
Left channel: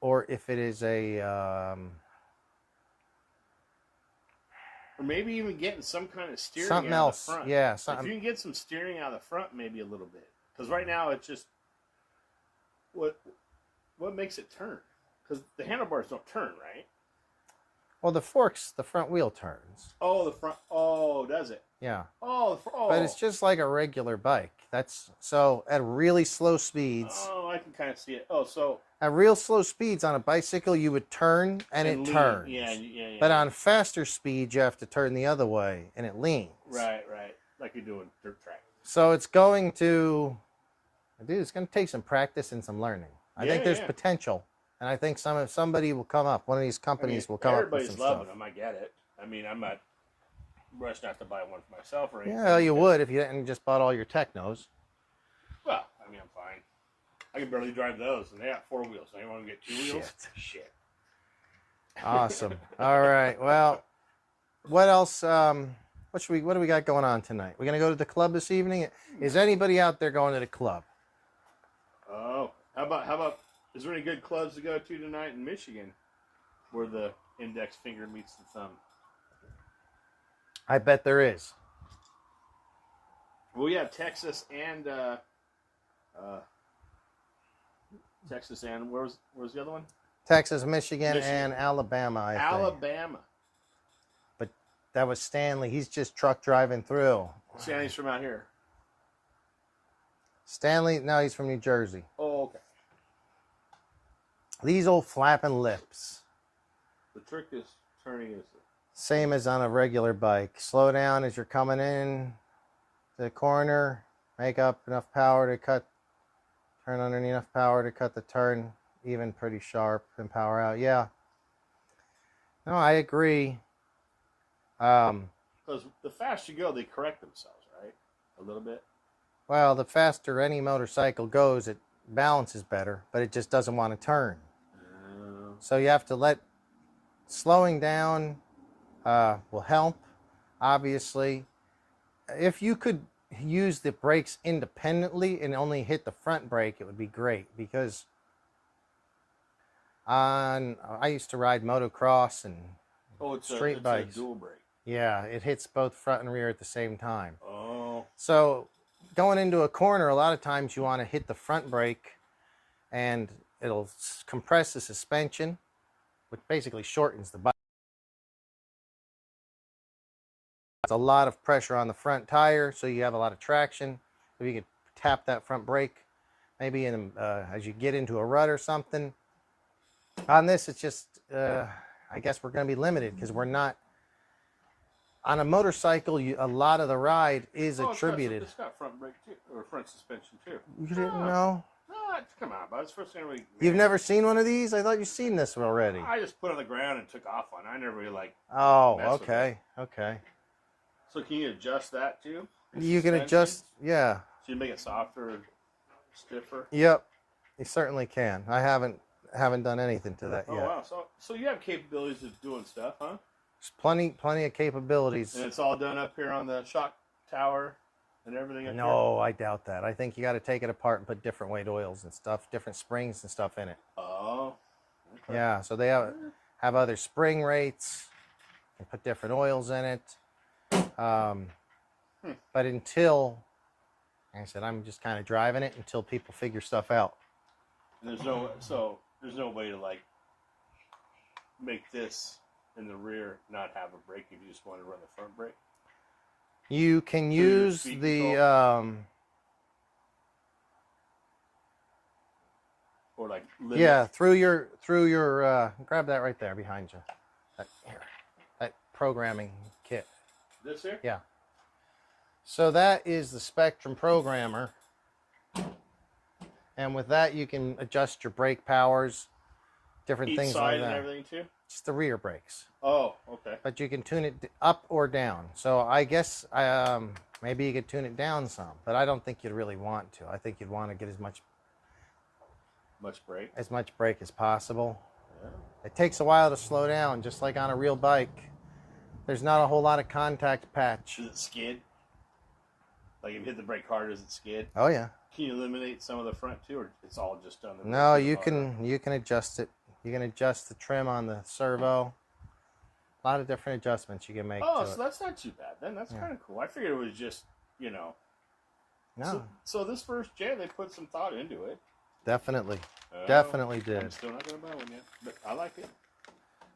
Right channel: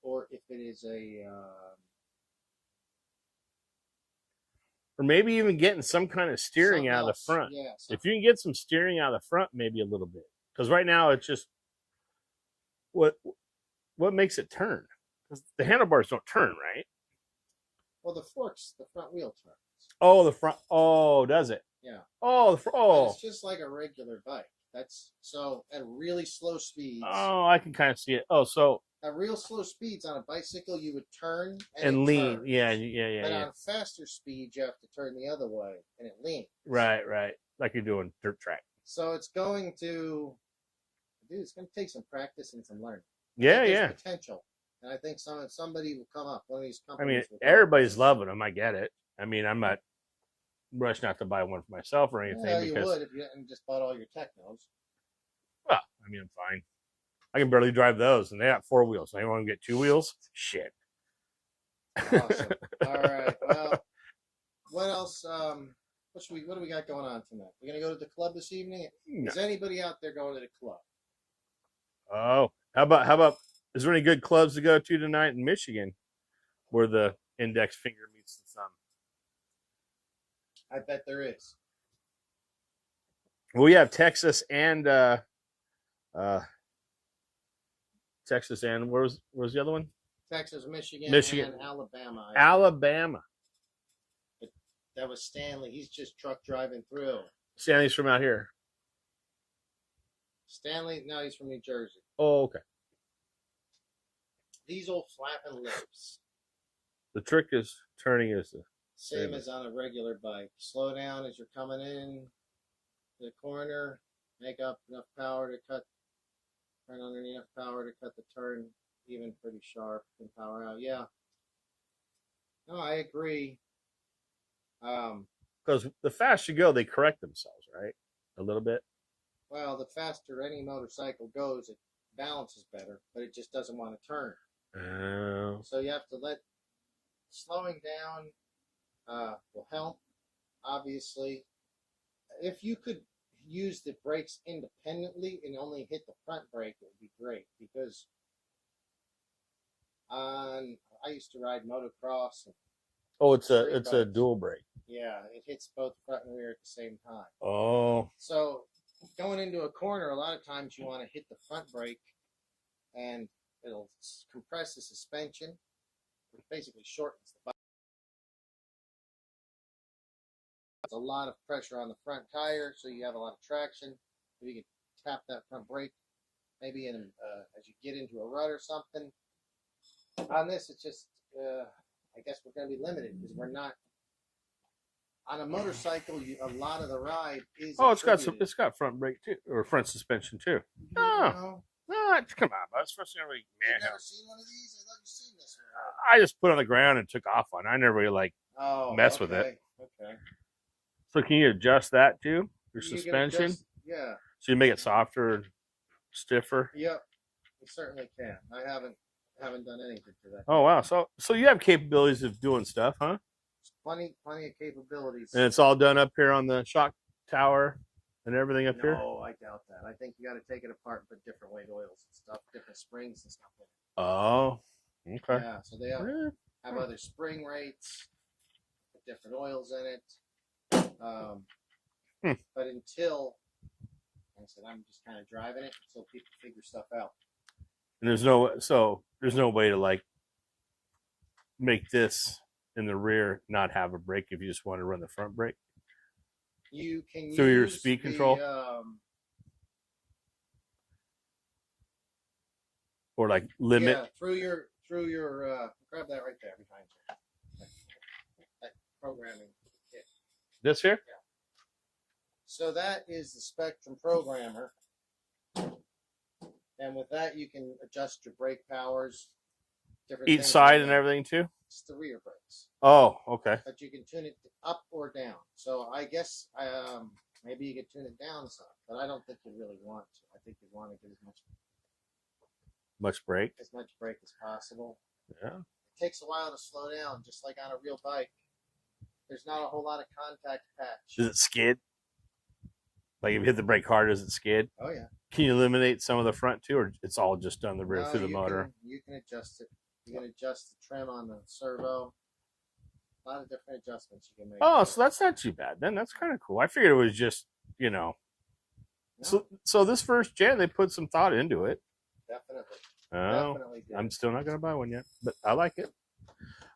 or if it is a, or maybe even getting some kind of steering out of the front. Yeah. If you can get some steering out of the front, maybe a little bit. Because right now it's just, what makes it turn? Because the handlebars don't turn, right? Well, the forks, the front wheel turns. Oh, the front. Oh, does it? Yeah. Oh, But oh. it's just like a regular bike. That's so at really slow speeds. Oh, I can kind of see it. Oh, so at real slow speeds on a bicycle, you would turn and it lean. turns. Yeah. But yeah. on faster speeds, you have to turn the other way and it leans. Right. Like you're doing dirt track. So it's going to, dude, it's going to take some practice and some learning. I think there's potential. And I think somebody will come up. One of these companies will come everybody's up. loving them. I get it. I mean, I'm not rushing out to buy one for myself or anything. Yeah, you would if you hadn't just bought all your Technos. Well, I mean, I'm fine. I can barely drive those, and they got 4 wheels. So they want to get 2 wheels? Shit. Awesome. All right. Well, what else? What do we got going on tonight? We're gonna go to the club this evening. No. Is anybody out there going to the club? Oh, how about? Is there any good clubs to go to tonight in Michigan, where the index finger meets the thumb? I bet there is. Well, we have Texas and where's the other one? Texas, Michigan, and Alabama. Alabama. But that was Stanley. He's just truck driving through. Stanley's from out here. Stanley, no, he's from New Jersey. Oh, okay. These old flapping lips. The trick is turning is the same as on a regular bike. Slow down as you're coming in to the corner. Make up enough power to cut. Turn under enough power to cut the turn even pretty sharp and power out. Yeah. No, I agree. Because the faster you go, they correct themselves, right? A little bit. Well, the faster any motorcycle goes, it balances better, but it just doesn't want to turn. So you have to slowing down will help, obviously. If you could use the brakes independently and only hit the front brake, it would be great, because I used to ride motocross and it's a dual brake. Yeah, it hits both front and rear at the same time. Oh. So going into a corner, a lot of times you want to hit the front brake and it'll compress the suspension, which basically shortens the bike. It's a lot of pressure on the front tire, so you have a lot of traction. If you could tap that front brake, maybe as you get into a rut or something. On this, it's just, I guess we're going to be limited because we're not. On a motorcycle, a lot of the ride is attributed. It's got front brake too, or front suspension too. You didn't know? No, come on, bud. It's first thing You've never seen one of these? I thought you've seen this already. I just put it on the ground and took off on it. I never really mess with it. Okay. So can you adjust that too? You can adjust, yeah. So you make it softer and stiffer? Yep. You certainly can. I haven't done anything to that yet. Wow. So you have capabilities of doing stuff, huh? There's plenty of capabilities. And it's all done up here on the shock tower and everything up here? No, I doubt that. I think you got to take it apart and put different weight oils and stuff, different springs and stuff in it. Oh, okay. Yeah, so they have other spring rates and put different oils in it. But until, like I said, I'm just kind of driving it until people figure stuff out. And there's no way to make this in the rear not have a brake if you just want to run the front brake. You can use the or limit. Yeah, through your grab that right there behind you. That programming kit. This here? Yeah. So that is the Spectrum programmer. And with that you can adjust your brake powers, different things. Each side and everything too? It's the rear brakes. Oh, okay. But you can tune it up or down. So I guess maybe you could tune it down some, but I don't think you'd really want to. I think you'd want to get as much brake as possible. Yeah. It takes a while to slow down, just like on a real bike. There's not a whole lot of contact patch. Does it skid? Like if you hit the brake hard, does it skid? Oh yeah. Can you eliminate some of the front too, or it's all just done the rear? No, you can adjust it. You can adjust the trim on the servo. A lot of different adjustments you can make. Oh, so that's not too bad then. That's kind of cool. I figured it was just, No. So this first gen, they put some thought into it. Definitely. Definitely did. I'm still not going to buy one yet, but I like it.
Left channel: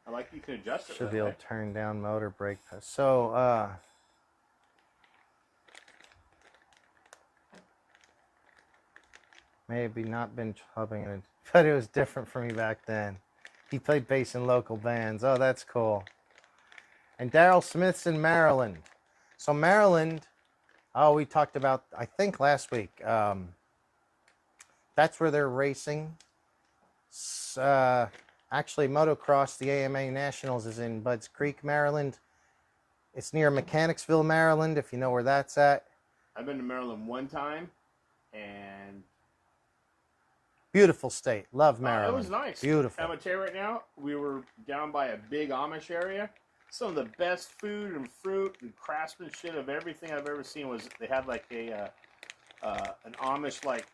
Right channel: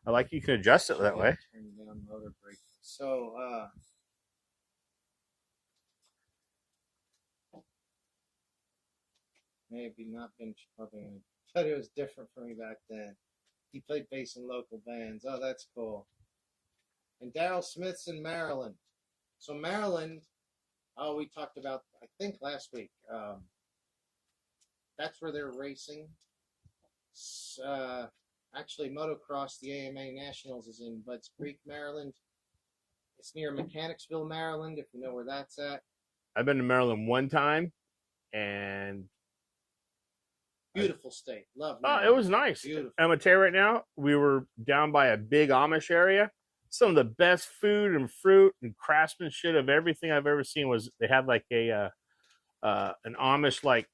I like you can adjust it that way. Turn down motor brake. So, maybe not been hubbing it, but it was different for me back then. He played bass in local bands. Oh, that's cool. And Daryl Smith's in Maryland. So Maryland, oh, we talked about, I think last week, that's where they're racing. Actually, motocross, the AMA Nationals is in Budds Creek, Maryland. It's near Mechanicsville, Maryland, if you know where that's at. I've been to Maryland one time, and beautiful state. Love Maryland. It was nice. Beautiful. I'm going to tell you right now, we were down by a big Amish area. Some of the best food and fruit and craftsmanship of everything I've ever seen was they had like a an Amish like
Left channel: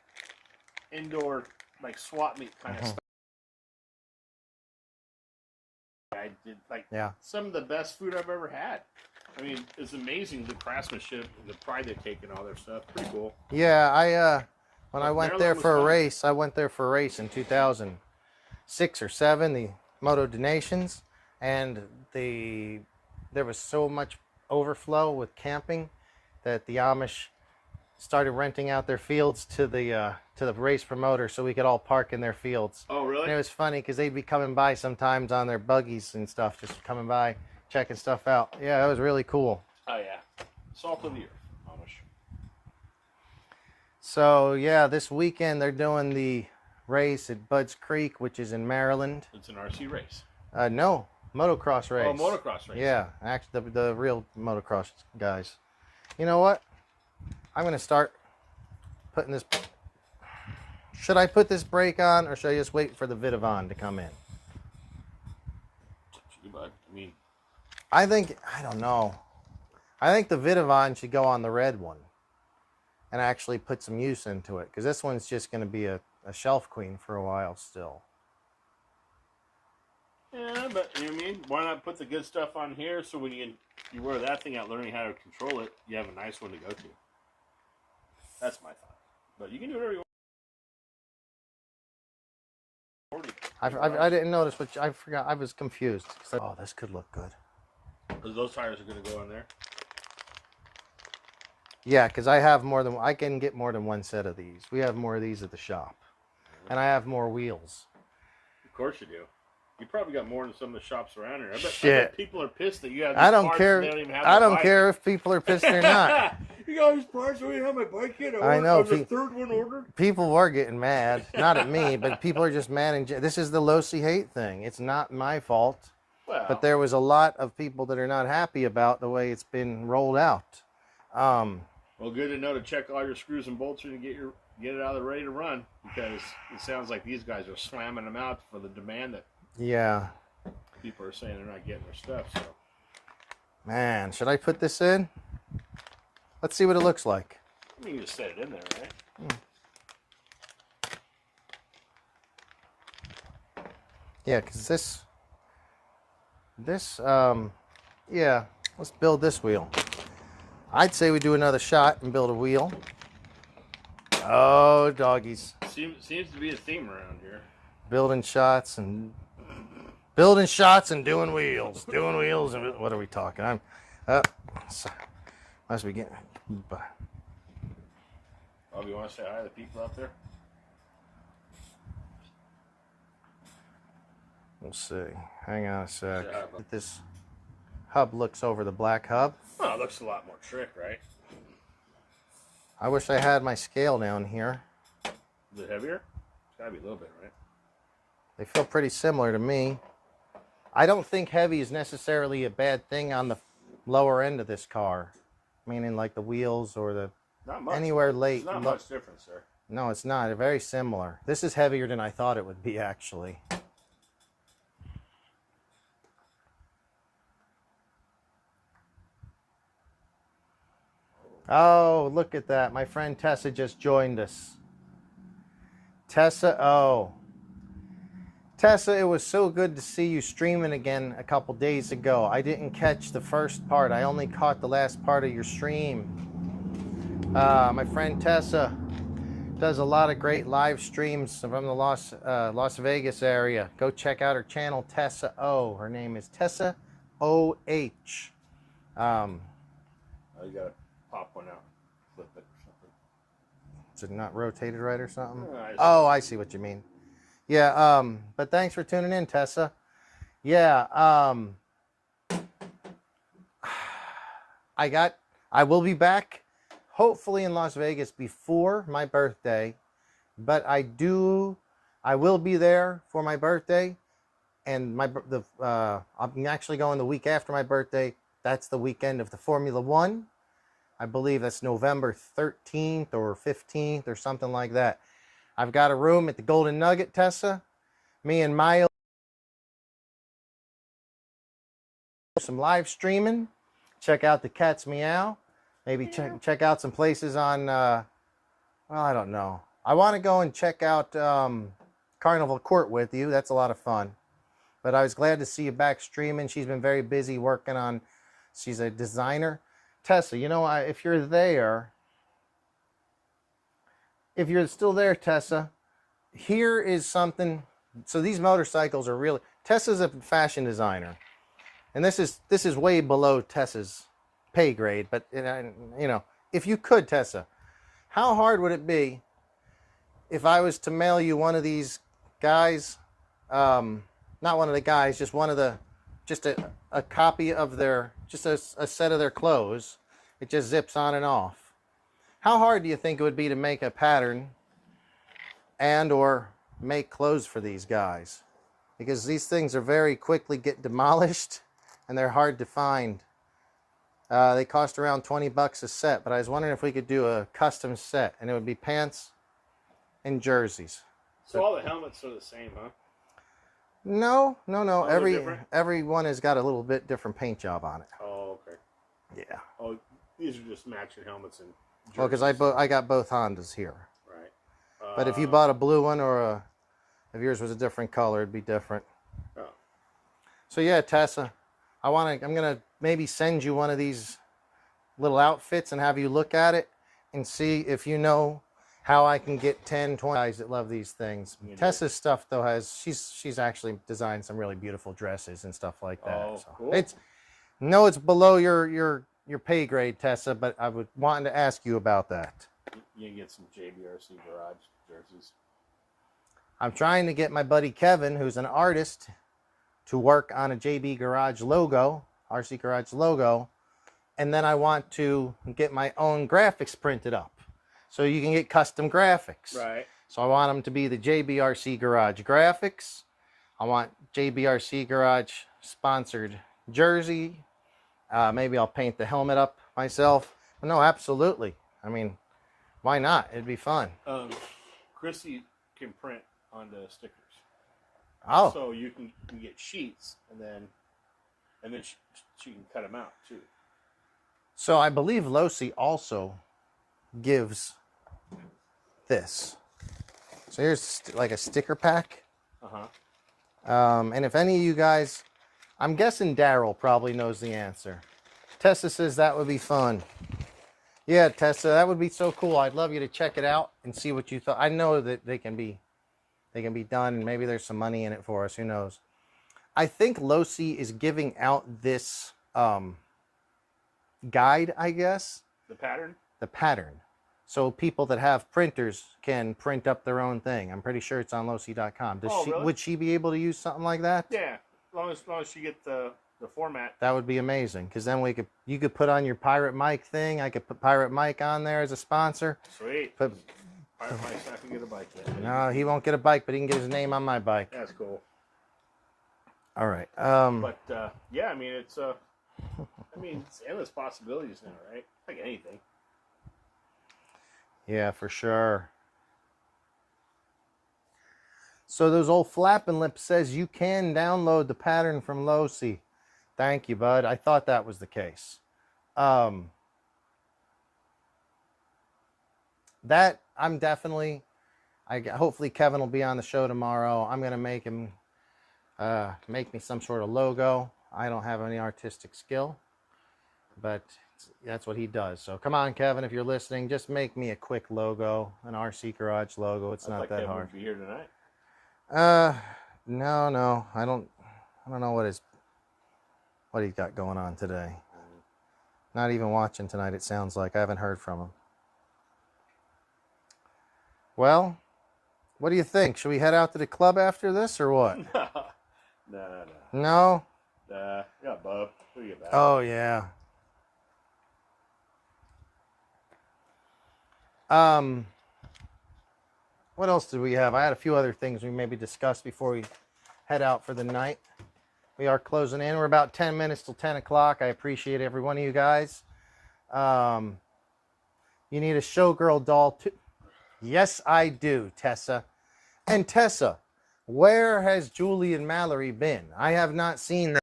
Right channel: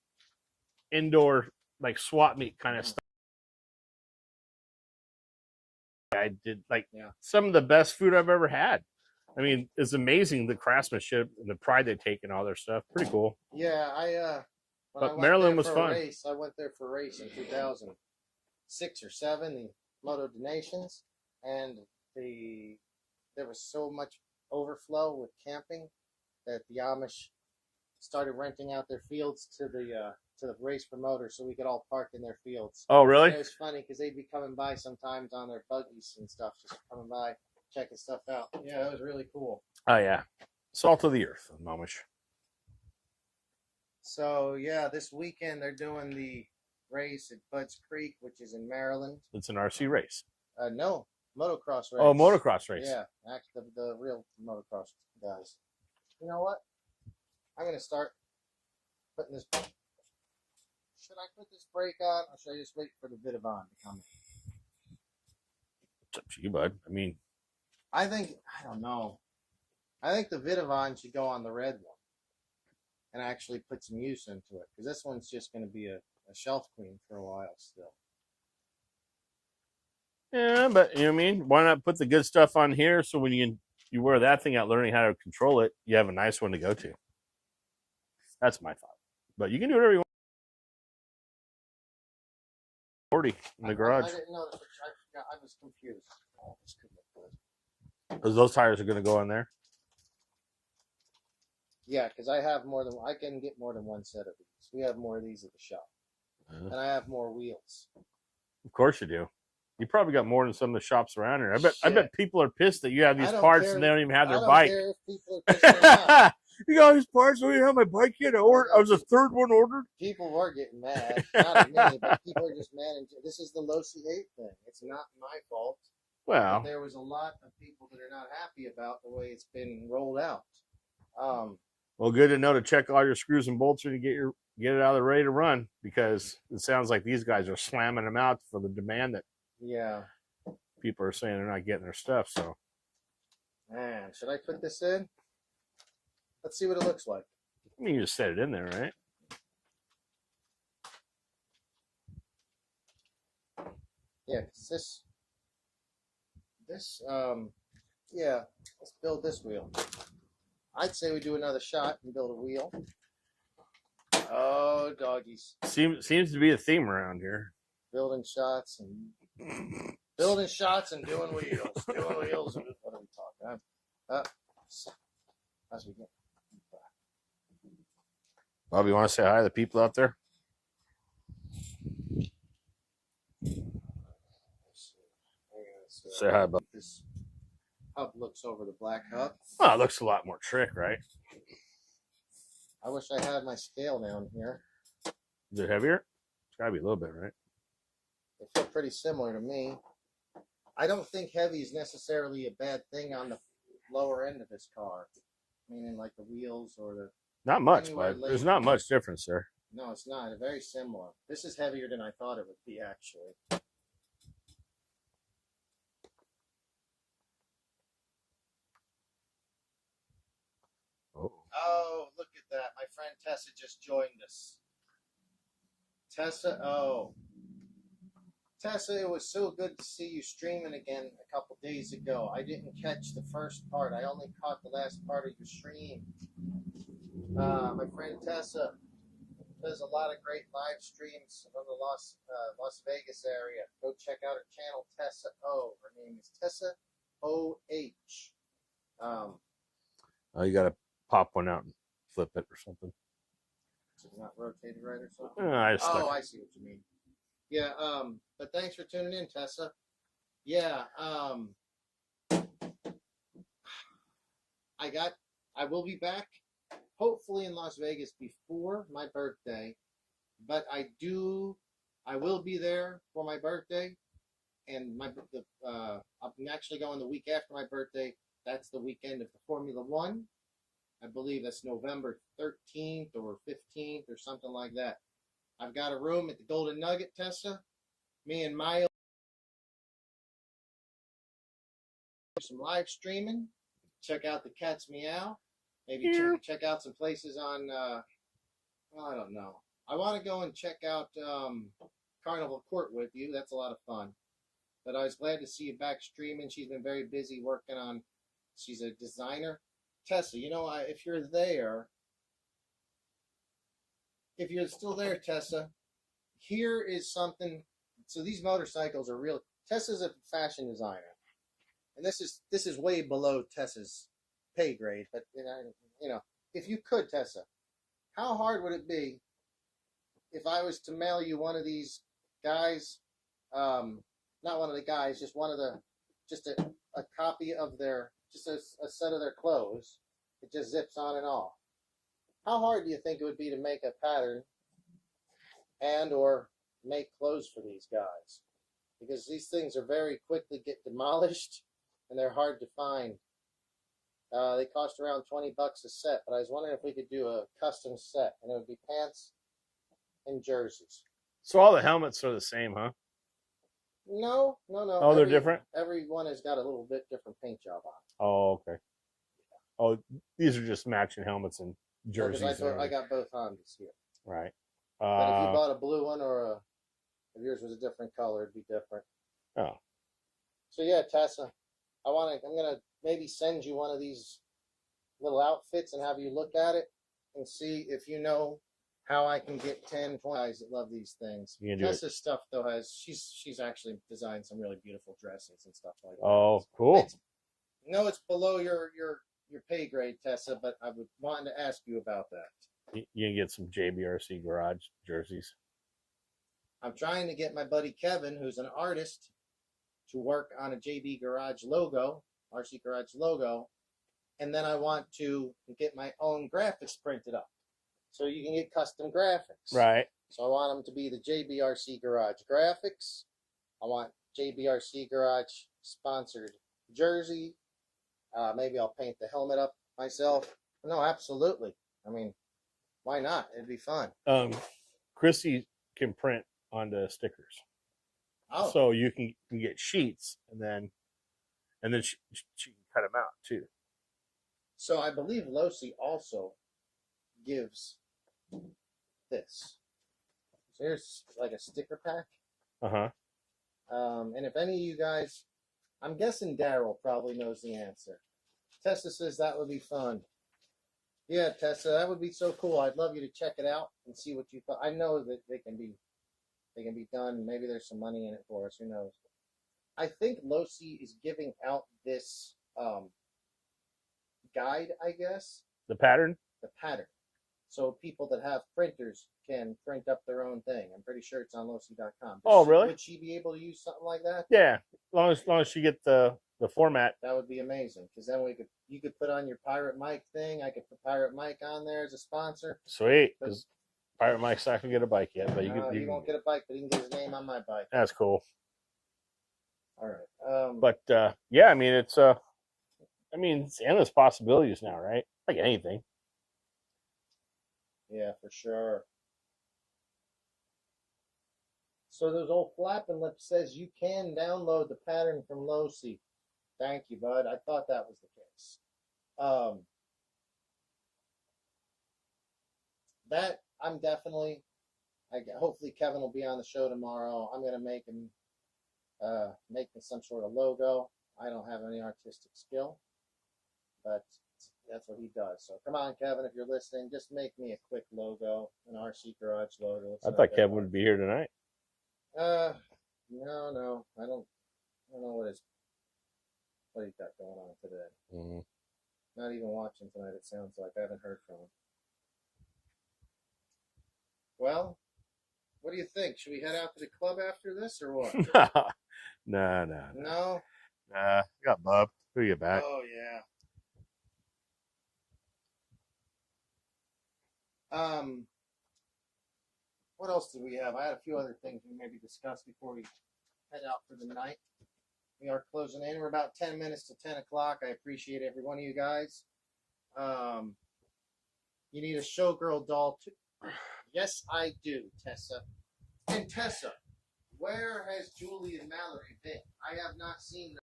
indoor like swap meet kind of stuff. I did like some of the best food I've ever had. I mean, it's amazing the craftsmanship and the pride they take in all their stuff. Pretty cool. Yeah, when I went there for a race, I went there for a race in 2006 or 7, the Moto Donations, and there was so much overflow with camping that the Amish started renting out their fields to the race promoter so we could all park in their fields. Oh, really? And it was funny because they'd be coming by sometimes on their buggies and stuff, just coming by, checking stuff out. Yeah, that was really cool. Oh, yeah. Salt of the earth, Amish. So, yeah, this weekend they're doing the race at Budds Creek, which is in Maryland. It's an RC race. No, motocross race. Oh, motocross race. Yeah, actually, the real motocross guys. You know what? I'm going to start putting this... Should I put this brake on, or should I just wait for the Vidavon to come in? It's up to you, bud. I mean... I don't know. I think the Vidavon should go on the red one and actually put some use into it, because this one's just going to be a shelf queen for a while still. Yeah, but you know what I mean? Why not put the good stuff on here so when you wear that thing out learning how to control it, you have a nice one to go to. That's my thought. But you can do whatever you want. 40. I didn't notice, but I forgot. I was confused. Oh, this could look good. Those tires are going to go in there? Yeah, because I can get more than one set of these. We have more of these at the shop. And I have more wheels. Of course you do. You probably got more than some of the shops around here. I bet people are pissed that you have these parts and they don't even have their bike. I don't care if people are pissed or not. You got these parts, we didn't have my bike yet. I was the third one ordered. People were getting mad. Not at me, but people are just mad. This is the Losi hate thing. It's not my fault. Well, but there was a lot of people that are not happy about the way it's been rolled out. Well, good to know to check all your screws and bolts and get it out of the ready to run, because it sounds like these guys are slamming them out for the demand that people are saying they're not getting their stuff. So, man, should I put this in? Let's see what it looks like. I mean, you just set it in there, right? Yeah, because yeah, let's build this wheel. I'd say we do another shot and build a wheel. Oh, doggies. Seems to be a theme around here. Building shots and doing wheels. Doing wheels. And what are we talking? Must be getting... Bobby, you want to say hi to the people out there? We'll see. Hang on a sec. Say hi, Bob. This hub looks over the black hub. Well, it looks a lot more trick, right? I wish I had my scale down here. Is it heavier? It's got to be a little bit, right? They feel pretty similar to me. I don't think heavy is necessarily a bad thing on the lower end of this car. Meaning like the wheels or the... Not much. Anywhere late. There's not much difference there. No, it's not. They're very similar. This is heavier than I thought it would be, actually. Oh, look at that. My friend Tessa just joined us. Tessa, Tessa, it was so good to see you streaming again a couple days ago. I didn't catch the first part. I only caught the last part of your stream. My friend Tessa, Does a lot of great live streams from the Las Vegas area. Go check out her channel, Tessa O. Her name is Tessa OH. Oh, you got to pop one out and flip it or something. Is it not rotated right or something? I see what you mean. Yeah, but thanks for tuning in, Tessa. Yeah, I will be back hopefully in Las Vegas before my birthday, but I will be there for my birthday, and I'm actually going the week after my birthday. That's the weekend of the Formula One. I believe that's November 13th or 15th or something like that. I've got a room at the Golden Nugget, Tessa. Me and Maya some live streaming. Check out the Cat's Meow. Maybe check out some places on, well, I don't know. I want to go and check out Carnival Court with you. That's a lot of fun. But I was glad to see you back streaming. She's been very busy working on, she's a designer. Tessa, you know, if you're still there, Tessa, here is something. So these motorcycles are really, Tessa's a fashion designer. And this is way below Tessa's pay grade, but you know, if you could, Tessa, how hard would it be if I was to mail you one of these guys, not one of the guys, just a copy of their, just a set of their clothes. It just zips on and off. How hard do you think it would be to make a pattern and or make clothes for these guys? Because these things are very quickly get demolished and they're hard to find. They cost around 20 bucks a set, but I was wondering if we could do a custom set, and it would be pants and jerseys. So all the helmets are the same, huh? No. Oh, they're different? Every one has got a little bit different paint job on it. Oh, okay. Yeah. Oh, these are just matching helmets and jerseys. Well, because I got both Hondas here. Right. But if you bought a blue one or if yours was a different color, it'd be different. Oh. So yeah, Tessa, I'm gonna maybe send you one of these little outfits and have you look at it and see if you know how I can get 10, 20 guys that love these things. Tessa's stuff though she's actually designed some really beautiful dresses and stuff like that. Oh, so cool. It's below your pay grade, Tessa, but I would want to ask you about that. You can get some JBRC Garage jerseys. I'm trying to get my buddy Kevin, who's an artist, to work on a JB Garage logo, RC Garage logo, and then I want to get my own graphics printed up, so you can get custom graphics. Right. So I want them to be the JBRC Garage graphics. I want JBRC Garage sponsored jersey. Maybe I'll paint the helmet up myself. But no, absolutely. I mean, why not? It'd be fun. Chrissy can print on the stickers. Oh. So you can get sheets and then she can cut them out too. So I believe Losi also gives this. So here's like a sticker pack. And if any of you guys, I'm guessing Daryl probably knows the answer. Tessa says that would be fun. Yeah, Tessa, that would be so cool. I'd love you to check it out and see what you thought. I know that they can be done, and maybe there's some money in it for us. Who knows? I think Losi is giving out this guide, I guess. The pattern? The pattern. So people that have printers can print up their own thing. I'm pretty sure it's on Losi.com. Really? Would she be able to use something like that? Yeah. As long as she get the format. That would be amazing, because then you could put on your Pirate Mike thing. I could put Pirate Mike on there as a sponsor. Sweet. Pirate Mike's not going to get a bike yet. But he won't get a bike, but he can get his name on my bike. That's cool. All right. But yeah, I mean, it's endless possibilities now, right? Like anything. Yeah, for sure. So those old flapping lips says you can download the pattern from Losi. Thank you, bud. I thought that was the case. That I'm definitely. Hopefully Kevin will be on the show tomorrow. I'm gonna make him make me some sort of logo. I don't have any artistic skill, but That's what he does. So come on, Kevin, if you're listening, just make me a quick logo, an RC Garage logo. It's I not thought that Kevin hard. would be here tonight. No, I don't know what he's got going on today. Not even watching tonight, it sounds like. I haven't heard from him. Well, what do you think? Should we head out to the club after this or what? No. No? I got Bob. Who you back? Oh, yeah. What else did we have? I had a few other things we maybe discussed before we head out for the night. We are closing in. We're about 10 minutes till 10 o'clock. I appreciate every one of you guys. You need a showgirl doll too? Yes, I do, Tessa. And Tessa, where has Julie and Mallory been? I have not seen them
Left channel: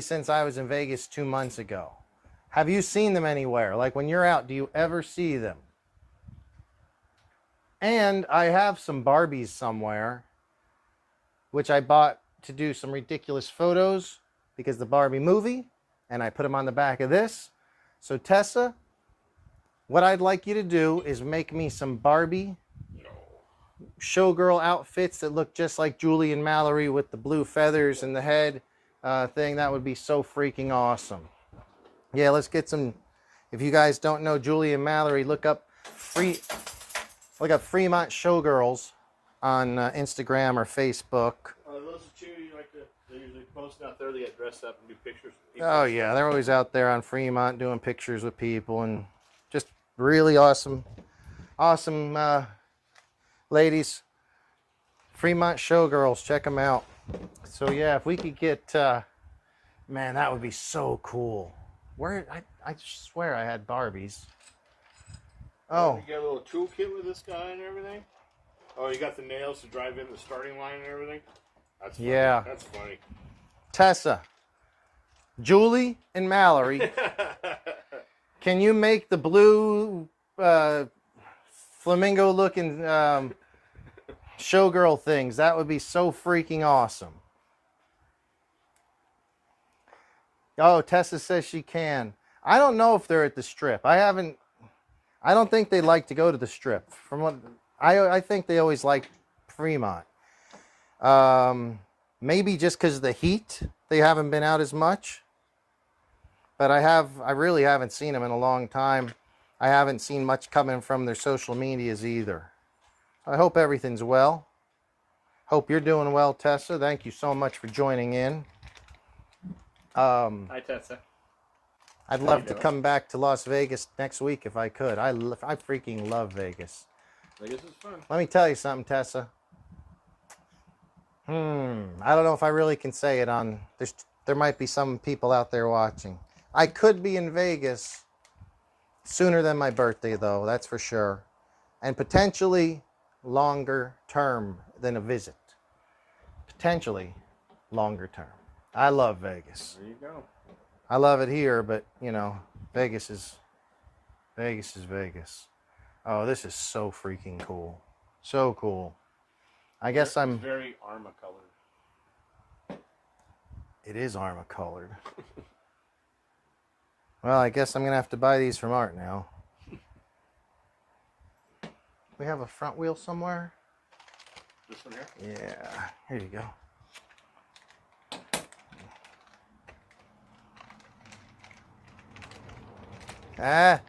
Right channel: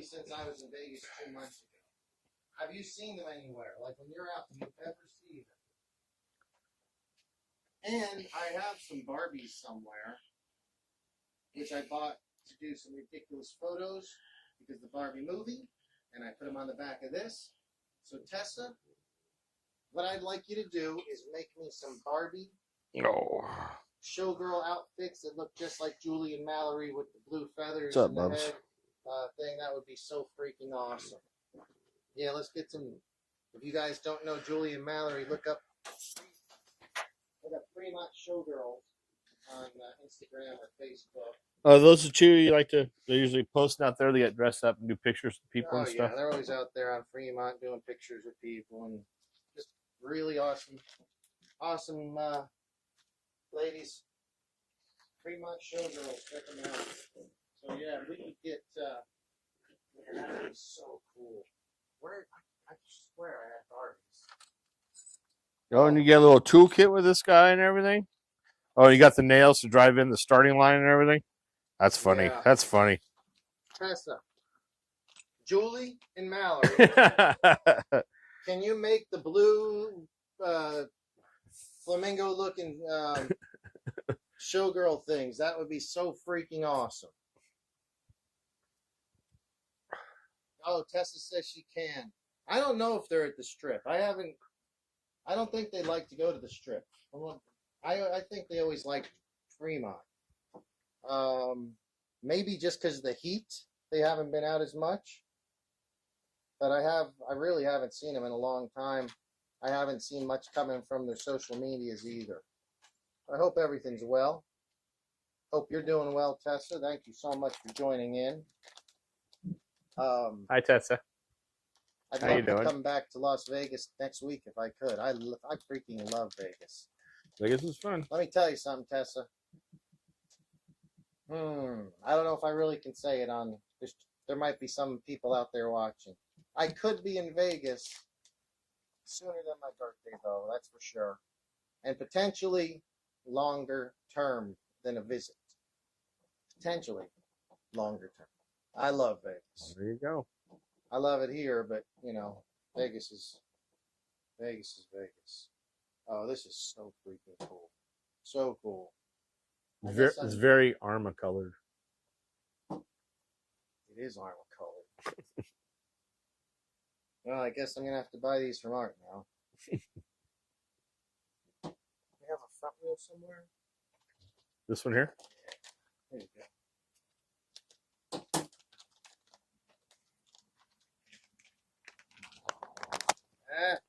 since I was in Vegas 2 months ago. Have you seen them anywhere? Like when you're out, do you ever see them? And I have some Barbies somewhere, which I bought to do some ridiculous photos because the Barbie movie, and I put them on the back of this. So Tessa, what I'd like you to do is make me some Barbie showgirl outfits that look just like Julie and Mallory with the blue feathers and the head thing. That would be so freaking awesome. Yeah, let's get some. If you guys don't know Julie and Mallory, look up Fremont Showgirls on Instagram or Facebook. Oh, those are two you like to? They're usually posting out there. They get dressed up and do pictures with people. Oh yeah, they're always out there on Fremont doing pictures with people and just really awesome ladies. Fremont Showgirls, check them out. So yeah, if we could get, man, that would be so cool. Where I swear I had Barbies. Oh, and you get a little toolkit with this guy and everything. Oh, you got the nails to drive in the starting line and everything. That's funny. Yeah. That's funny. Tessa, Julie, and Mallory, can you make the blue flamingo-looking showgirl things? That would be so freaking awesome. Oh, Tessa says she can. I don't know if they're at the Strip. I don't think they like to go to the Strip. From what I think they always like Fremont. Maybe just because of the heat, they haven't been out as much. But I really haven't seen them in a long time. I haven't seen much coming from their social medias either. I hope everything's well. Hope you're doing well, Tessa. Thank you so much for joining in. Hi, Tessa. I'd love to come back to Las Vegas next week if I could. I freaking love Vegas. Vegas is fun. Let me tell you something, Tessa. I don't know if I really can say it on. There might be some people out there watching. I could be in Vegas sooner than my birthday, though. That's for sure, and potentially longer term than a visit. Potentially longer term. I love Vegas. There you go. I love it here, but you know, Vegas is Vegas. Oh, this is so freaking cool. So cool. I guess It's very Arma colored. It is Arma colored. Well, I guess I'm gonna have to buy these from Art now. We have a front wheel somewhere. This one here? Yeah. Here you go. Ah, I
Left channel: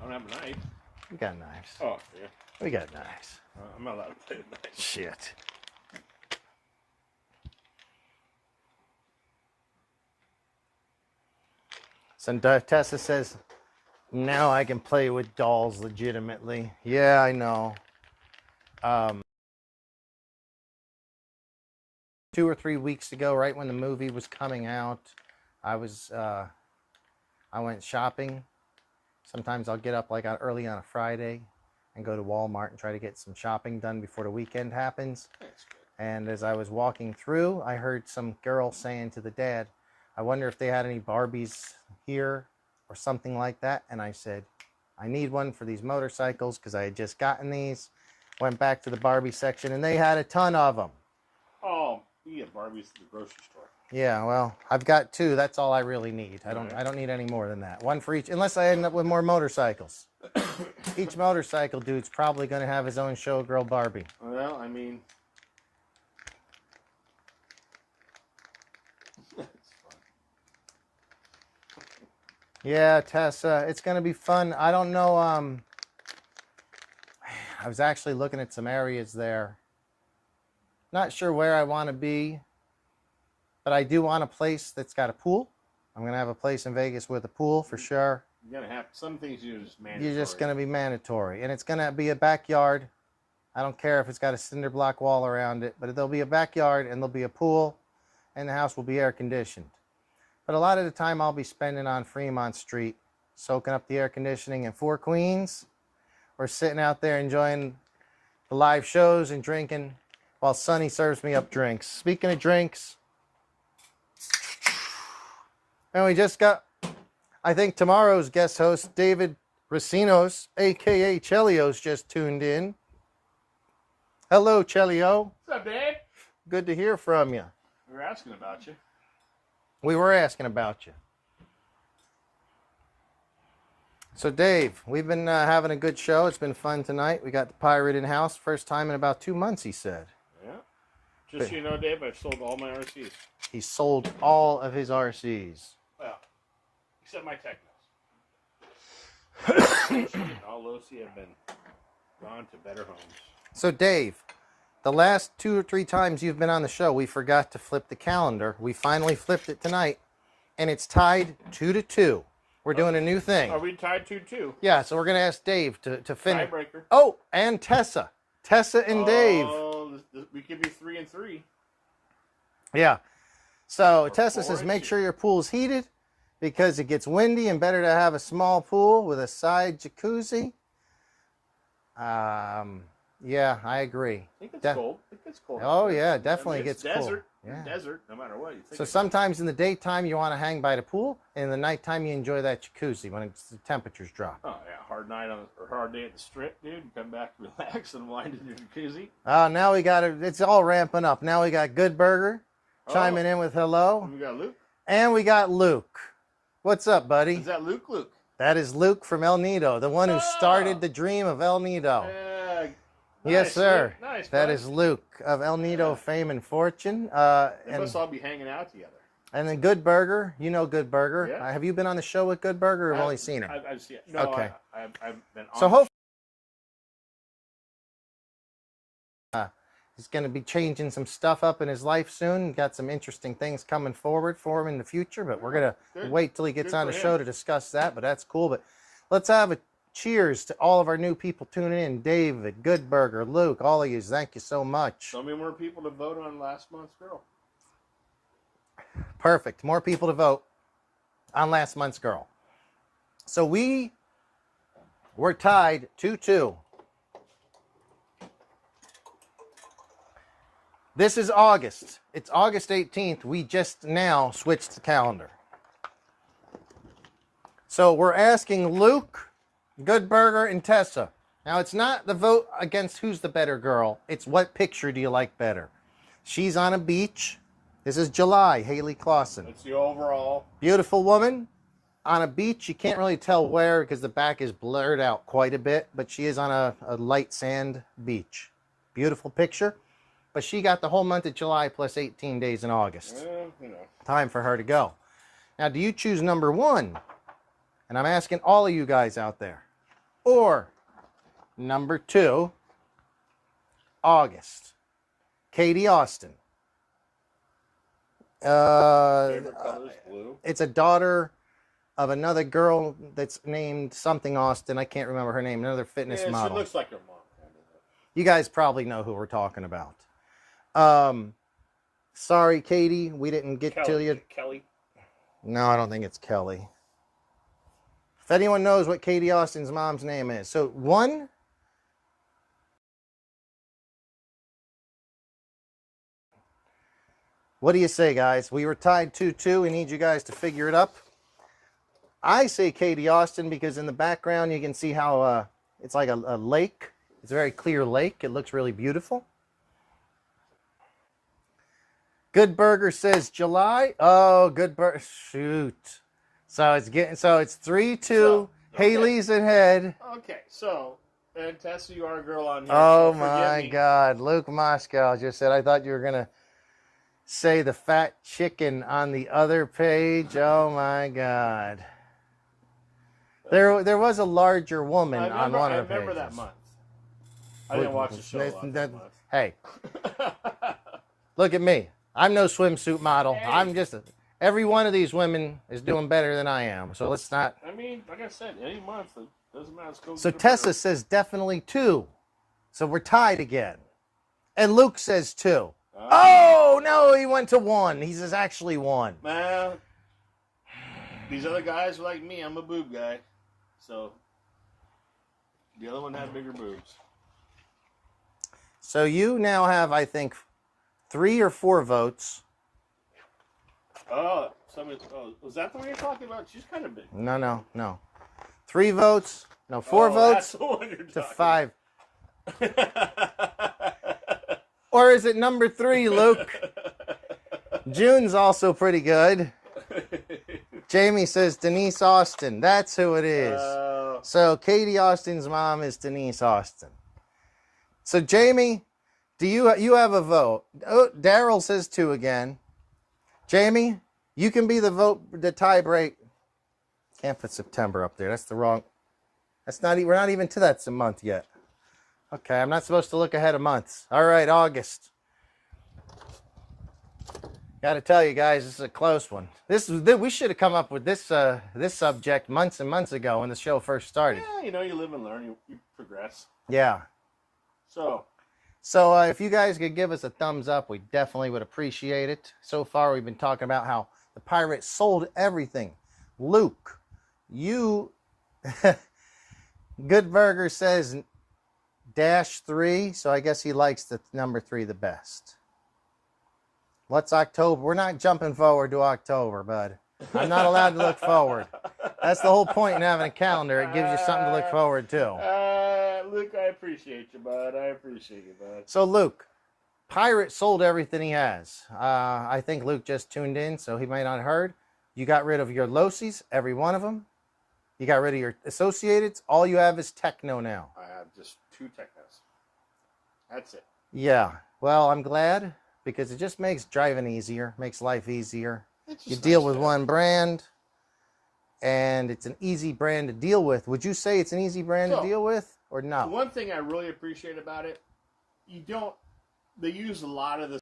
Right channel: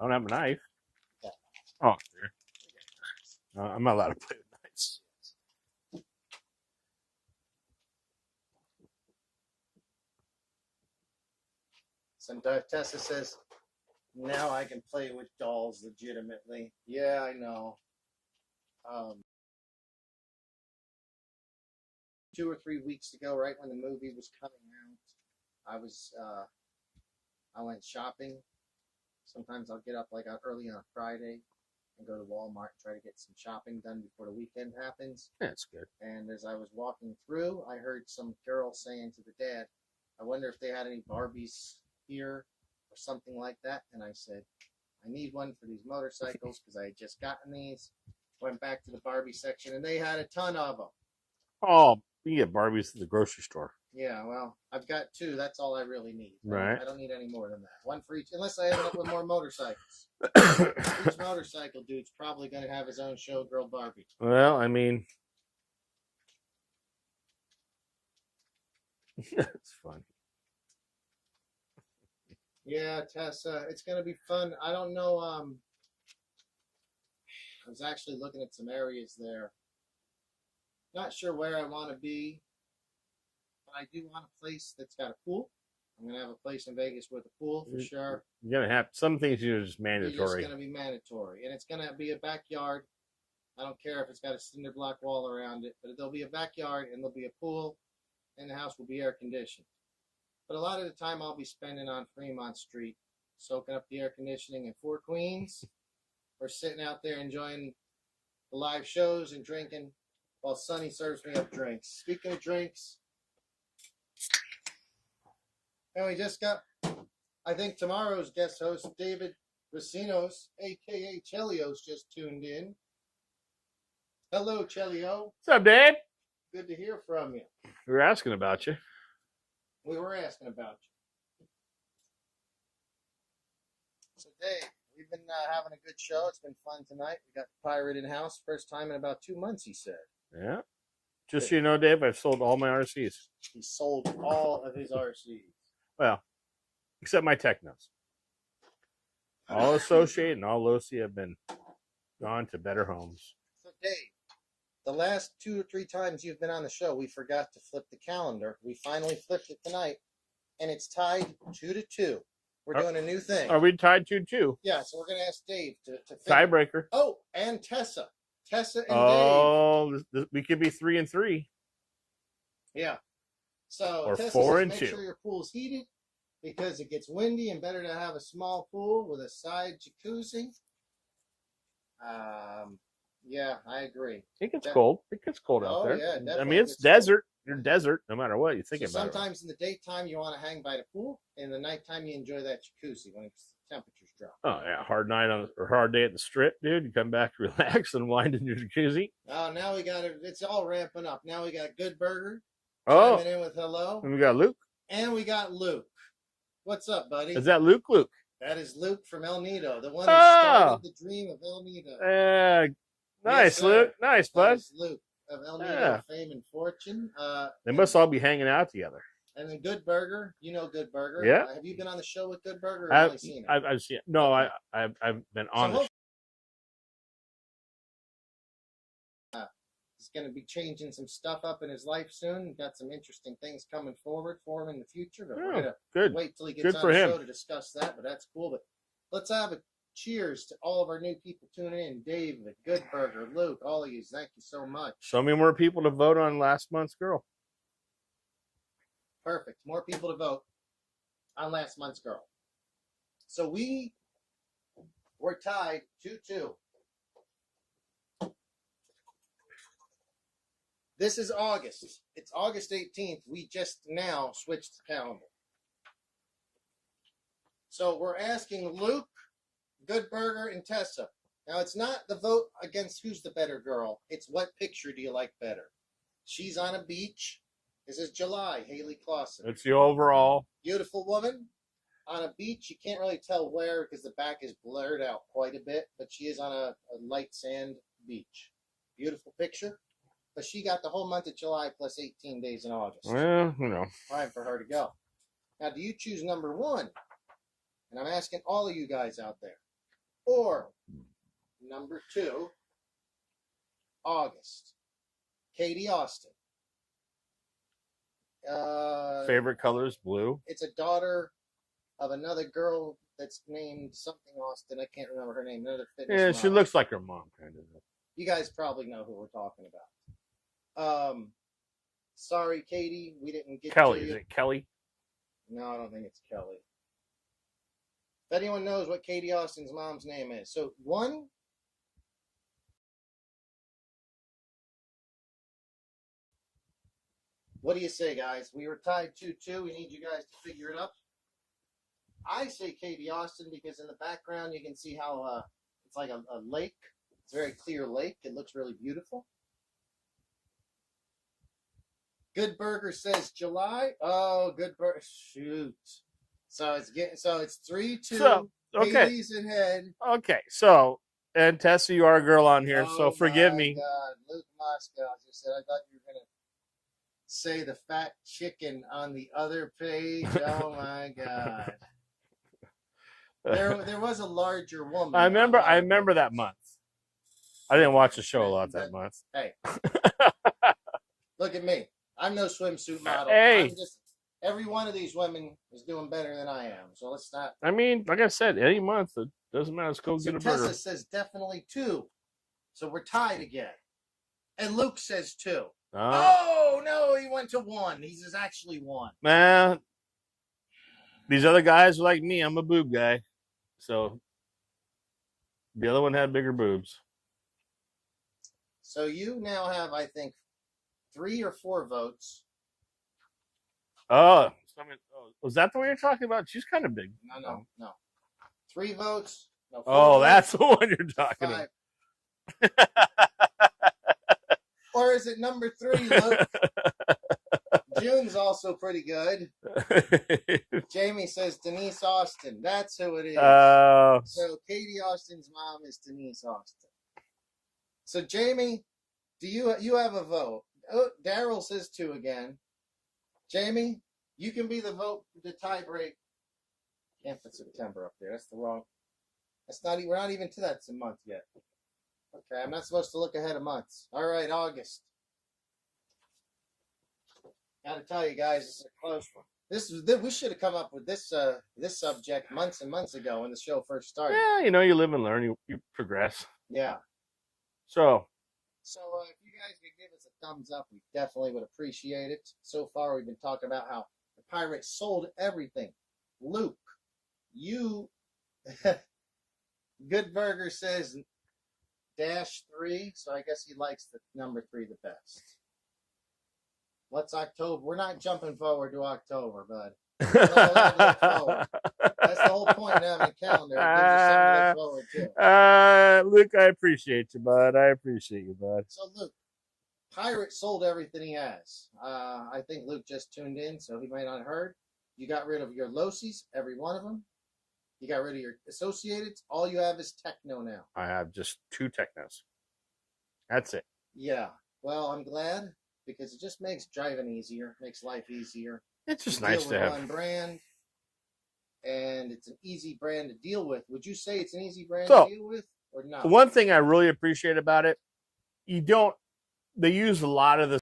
don't have a knife. we got knives. Oh, here. We got knives. I'm not allowed to play with knives. Shit. So Tessa says, now I can play with dolls legitimately. Yeah, I know. 2 or 3 weeks ago, right when the movie was coming out, I went shopping. Sometimes I'll get up like early on a Friday and go to Walmart and try to get some shopping done before the weekend happens. That's good. And as I was walking through, I heard some girl saying to the dad, I wonder if they had any Barbies here or something like that. And I said, I need one for these motorcycles because I had just gotten these. Went back to the Barbie section and they had a ton of them. Oh, you can get Barbies at the grocery store. Yeah, well, I've got 2. That's all I really need. Right. I don't need any more than that. 1 for each, unless I end up with more motorcycles. Each motorcycle dude's probably going to have his own showgirl Barbie. Well, I mean, it's fun. Yeah, Tessa, it's going to be fun. I don't know. I was actually looking at some areas there. Not sure where I want to be, but I do want a place that's got a pool. I'm going to have a place in Vegas with a pool for sure. You're going to have some things you're just mandatory. You're just going to be mandatory. And it's going to be a backyard. I don't care if it's got a cinder block wall around it, but there'll be a backyard and there'll be a pool and the house will be air conditioned. But a lot of the time I'll be spending on Fremont Street, soaking up the air conditioning in Four Queens, or sitting out there enjoying the live shows and drinking while Sonny serves me up drinks. Speaking of drinks, and we just got, I think tomorrow's guest host, David Racinos, a.k.a. Chelios, just tuned in. Hello, Chelio. What's up, Dave? Good to hear from you. We were asking about you. We were asking about you. So, Dave, we've been having a good show. It's been fun tonight. We got the pirate in house. First time in about 2 months, he said. Yeah. Just so you know, Dave, I've sold all my RCs. He sold all of his RCs. Well, except my Technos. All Associate and all Losi have been gone to better homes. So, Dave, the last 2 or 3 times you've been on the show, we forgot to flip the calendar. We finally flipped it tonight, and it's tied 2-2. We're doing a new thing. Are we tied 2-2? Yeah, so we're going to ask Dave to finish. Tiebreaker. Oh, and Tessa. Tessa and Dave. Oh, we could be 3-3. Yeah. So Or Tessa says 4-2. make sure your pool's heated because it gets windy and better to have a small pool with a side jacuzzi. Yeah, I agree. It gets cold. It gets cold out Oh, there. yeah, definitely I mean, it's gets desert. cold. You're Yeah. desert, no matter what you think. So sometimes in the daytime you want to hang by the pool, and in the nighttime you enjoy that jacuzzi when the temperatures drop. Oh yeah, hard night or hard day at the strip, dude. You come back, relax, and wind in your jacuzzi. Oh, now we got it. It's all ramping up. Now we got Good Burger chiming in with hello, And we got Luke. and we got Luke. What's up, buddy? Is that Luke? Luke. That is Luke from El Nido, the one who Oh. started the dream of El Nido. Nice, Yes, sir. Luke. Nice, That bud. is Luke of El Nido Yeah. fame and fortune. They and, must all be hanging out together. and then Good Burger, you know Good Burger. Yeah. Have you been on the show with Good Burger or only seen her? I've seen it. No, Okay. I've been on. So the hopefully he's going to be changing some stuff up in his life soon. Got some interesting things coming forward for him in the future, but we're Yeah, going to good. wait till he gets Good on for the him. show to discuss that, but that's cool. But let's have a cheers to all of our new people tuning in. David, Good Burger, Luke, all of you, thank you so much. So many more people to vote on last month's girl. Perfect. More people to vote on last month's girl. So we're tied 2-2. This is August. It's August 18th. We just now switched the calendar. So we're asking Luke, Good Burger, and Tessa. Now, it's not the vote against who's the better girl. It's what picture do you like better. She's on a beach. This is July, Haley Clausen. It's the overall. Beautiful woman on a beach. You can't really tell where because the back is blurred out quite a bit, but she is on a light sand beach. Beautiful picture. But she got the whole month of July plus 18 days in August. Well, you know. Time for her to go. Now, do you choose number 1? And I'm asking all of you guys out there. Or number 2, August, Katie Austin. Favorite color is blue. It's a daughter of another girl that's named something Austin. I can't remember her name. Another fitness Yeah, model. she looks like her mom. Kind of. You guys probably know who we're talking about. Sorry, Katie, we didn't get Kelly. to you. Is it Kelly? No, I don't think it's Kelly. If anyone knows what Katie Austin's mom's name is. So 1. What do you say, guys? We were tied 2-2. We need you guys to figure it up. I say Katie Austin because in the background you can see how it's like a lake. It's a very clear lake. It looks really beautiful. Good Burger says July. Oh, Good Burger. Shoot. So it's 3-2. So, okay. Haley's ahead. Okay, so, and Tessa, you are a girl on here, Oh, so forgive my me. God. Luke Moscow just said, I thought you were going to say the fat chicken on the other page. Oh, my God. There was a larger woman. I remember that pages. month. I didn't watch the show a lot that month. Hey, look at me. I'm no swimsuit model. Hey. I'm just every one of these women is doing better than I am. So let's not. I mean, like I said, any month, it doesn't matter. Let's go So get a Tessa burger. says definitely 2. So we're tied again. And Luke says 2. Oh, no, he went to 1. He says actually 1. Man, these other guys are like me. I'm a boob guy. So the other one had bigger boobs. So you now have, I think, 3 or 4 votes. Oh, was that the one you're talking about? She's kind of big. No. 3 votes. No, 4 votes. Oh, that's the one you're talking 5. about. Or is it number 3, Luke? June's also pretty good. Jamie says Denise Austin. That's who it is. So Katie Austin's mom is Denise Austin. So Jamie, do you have a vote? Oh, Daryl says 2 again. Jamie, you can be the tie break. Can't put September up there. That's the wrong. We're not even to that month yet. Okay, I'm not supposed to look ahead of months. All right, August. Got to tell you guys, this is a close one. We should have come up with this subject months and months ago when the show first started. Yeah, you live and learn. You progress. Yeah. So if you guys could give us a thumbs up, we definitely would appreciate it. So far, we've been talking about how the pirates sold everything. Luke, you... Good Burger says -3, so I guess he likes the number 3 the best. What's October? We're not jumping forward to October, bud. I'm not allowed to look forward. That's the whole point in having a calendar. It gives you something to look forward to. Luke, I appreciate you, bud. I appreciate you, bud. So, Luke, Pirate sold everything he has. I think Luke just tuned in, so he might not have heard. You got rid of your Losis, every one of them. You got rid of your Associateds. All you have is Techno now. I have just 2 Technos. That's it. Yeah. Well, I'm glad because it just makes driving easier, makes life easier. It's just you deal nice with one brand, and it's an easy brand to deal with. Would you say it's an easy brand to deal with or not? The one thing I really appreciate about it, they use a lot of the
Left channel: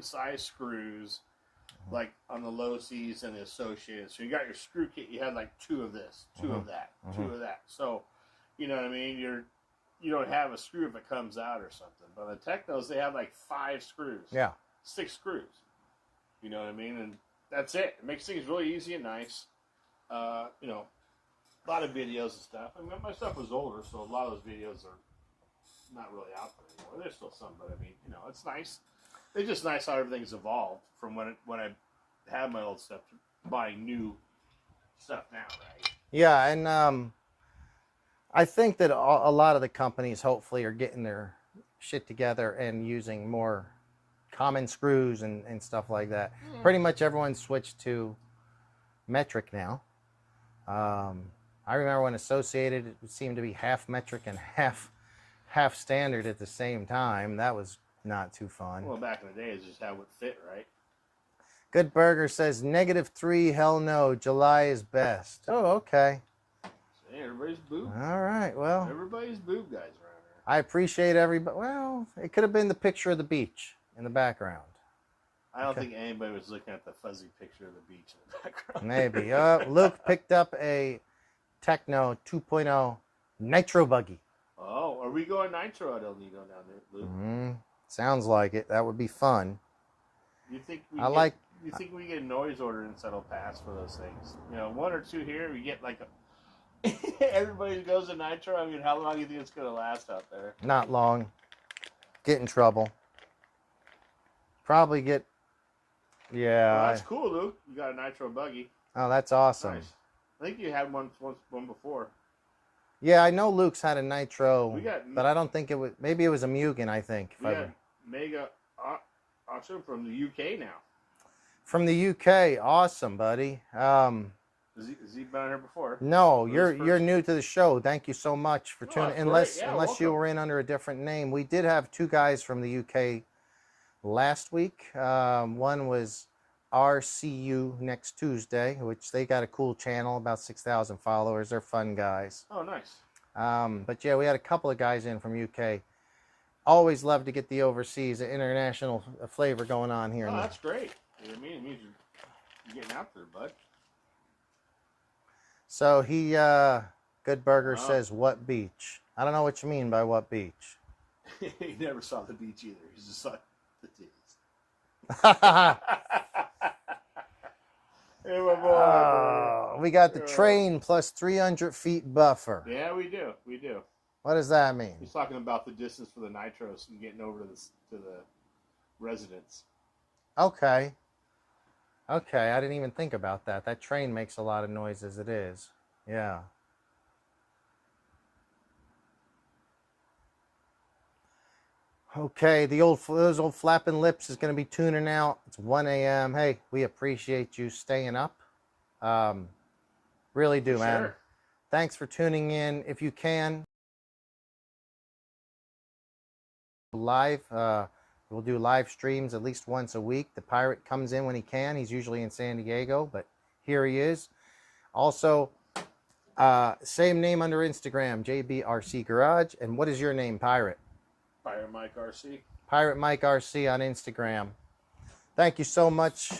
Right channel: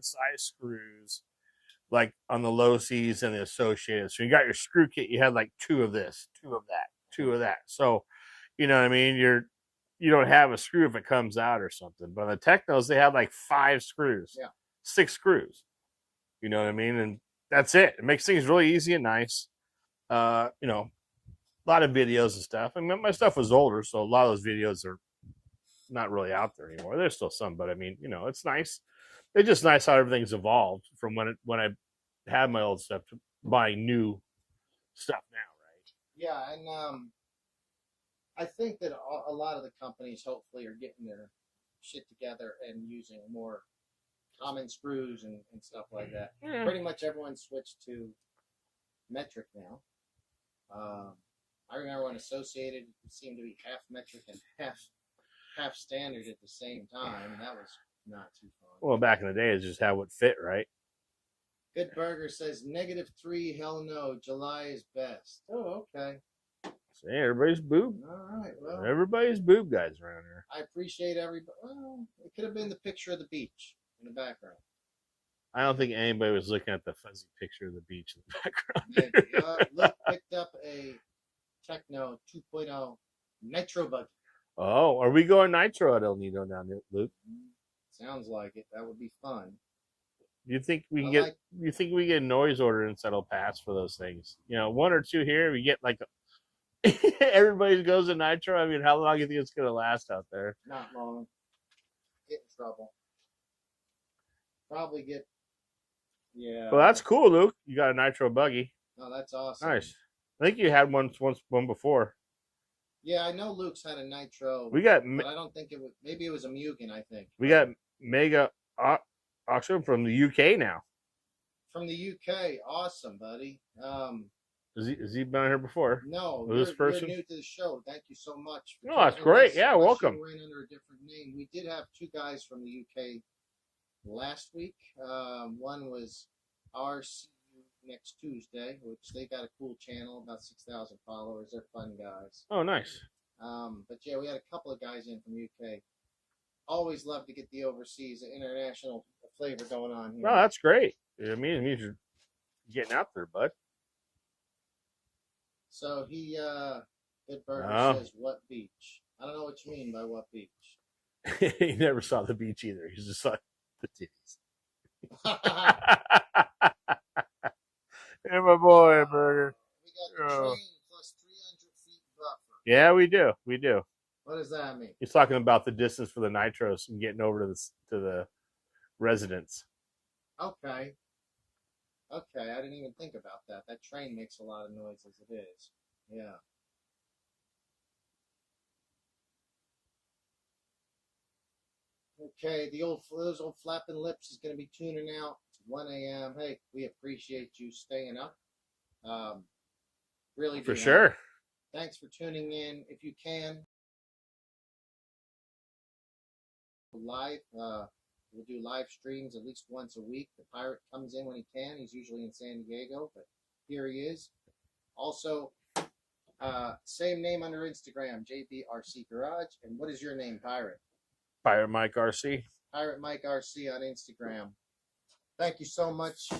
size screws, like on the Losis and the Associated. So you got your screw kit, you had like 2 of this, 2 of that, 2 of that. So, you know what I mean? You don't have a screw if it comes out or something. But the Technos, they have like 5 screws. Yeah. 6 screws. You know what I mean? And that's it. It makes things really easy and nice. A lot of videos and stuff. I mean, my stuff was older, so a lot of those videos are not really out there anymore. There's still some, but I mean, it's nice. It's just nice how everything's evolved from when I had my old stuff to buying new stuff now. Right? Yeah, and I think that a lot of the companies hopefully are getting their shit together and using more common screws and stuff like that. Pretty much everyone switched to metric now. I remember when Associated, it seemed to be half metric and half standard at the same time. That was not too fun. Well, back in the day, it's just how it fit, right? Good Burger says -3. Hell no, July is best. Oh, okay. See, everybody's boob. All right, well, everybody's boob guys around here. I appreciate everybody. Well, it could have been the picture of the beach in the background. I don't think anybody was looking at the fuzzy picture of the beach in the background. Maybe. Luke picked up a Techno 2.0 Nitro Buggy. Oh, are we going Nitro at El Nido down there, Luke? Sounds like it. That would be fun. You think we get a noise ordinance that'll pass for those things? 1 or 2 here. We get like everybody goes to Nitro. I mean, how long do you think it's gonna last out there? Not long. Get in trouble. Probably get. Yeah. Well, that's cool, Luke. You got a Nitro buggy. Oh, that's awesome. Nice. I think you had one before. Yeah, I know Luke's had a Nitro. But I don't think it was. Maybe it was a Mugen. I think. We got Mega auction from the UK now. From the UK. Awesome, buddy. Has he been on here before? No, With you're this person? new to the show. Thank you so much for No, tuning that's in. great. Unless, Yeah, unless you welcome. were in under a different name. We did have two guys from the UK last week. One was RCU Next Tuesday, which they got a cool channel, about 6,000 followers. They're fun guys. Oh, nice. But yeah, we had a couple of guys in from UK. Always love to get the overseas, the international flavor going on here. Oh, that's great. It means you're getting out there, bud. So he, Good Burger says, what beach? I don't know what you mean by what beach. He never saw the beach either. He just saw the titties. Yeah, my boy, Burger. We got the train plus 300 feet buffer. Yeah, we do. We do. What does that mean? He's talking about the distance for the nitros and getting over to the residence. Okay. Okay, I didn't even think about that. That train makes a lot of noise as it is. Yeah. Okay, those old flapping lips is going to be tuning out. It's 1 a.m. Hey, we appreciate you staying up. Really do, For man. sure. Thanks for tuning in. If you can, live. We'll do live streams at least once a week. The pirate comes in when he can. He's usually in San Diego, but here he is. Also, same name under Instagram, JBRC Garage. And what is your name, Pirate? Pirate Mike RC. Pirate Mike RC on Instagram. Thank you so much.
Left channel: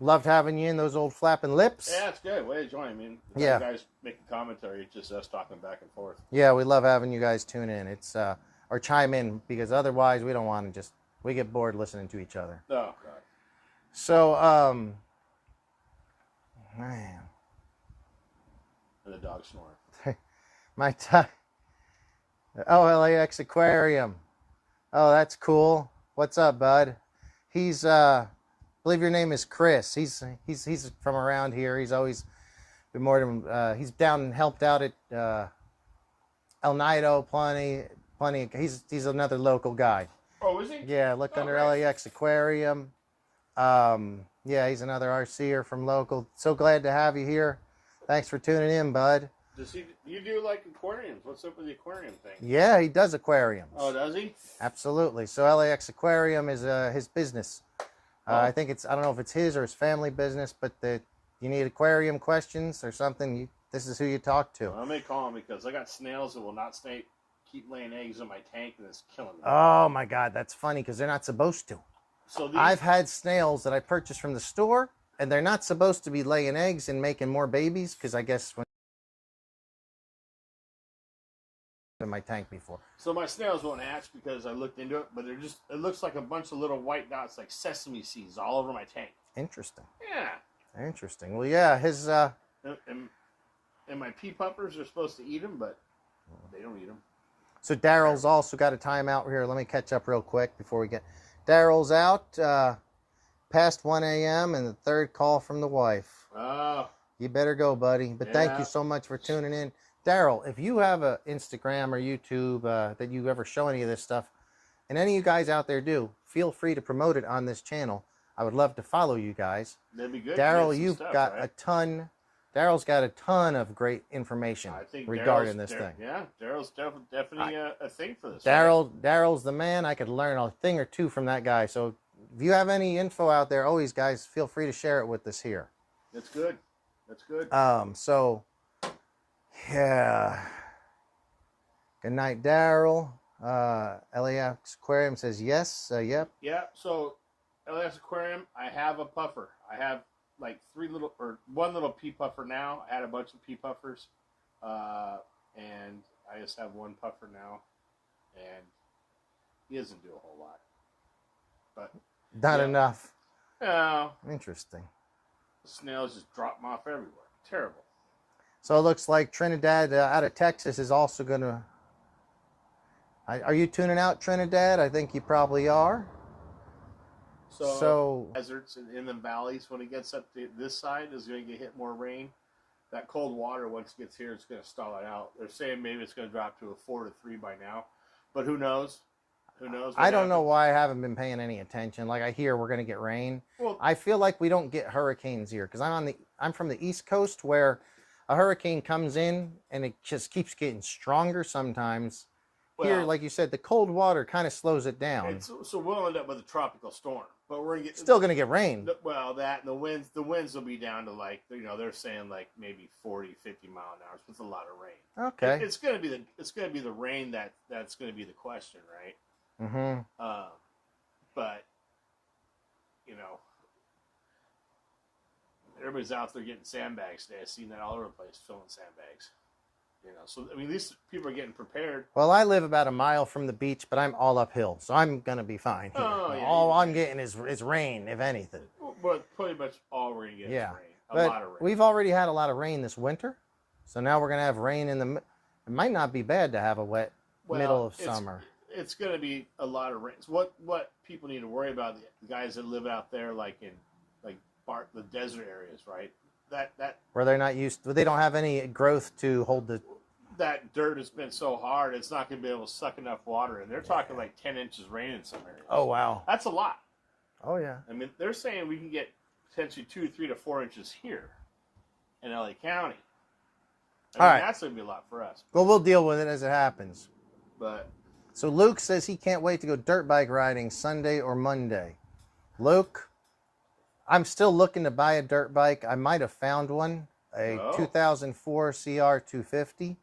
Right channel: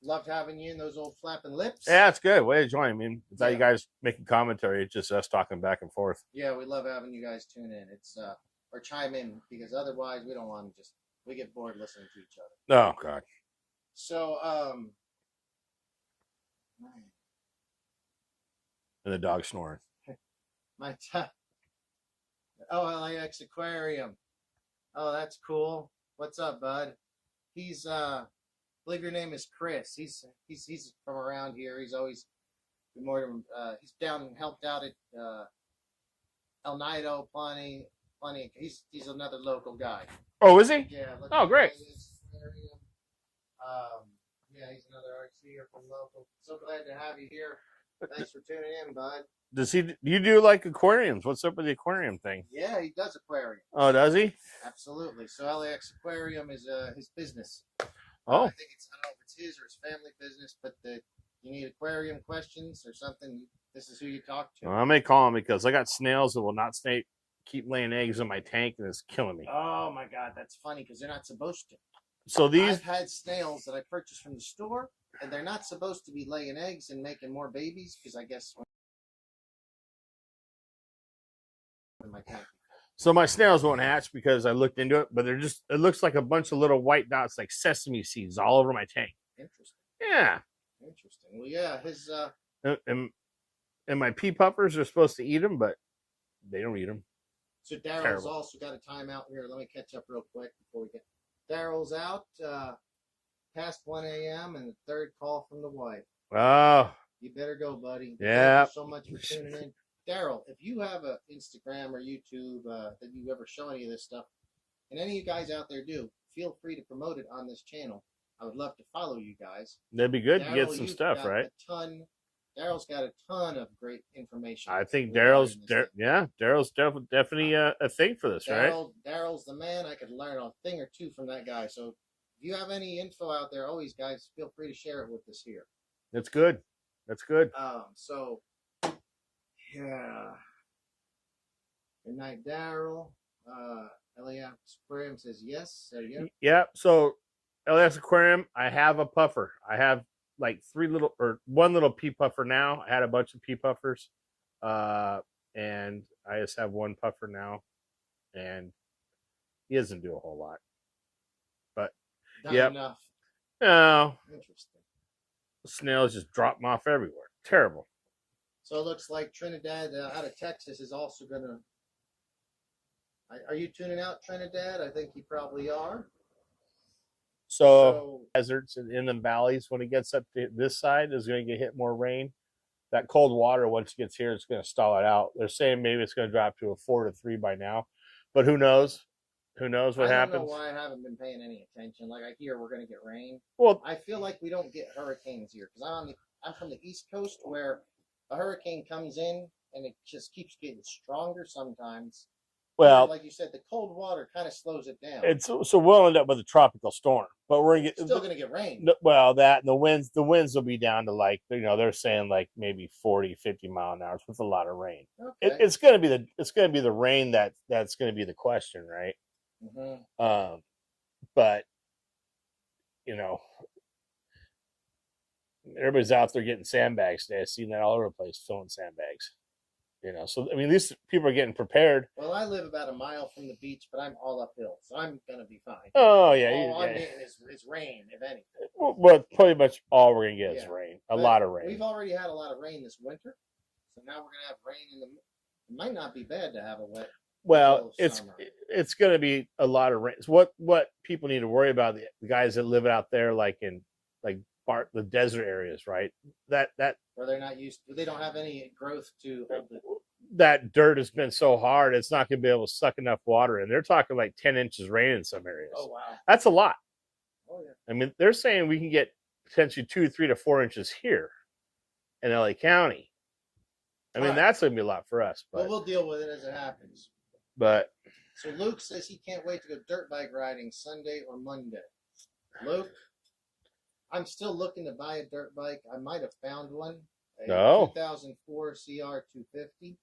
Loved having you in those old flapping lips. Yeah, it's good. Way to join. I mean, Yeah. you guys making commentary. It's just us talking back and forth. Yeah, we love having you guys tune in. It's or chime in, because otherwise we don't want to we get bored listening to each other. Oh God. So man, And the dog snoring. my time. Oh, LAX Aquarium. Oh, that's cool. What's up, bud? He's I believe your name is Chris. He's from around here. He's always been more than he's down and helped out at El Nido plenty. He's another local guy. Oh, is he? Yeah, look Oh, under great. LAX Aquarium. Yeah, he's another RCer from local. So glad to have you here. Thanks for tuning in, bud. Does you do like aquariums? What's up with the aquarium thing? Yeah, he does aquariums. Oh, does he? Absolutely. So LAX Aquarium is his business. Oh. I think I don't know if it's his or his family business, but you need aquarium questions or something, this is who you talk to. Well, I may call him because I got snails that will not keep laying eggs in my tank, and it's killing me. Oh my God, that's funny because they're not supposed to. So I've had snails that I purchased from the store, and they're not supposed to be laying eggs and making more babies, because I guess when in my tank before. So my snails won't hatch because I looked into it, but it looks like a bunch of little white dots like sesame seeds all over my tank. Interesting. Yeah. Interesting. Well, yeah, his And my pea puffers are supposed to eat them, but they don't eat them. So Daryl's Terrible. also got a timeout here. Let me catch up real quick before we get. Daryl's out past 1 a.m. and the third call from the wife. Oh, You better go, buddy. But Yeah. thank you so much for tuning in. Daryl, if you have a Instagram or YouTube that you ever show any of this stuff, and any of you guys out there do, feel free to promote it on this channel. I would love to follow you guys. that'd be good. Daryl, to get some you've stuff, got right? a ton. Daryl's got a ton of great information. I think regarding this thing. Daryl's definitely a thing for this. Right? Daryl's the man. I could learn a thing or two from that guy. So if you have any info out there, always, guys, feel free to share it with us here. That's good. That's good. So yeah. Good night, Daryl. LAX Aquarium says yes. Yep. Yeah. So LS Aquarium, I have a puffer. I have like one little pea puffer now. I had a bunch of pea puffers, and I just have one puffer now, and he doesn't do a whole lot. But Not Yep. enough. no, Interesting. snails just drop them off everywhere. Terrible. So it looks like Trinidad out of Texas is also going to. Are you tuning out, Trinidad? I think you probably are. So deserts in the valleys, when it gets up to this side, is going to get hit more rain. That cold water, once it gets here, it's going to stall it out. They're saying maybe it's going to drop to a 4 to 3 by now, but who knows? Who knows what I don't happens? know why I haven't been paying any attention. Like, I hear we're going to get rain. Well, I feel like we don't get hurricanes here because I'm from the East Coast, where a hurricane comes in and it just keeps getting stronger sometimes. Here, well, like you said, the cold water kind of slows it down. it's so we'll end up with a tropical storm, but we're Still going to get rain. well, that the winds will be down to like, you know, they're saying like maybe 40, 50 mile an hour with a lot of rain. Okay. It's going to be the rain that's going to be the question, right? Mm-hmm. But you know, everybody's out there getting sandbags today. I've seen that all over the place, filling sandbags. You know, so I mean, these people are getting prepared. Well, I live about a mile from the beach, but I'm all uphill, so I'm gonna be fine. Oh yeah, all I'm getting is rain, if anything. Well, pretty much all we're gonna get is rain. A lot of rain. We've already had a lot of rain this winter, so now we're gonna have rain in the. It might not be bad to have a wet middle of summer. It's gonna be a lot of rain. So what people need to worry about, the guys that live out there, like in the desert areas, right? That where they're not used to, they don't have any growth to hold the. That dirt has been so hard, it's not going to be able to suck enough water in. They're talking like 10 inches rain in some areas. Oh wow, that's a lot. Oh yeah. I mean, they're saying we can get potentially 2, 3 to 4 inches here in LA County. I mean, that's going to be a lot for us. Well, we'll deal with it as it happens. But so Luke says he can't wait to go dirt bike riding Sunday or Monday. Luke, I'm still looking to buy a dirt bike. I might have found one, a 2004 CR250.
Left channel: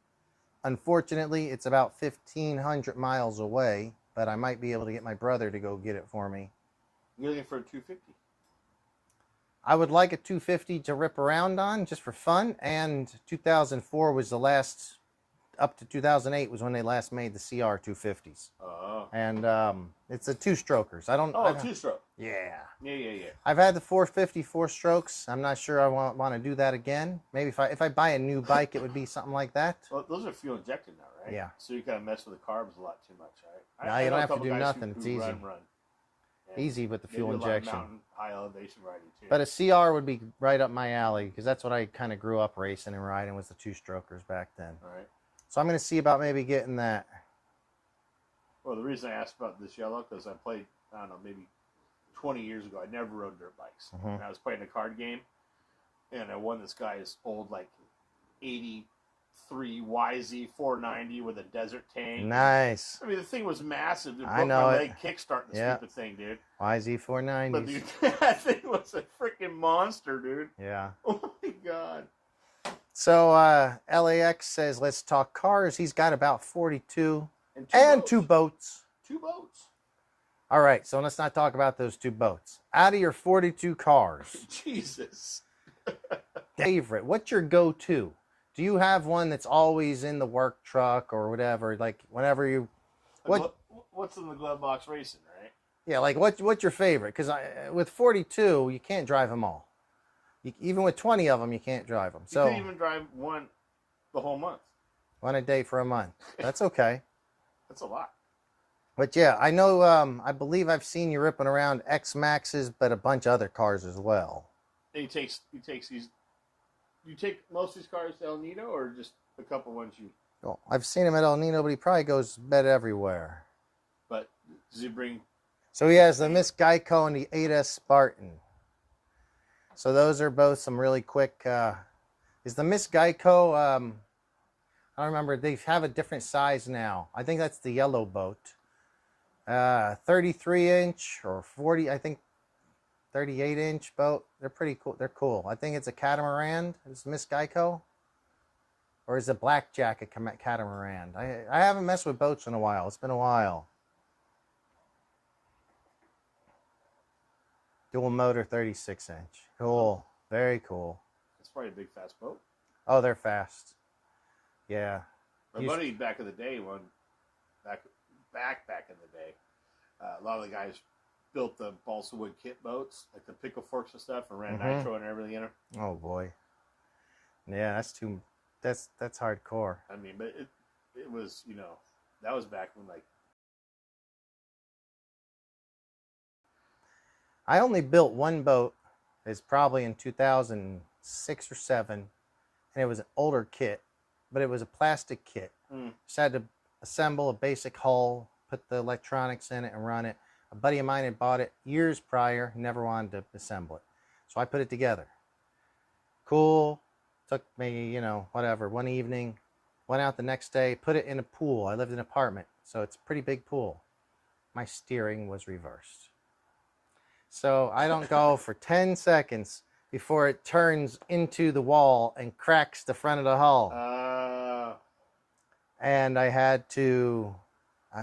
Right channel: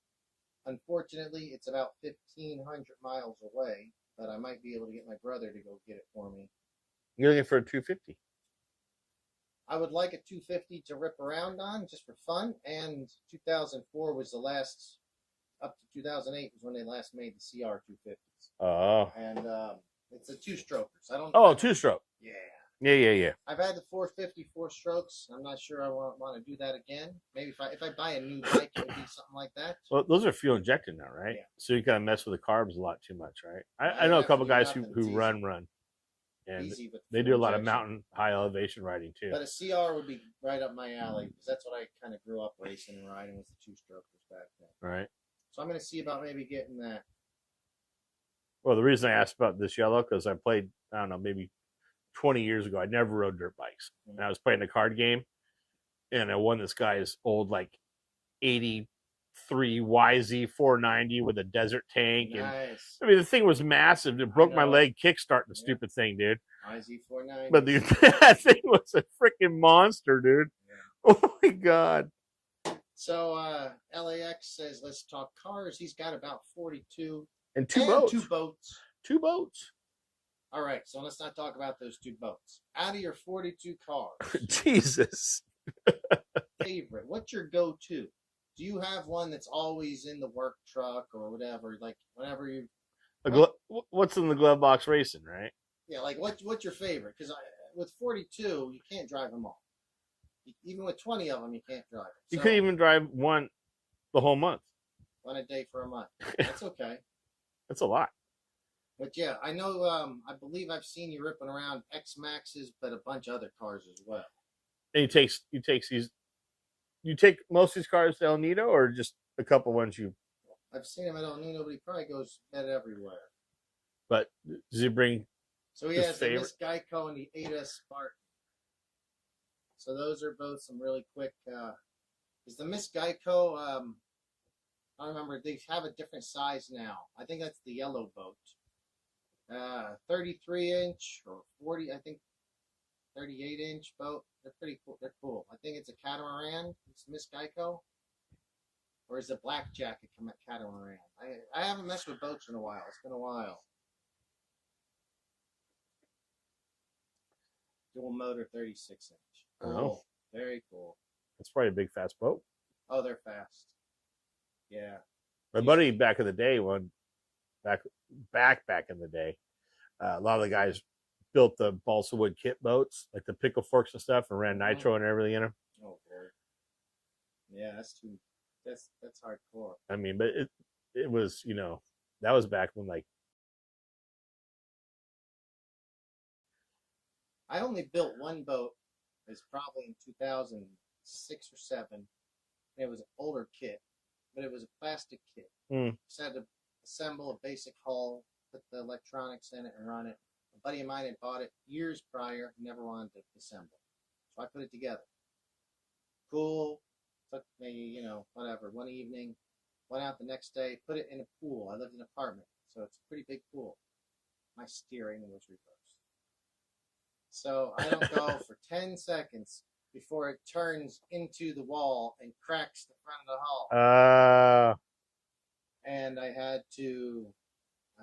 Unfortunately, it's about 1,500 miles away, but I might be able to get my brother to go get it for me. You're looking for a 250? I would like a 250 to rip around on just for fun, and 2004 was the last, up to 2008 was when they last made the CR250s. Oh. And it's a two-strokers. Two-stroke. Yeah. Yeah. I've had the 450 4-strokes. I'm not sure I want to do that again. Maybe if I buy a new bike, it would be something like that. Well, those are fuel injected now, right? Yeah. So you kind of mess with the carbs a lot too much, right? I know a couple guys who run. Easy with the fuel They do a injection. lot of mountain, high elevation riding too. But a CR would be right up my alley because that's what I kind of grew up racing and riding, was the two-strokers back then. Right. So I'm going to see about maybe getting that. Well, the reason I asked about this yellow, because I played, I don't know, maybe 20 years ago, I never rode dirt bikes. Mm-hmm. And I was playing a card game, and I won this guy's old, like, 83 YZ 490 with a desert tank. Nice. And, I mean, the thing was massive. It broke my leg kickstarting the stupid thing, dude. YZ 490. But dude, that thing was a freaking monster, dude. Yeah. Oh, my God. So LAX says, let's talk cars. He's got about 42. And two boats. Two boats. All right, so let's not talk about those two boats. Out of your 42 cars. Jesus. Favorite, what's your go-to? Do you have one that's always in the work truck or whatever? Like whenever you... What's in the glove box racing, right? Yeah, like what's your favorite? Because with 42, you can't drive them all. Even with 20 of them, you can't drive them. So, you couldn't even drive one the whole month. One a day for a month. That's okay. That's a lot. But yeah, I know, I believe I've seen you ripping around X-Maxes, but a bunch of other cars as well. And you take most of these cars to El Nido, or just a couple ones you... Well, I've seen him at El Nido, but he probably goes bet everywhere. But does he bring... So he has the Miss Geico and the 8S Spartan. So those are both some really quick... is the Miss Geico... I don't remember. They have a different size now. I think that's the yellow boat. 33-inch or 40, I think 38-inch boat. They're pretty cool. They're cool. I think it's a catamaran. Is Miss Geico? Or is it Blackjack a catamaran? I haven't messed with boats in a while. It's been a while. Dual motor 36-inch. Cool. Very cool. That's probably a big, fast boat. Oh, they're fast. Yeah. My buddy back in the day, back in the day, a lot of the guys built the balsa wood kit boats, like the pickle forks and stuff, and ran nitro and everything in them. Oh boy. Yeah, that's hardcore. I mean, but it was, you know, that was back when, like, I only built one boat. It's probably in 2006 or 7, and it was an older kit, but it was a plastic kit. Just had to assemble a basic hull, put the electronics in it and run it. A buddy of mine had bought it years prior, never wanted to assemble it. So I put it together. Cool. Took me, whatever, one evening. Went out the next day, put it in a pool. I lived in an apartment, so it's a pretty big pool. My steering was reversed. So I don't go for 10 seconds before it turns into the wall and cracks the front of the hull. And I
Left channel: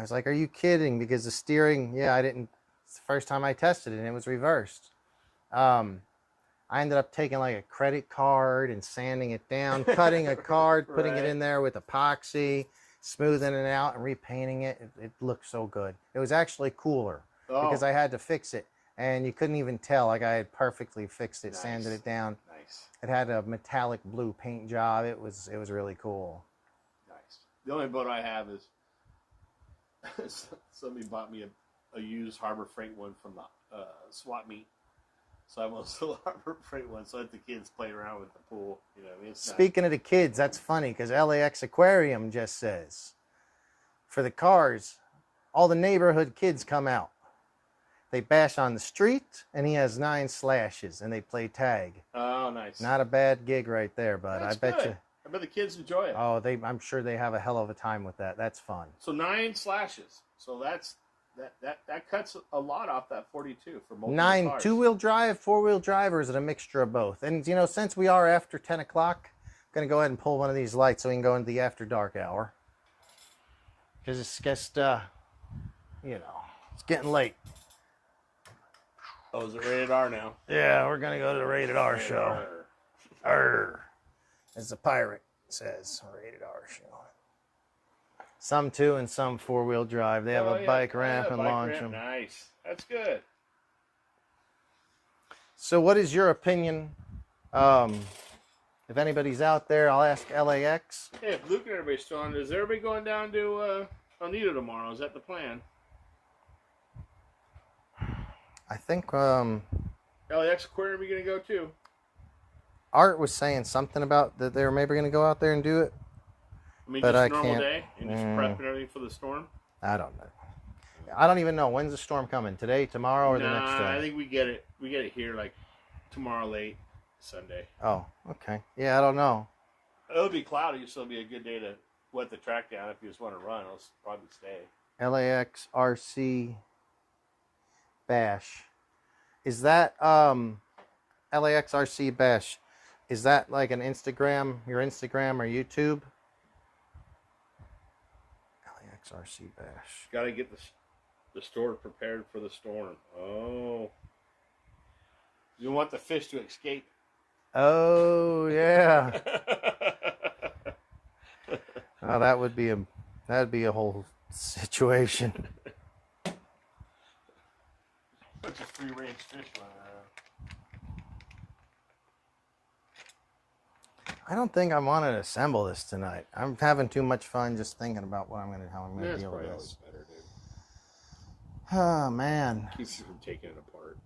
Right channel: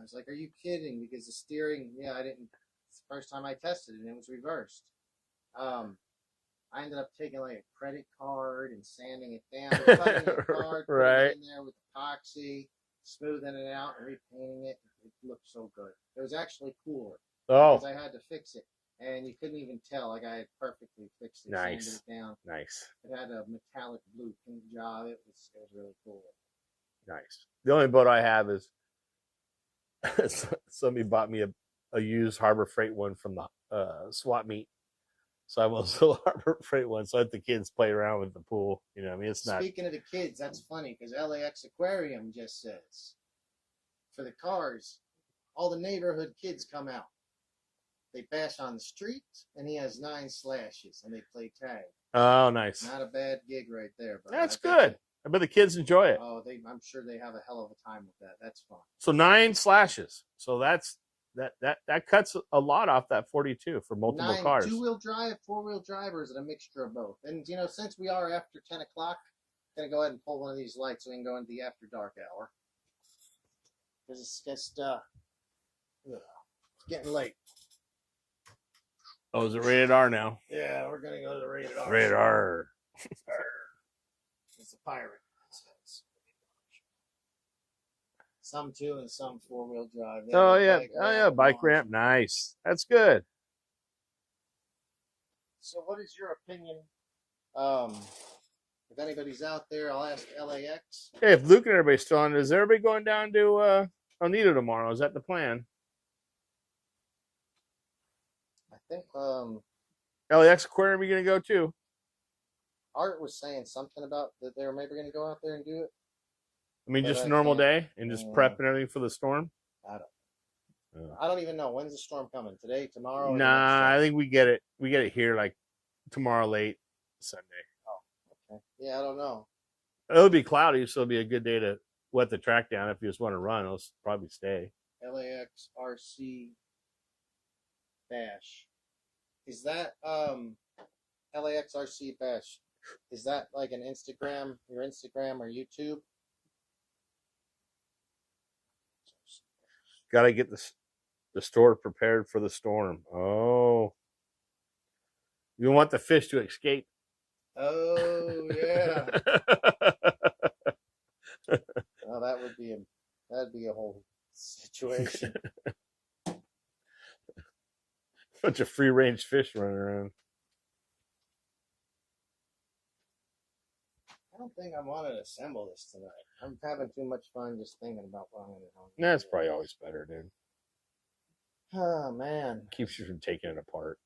was like, are you kidding? Because the steering, it's the first time I tested it and it was reversed. I ended up taking like a credit card and sanding it down, cutting a card, putting it in there with epoxy, smoothing it out and repainting it. It looked so good. It was actually cooler because I had to fix it. And you couldn't even tell. Like I had perfectly fixed it, sanded it down. Nice. It had a metallic blue paint job. It was really cool. Nice. The only boat I have is somebody bought me a used Harbor Freight one from the swap meet. So I want a little Harbor Freight one, so I let the kids play around with the pool. Speaking of the kids, that's funny because LAX Aquarium just says for the cars, all the neighborhood kids come out. They bash on the street, and he has 9 slashes, and they play tag. Oh, nice. Not a bad gig right there, but that's I bet good. I bet the kids enjoy it. Oh, I'm sure they have a hell of a time with that. That's fun. So 9 slashes. So that cuts a lot off that 42 for multiple 9 cars. 2-wheel drive, 4-wheel drive, or is it a mixture of both? And since we are after 10 o'clock, I'm gonna go ahead and pull one of these lights so we can go into the after dark hour. Because it's just it's getting late. Oh, is it rated R now? Yeah, we're gonna go to the rated R. Rated R. R. As the pirate says, rated R show. Some 2 and some 4-wheel drive. They have a bike ramp. And bike ramp. Nice. That's good. So, what is your opinion? If anybody's out there, I'll ask LAX. Hey, if Luke and everybody's still on, is everybody going down to Oneida tomorrow? Is that the plan? I think LAX Aquarium, you gonna go too? Art was saying something about that they were maybe gonna go out there and do it. I mean, just a normal day and just prep and everything for the storm. I don't know. I don't even know when's the storm coming. Today, tomorrow, or the next day? I think we get it. We get it here like tomorrow late, Sunday. Oh, okay. Yeah, I don't know. It'll be cloudy, so it'll be a good day to wet the track down. If you just want to run, it'll probably stay. LAX RC Bash. Is that LAX RC Bash? Is that like an Instagram, your Instagram or YouTube? LAX RC Bash. Got to get the store prepared for the storm. Oh. You want the fish to escape. Oh, yeah. Oh, that'd be a whole situation. Bunch of free range fish running around. I don't think I want to assemble this tonight. I'm having too much fun just thinking about how I'm gonna That's deal probably with always better, dude. Oh man. Keeps you from taking it apart.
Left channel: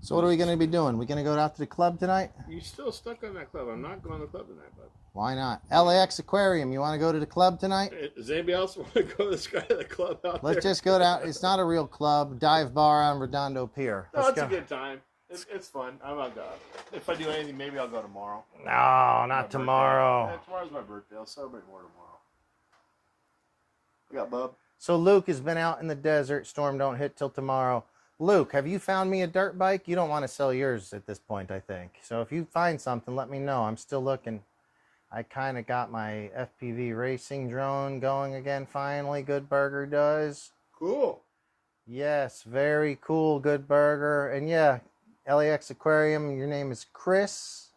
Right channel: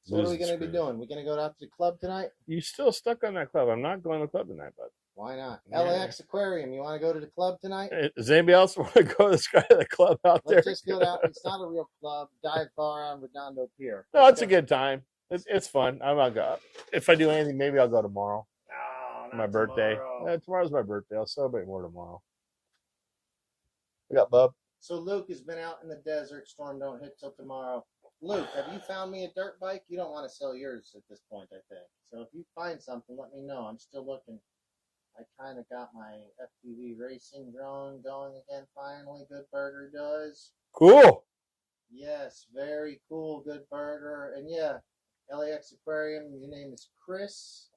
So what are we gonna be doing? We gonna go out to the club tonight? You still stuck on that club. I'm not going to the club tonight, bud. Why not? LAX Aquarium, you want to go to the club tonight? Does anybody else want to go to the club out there? Let's just go down. It's not a real club. Dive bar on Redondo Pier. No, it's a good time. It's fun. I'm gonna go. If I do anything, maybe I'll go tomorrow. No, not tomorrow. Yeah, tomorrow's my birthday. I'll celebrate more tomorrow. We got Bub. So Luke has been out in the desert. Storm don't hit till tomorrow. Luke, have you found me a dirt bike? You don't want to sell yours at this point, I think. So if you find something, let me know. I'm still looking. I kind of got my FPV racing drone going again finally. Good Burger does. Cool. Yes, very cool, Good Burger. And yeah, LAX Aquarium, your name is Chris.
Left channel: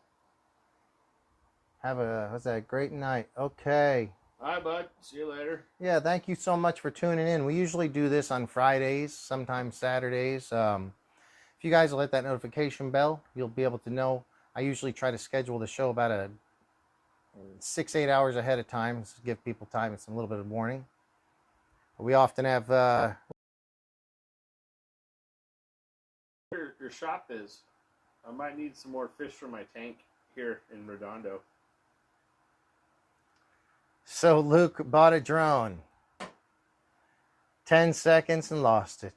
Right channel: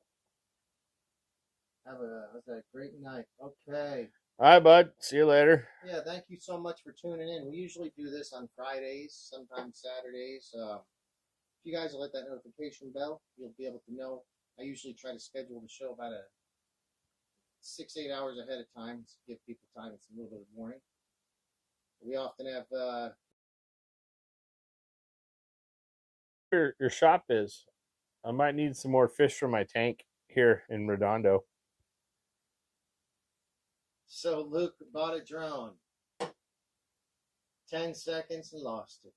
Have a great night. Okay. All right, bud. See you later. Yeah, thank you so much for tuning in. We usually do this on Fridays, sometimes Saturdays. If you guys will hit that notification bell, you'll be able to know. I usually try to schedule the show about 6-8 hours ahead of time. To give people time and some little bit of warning. We often have Your shop is. I might need some more fish for my tank here in Redondo. So Luke bought a drone. 10 seconds and lost it.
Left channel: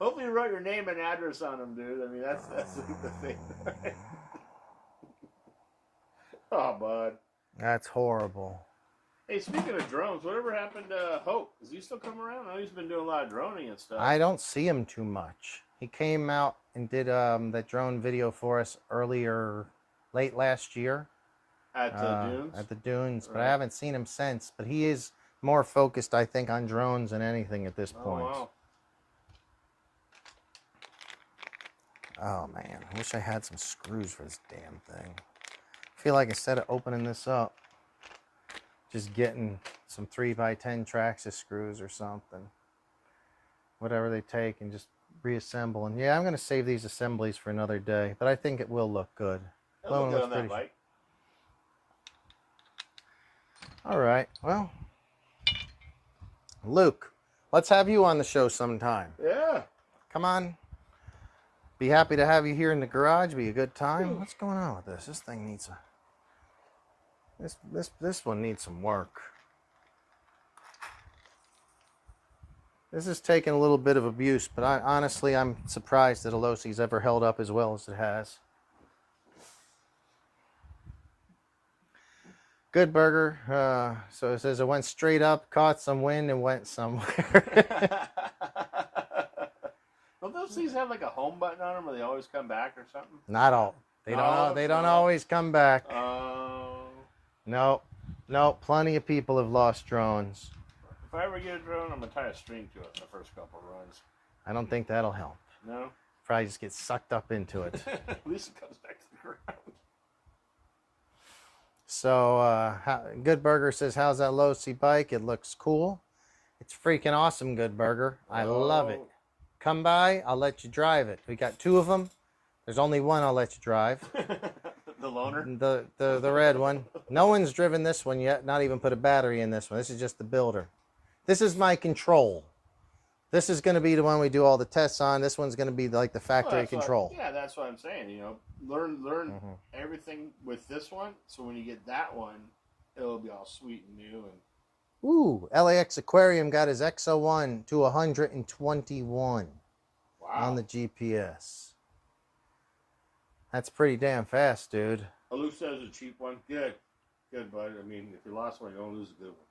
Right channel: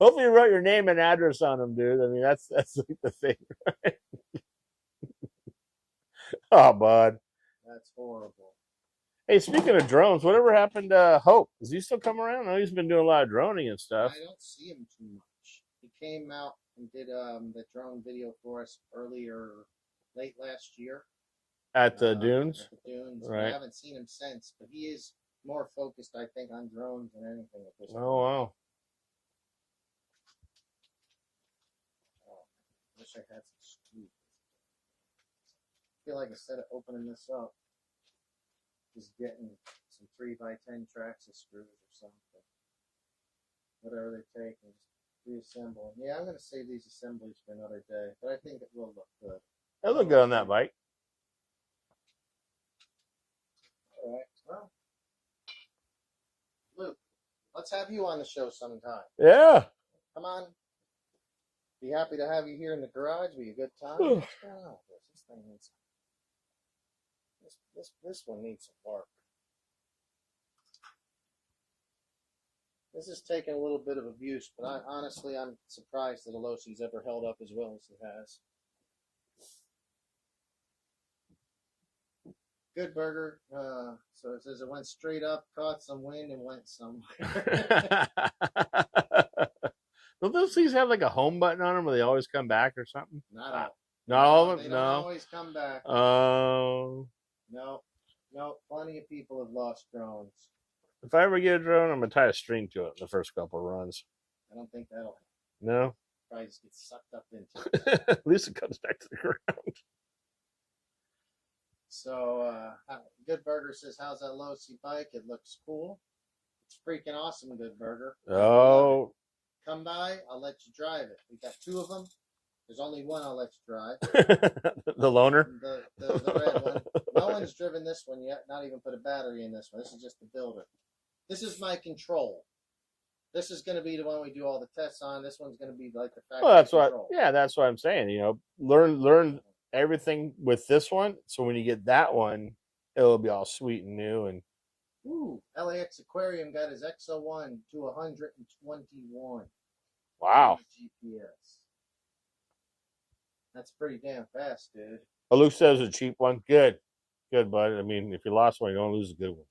Hopefully you wrote your name and address on them, dude. I mean, that's the thing. Right? Oh, bud. That's horrible. Hey, speaking of drones, whatever happened to Hope? Is he still coming around? I know he's been doing a lot of droning and stuff. I don't see him too much. He came out and did that drone video for us late last year. At the dunes? At the dunes, Right. but I haven't seen him since. But he is more focused, I think, on drones than anything at this point. Oh, wow. Oh, man. I wish I had some screws for this damn thing. I feel like instead of opening this up, just getting some 3x10 Traxxas screws or something. Whatever they take and just reassemble. And yeah, I'm going to save these assemblies for another day, but I think it will look good. It'll look good on that bike. All right. Well, Luke, let's have you on the show sometime. Yeah. Come on. Be happy to have you here in the garage. Be a good time. What's going on with this? This thing needs this one needs some work. This is taking a little bit of abuse, but honestly, I'm surprised that a Losi's ever held up as well as it has. Good burger. So it says it went straight up, caught some wind, and went somewhere. Don't those things have like a home button on them where they always come back or something? Not all. They don't always come back. No. Plenty of people have lost drones. If I ever get a drone, I'm going to tie a string to it the first couple of runs. I don't think that'll help. No? Probably just get sucked up into it. At least it comes back to the ground. So, Good Burger says, how's that Losi bike? It looks cool. It's freaking awesome, Good Burger. I love it. Come by, I'll let you drive it. We got 2 of them. There's only one I'll let you drive. The loaner? The red one. No one's driven this one yet, not even put a battery in this one. This is just the builder. This is my control. This is going to be the one we do all the tests on. This one's going to be like the factory control. That's what I'm saying. You know, learn everything with this one. So when you get that one, it'll be all sweet and new. And ooh, LAX Aquarium got his XO1 to 121. Wow. On the GPS. That's pretty damn fast, dude. Luke says a cheap one. Good, bud. I mean, if you lost one, you don't lose a good one.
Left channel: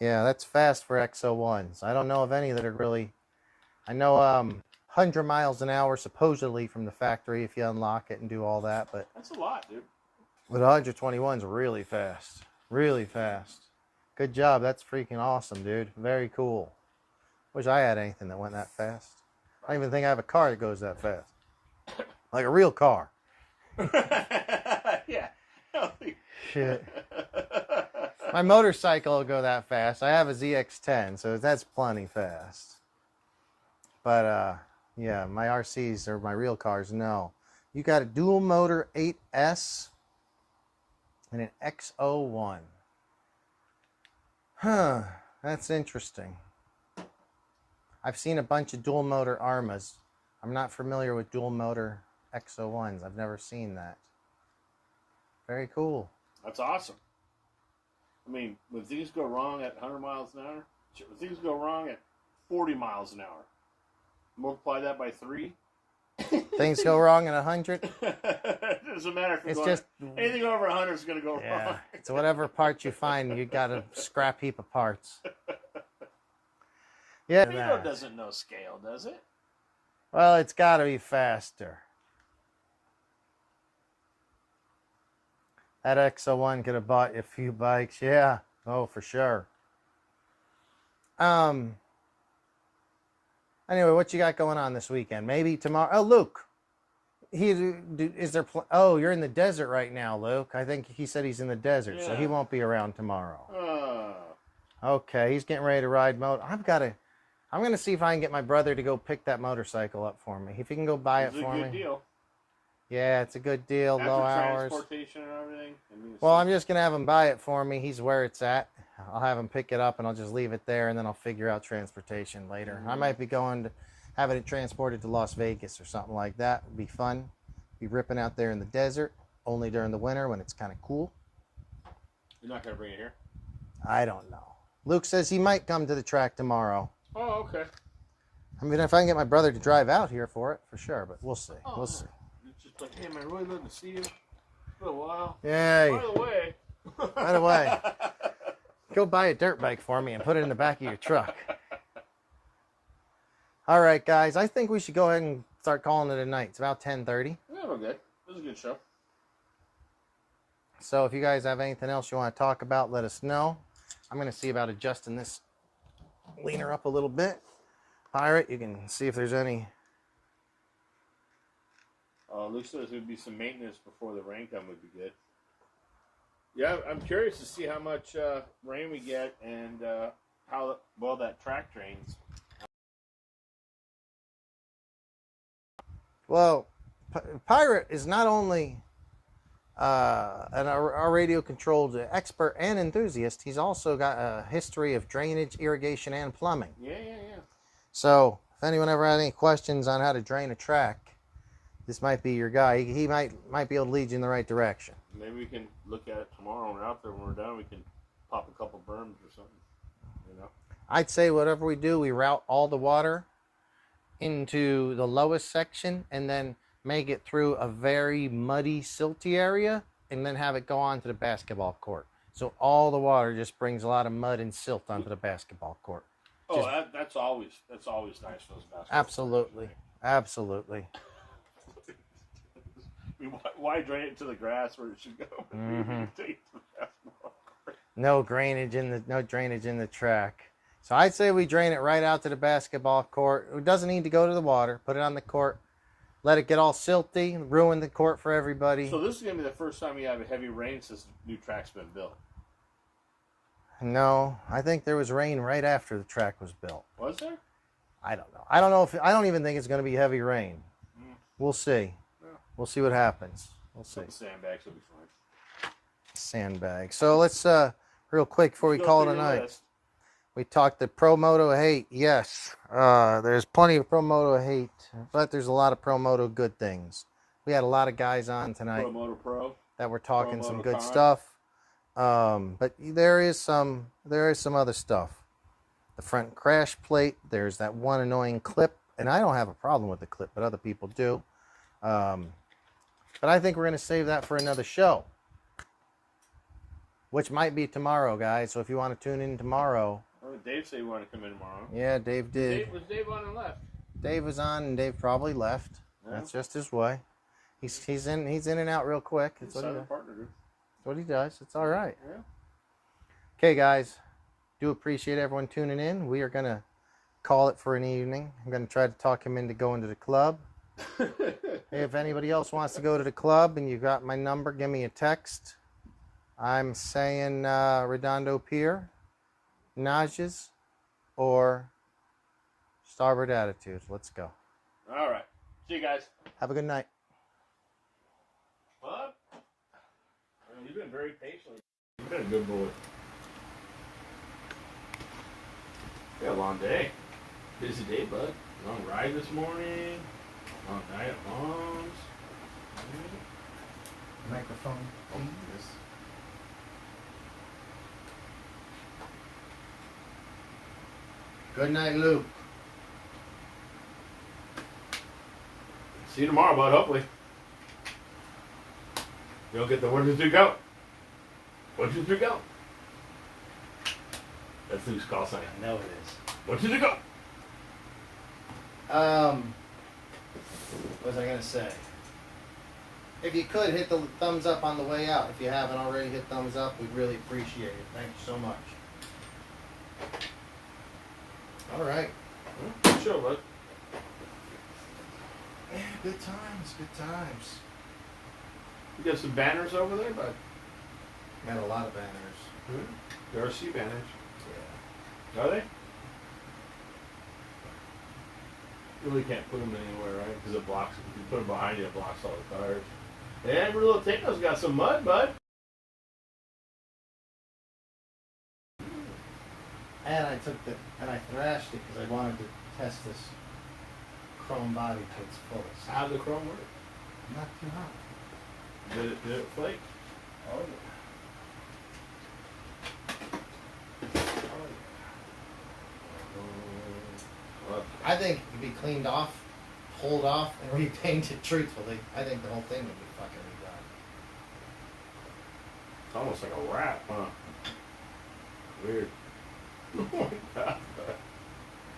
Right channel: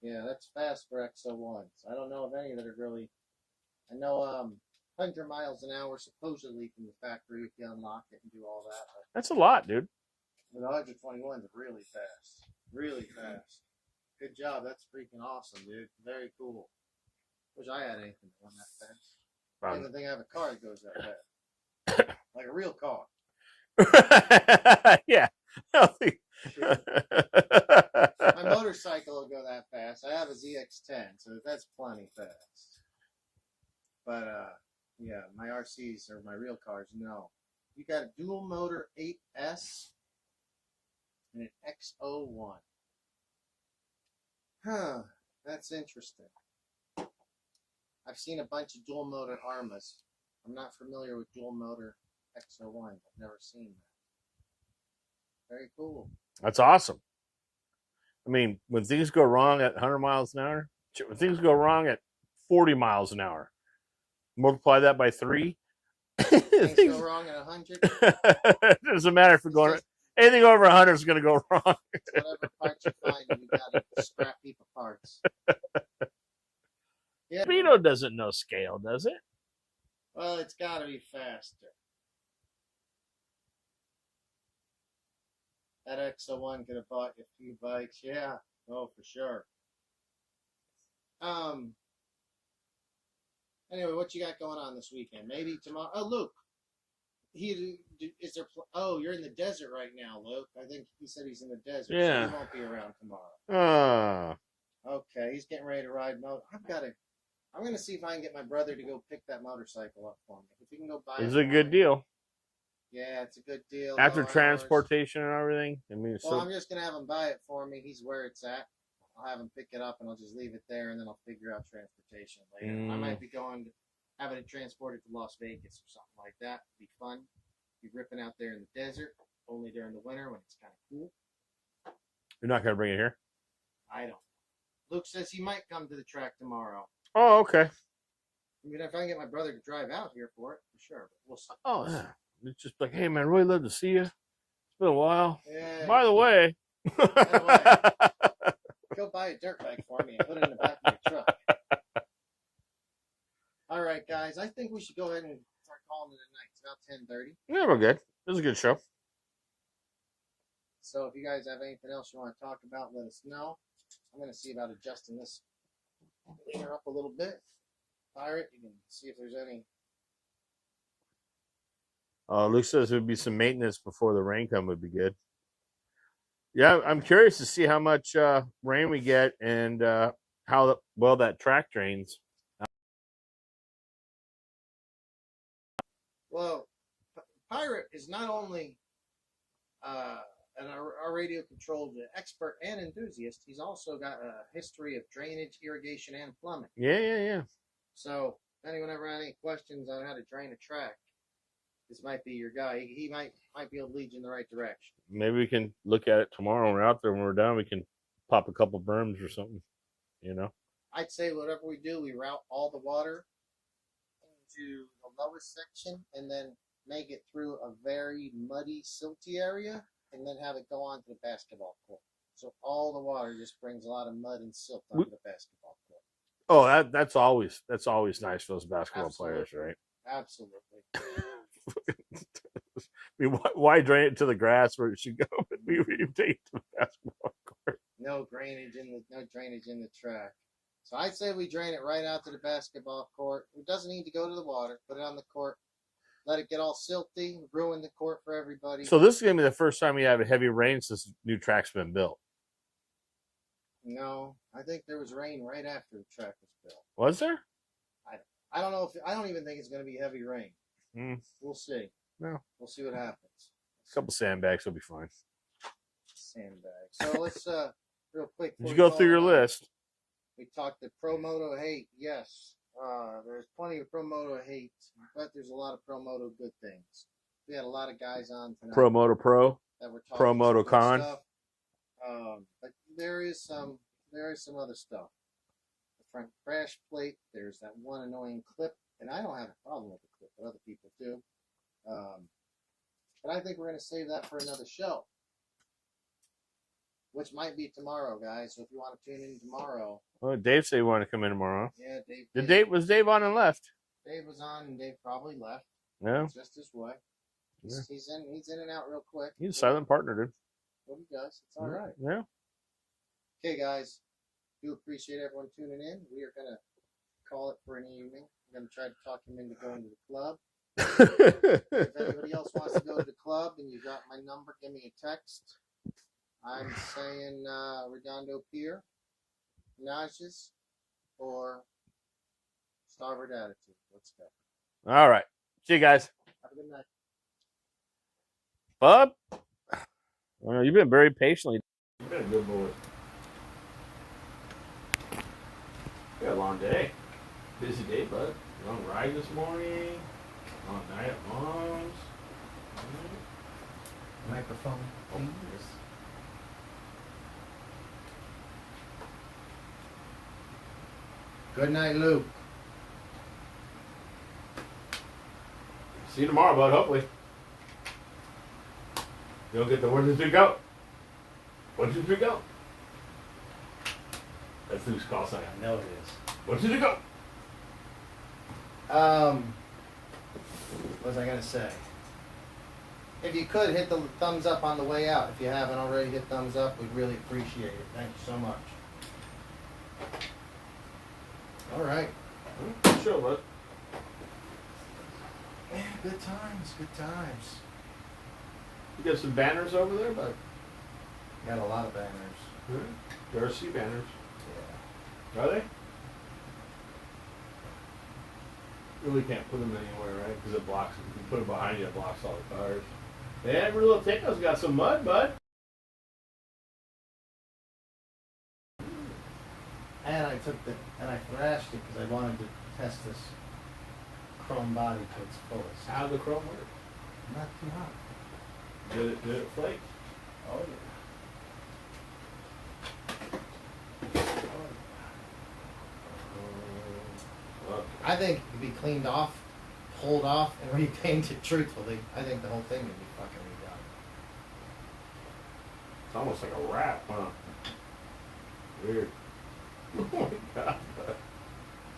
Yeah, that's fast for XO1s. I don't know of any that are really. I know 100 miles an hour supposedly from the factory if you unlock it and do all that, but that's a lot, dude. But 121's really fast. Really fast. Good job. That's freaking awesome, dude. Very cool. Wish I had anything that went that fast. I don't even think I have a car that goes that fast. Like a real car. Yeah. Shit. My motorcycle will go that fast. I have a ZX10, so that's plenty fast. But yeah, my RCs or my real cars, no. You got a dual motor 8S and an XO1. Huh, that's interesting. I've seen a bunch of dual motor Armas. I'm not familiar with dual motor XO1s. I've never seen that. Very cool. That's awesome. I mean, when things go wrong at 100 miles an hour, when things go wrong at 40 miles an hour, multiply that by 3. Things go wrong at 100. It doesn't matter if you're anything over 100 is going to go wrong. It's whatever parts you find, you got a scrap heap of parts. Yeah. Vito doesn't know scale, does it? Well, it's got to be faster. That XO1 could have bought you a few bikes. Yeah. Oh, for sure. Anyway, what you got going on this weekend? Maybe tomorrow. Oh, Luke. Is there? Oh, you're in the desert right now, Luke. I think he said he's in the desert, so he won't be around tomorrow. Okay, he's getting ready to ride moto. I'm gonna see if I can get my brother to go pick that motorcycle up for me. If he can go buy it. It's a good deal. Yeah, it's a good deal. After transportation and everything. I mean, well, I'm just gonna have him buy it for me. He's where it's at. I'll have him pick it up and I'll just leave it there, and then I'll figure out transportation later. I might be going to having it transported to Las Vegas or something like that. Would be fun. Be ripping out there in the desert only during the winter when it's kind of cool. You're not gonna bring it here? I don't know. Luke says he might come to the track tomorrow. Oh, okay. I mean, if I can get my brother to drive out here for it, for sure. But we'll see. Oh, We'll yeah. see. It's just like, hey, man, really love to see you. It's been a while. Yeah. By the way. By the way, go buy a dirt bike for me and put it in the back of your truck. All right, guys. I think we should go ahead and start calling it a night. It's about 10:30. Yeah, we're good. This is a good show. So if you guys have anything else you want to talk about, let us know. I'm going to see about adjusting this leaner up a little bit. Pirate, you can see if there's any. Luke says it would be some maintenance before the rain come would be good. Yeah, I'm curious to see how much rain we get and how well that track drains. Well, Pirate is not only a radio-controlled expert and enthusiast, he's also got a history of drainage, irrigation, and plumbing. Yeah. So if anyone ever had any questions on how to drain a track, this might be your guy. He might be able to lead you in the right direction. Maybe we can look at it tomorrow when we're out there. When we're done, we can pop a couple berms or something, you know? I'd say whatever we do, we route all the water into the lowest section and then make it through a very muddy, silty area and then have it go on to the basketball court. So all the water just brings a lot of mud and silt onto the basketball court. Oh, that's always nice for those basketball Absolutely. players, right? Absolutely. I mean, why drain it to the grass where it should go? But we take it to the basketball court. No drainage in the track. So I'd say we drain it right out to the basketball court. It doesn't need to go to the water. Put it on the court. Let it get all silty, ruin the court for everybody. So this is going to be the first time we have a heavy rain since the new track's been built. No, I think there was rain right after the track was built. Was there? I don't know. I don't even think it's going to be heavy rain. We'll see. No. We'll see what happens. We'll see. A couple sandbags will be fine. Sandbags. So let's real quick before we go call through it your a night. list. We talked the Promoto hate. Yes, there's plenty of Promoto hate, but there's a lot of Promoto good things. We had a lot of guys on tonight Promoto Pro. that were talking some Promoto good Con. stuff. But there is some other stuff. The front crash plate. There's that one annoying clip, and I don't have a problem with the clip, but other people do. But I think we're going to save that for another show, which might be tomorrow, guys. So if you want to tune in tomorrow. Oh, Dave said he wanted to come in tomorrow. Yeah, Dave did. Was Dave on and left? Dave was on, and Dave probably left. Yeah. It's just his way. He's in and out real quick. He's a silent partner, dude. That's what he does. It's all right. Yeah. Okay, guys. Do appreciate everyone tuning in. We are going to call it for an evening. I'm going to try to talk him into going to the club. If anybody else wants to go to the club and you got my number, give me a text. I'm saying Redondo Pier, Nages, or Starboard Attitude. Let's go. All right. See you guys. Have a good night. Bub? Oh, you've been very patiently. You've been a good boy. You had a long day. Busy day, bud. Long ride this morning. Long night at Mom's. Microphone. Oh, yes. Good night, Luke. See you tomorrow, bud, hopefully. You'll get the 1, 2, 3, go. 1, 2, 3, go. That's Luke's call sign. I know it is. 1, 2, 3, go. What was I going to say? If you could, hit the thumbs up on the way out. If you haven't already hit thumbs up, we'd really appreciate it. Thank you so much. All right. Good show, bud. Yeah, good times, good times. You got some banners over there, bud? Got a lot of banners. There are sea banners. Yeah. Are they? You really can't put them anywhere, right? Because it blocks. If you put them behind you, it blocks all the cars. Yeah, every little thing's got some mud, bud. And I thrashed it because I wanted to test this chrome body to its fullest. How'd the chrome work? Not too hot. Did it flake? Oh yeah. I think it could be cleaned off, pulled off, and repainted truthfully. I think the whole thing would be fucking redone. It's almost like a wrap, huh? Weird. Oh my god.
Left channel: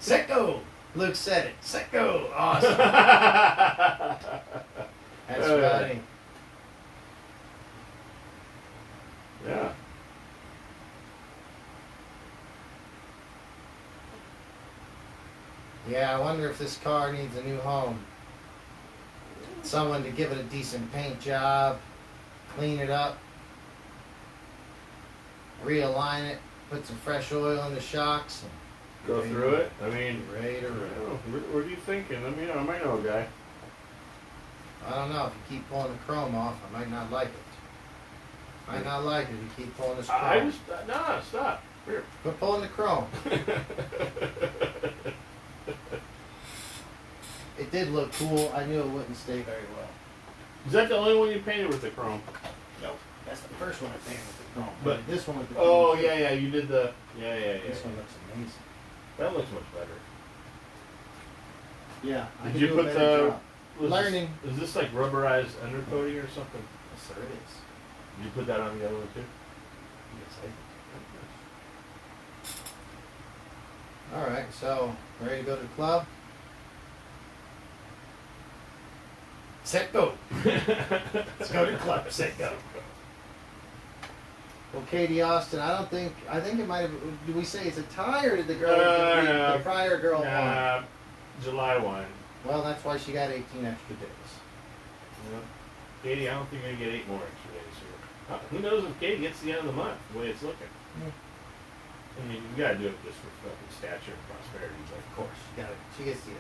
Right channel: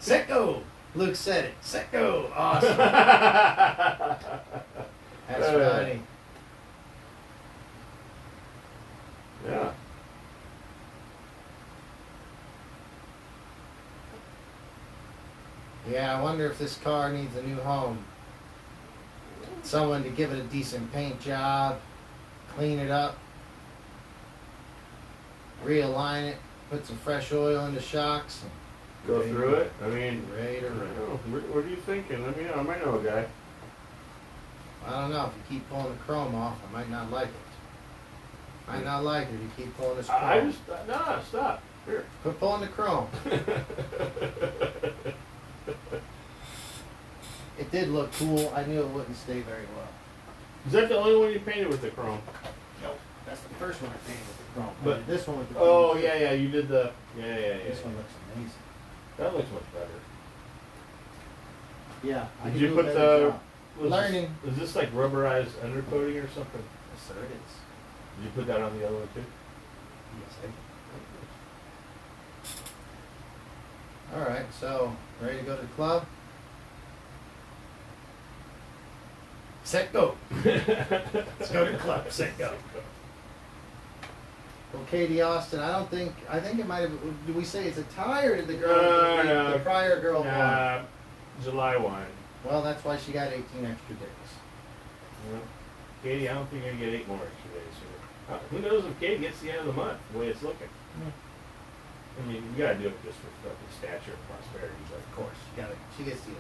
Sicko! Luke said it. Sicko! Awesome. That's funny. Yeah. Yeah, I wonder if this car needs a new home. Someone to give it a decent paint job, clean it up, realign it, put some fresh oil in the shocks. And Go through it. I mean, ready to roll. What are you thinking? Let me know. I might know a guy. I don't know. If you keep pulling the chrome off, I might not like it. Might not like it if you keep pulling this chrome. I just no, stop. Here. Quit pulling the chrome. It did look cool. I knew it wouldn't stay very well. Is that the only one you painted with the chrome? No, that's the first one I painted with the chrome. But this one with the oh chrome. yeah, you did the This one looks amazing. That looks much better. Yeah. Did you put the learning? Is this like rubberized undercoating or something? Yes, sir, it is. Did you put that on the other one too? Yes, I did. All right, so ready to go to the club? Set go. Let's go to the club. Set go. Well, Katie Austin, I think it might have. Did we say it's a tie or did the girl, the prior girl won? July 1. Well, that's why she got 18 extra days. No. Katie, I don't think I get 8 more extra days here. Who knows if Katie gets the end of the month, the way it's looking. I mean, you gotta do it just for fucking stature and prosperity, but Of course, she gets the end.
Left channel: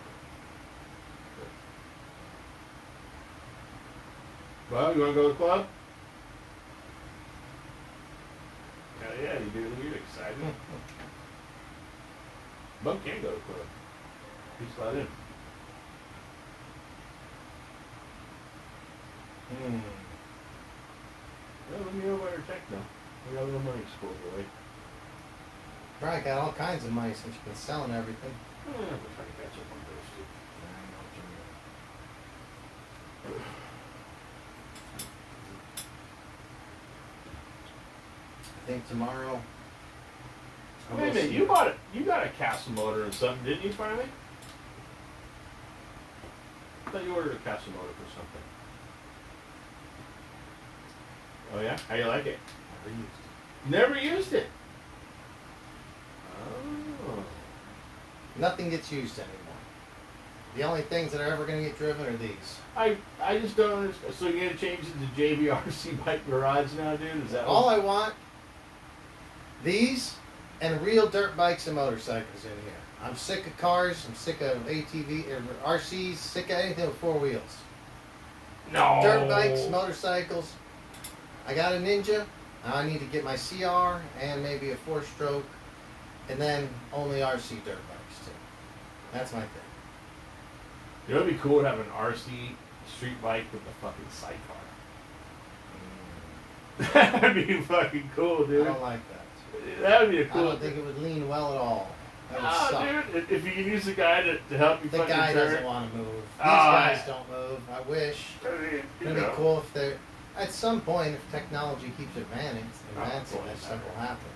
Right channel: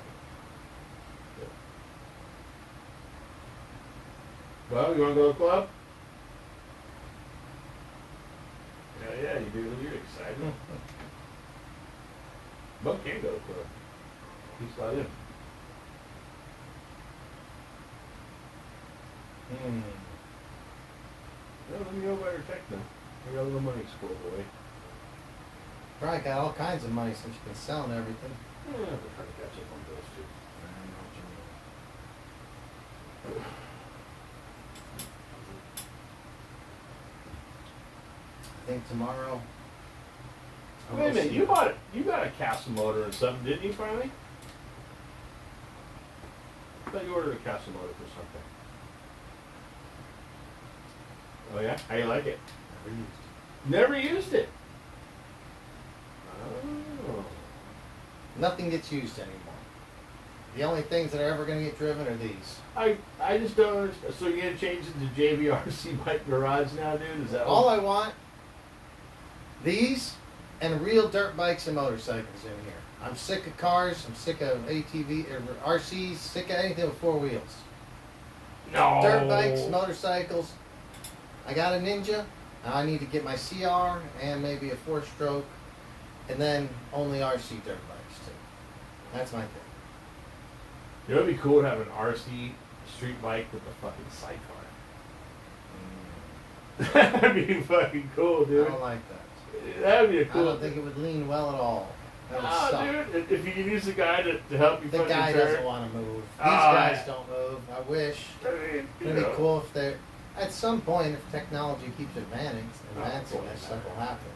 Well, you wanna go to the club? Hell yeah, you do. You're excited. Bub can go to the club. He's let in. Yeah, let me know about your tech now. I got a little money school, boy. Probably got all kinds of money since she's been selling everything. I'm gonna have to try to catch up on those too. I think tomorrow. Wait a minute, you got a castle motor or something, didn't you finally? I thought you ordered a castle motor for something. Oh yeah? How you like it? Never used it. Never used it? Oh. Nothing gets used anymore. The only things that are ever going to get driven are these. I just don't understand. So you're gonna change it to JVRC Bike Garage now, dude? Is that All I want? These and real dirt bikes and motorcycles in here. I'm sick of cars. I'm sick of ATV or RCs. Sick of anything with 4 wheels. No. Dirt bikes, motorcycles. I got a Ninja. Now I need to get my CR and maybe a 4-stroke, and then only RC dirt bikes too. That's my thing. You know, it'd be cool to have an RC street bike with a fucking sidecar. That'd be fucking cool, I dude. don't like that. That would be a I cool. don't think it would lean well at all. That would Oh, suck. dude, if you can use the guy to help you The fucking guy turn. doesn't want to move. These Oh, guys yeah. don't move. I wish. I mean, It'd be cool if they're at some point, if technology keeps advancing, that stuff will happen.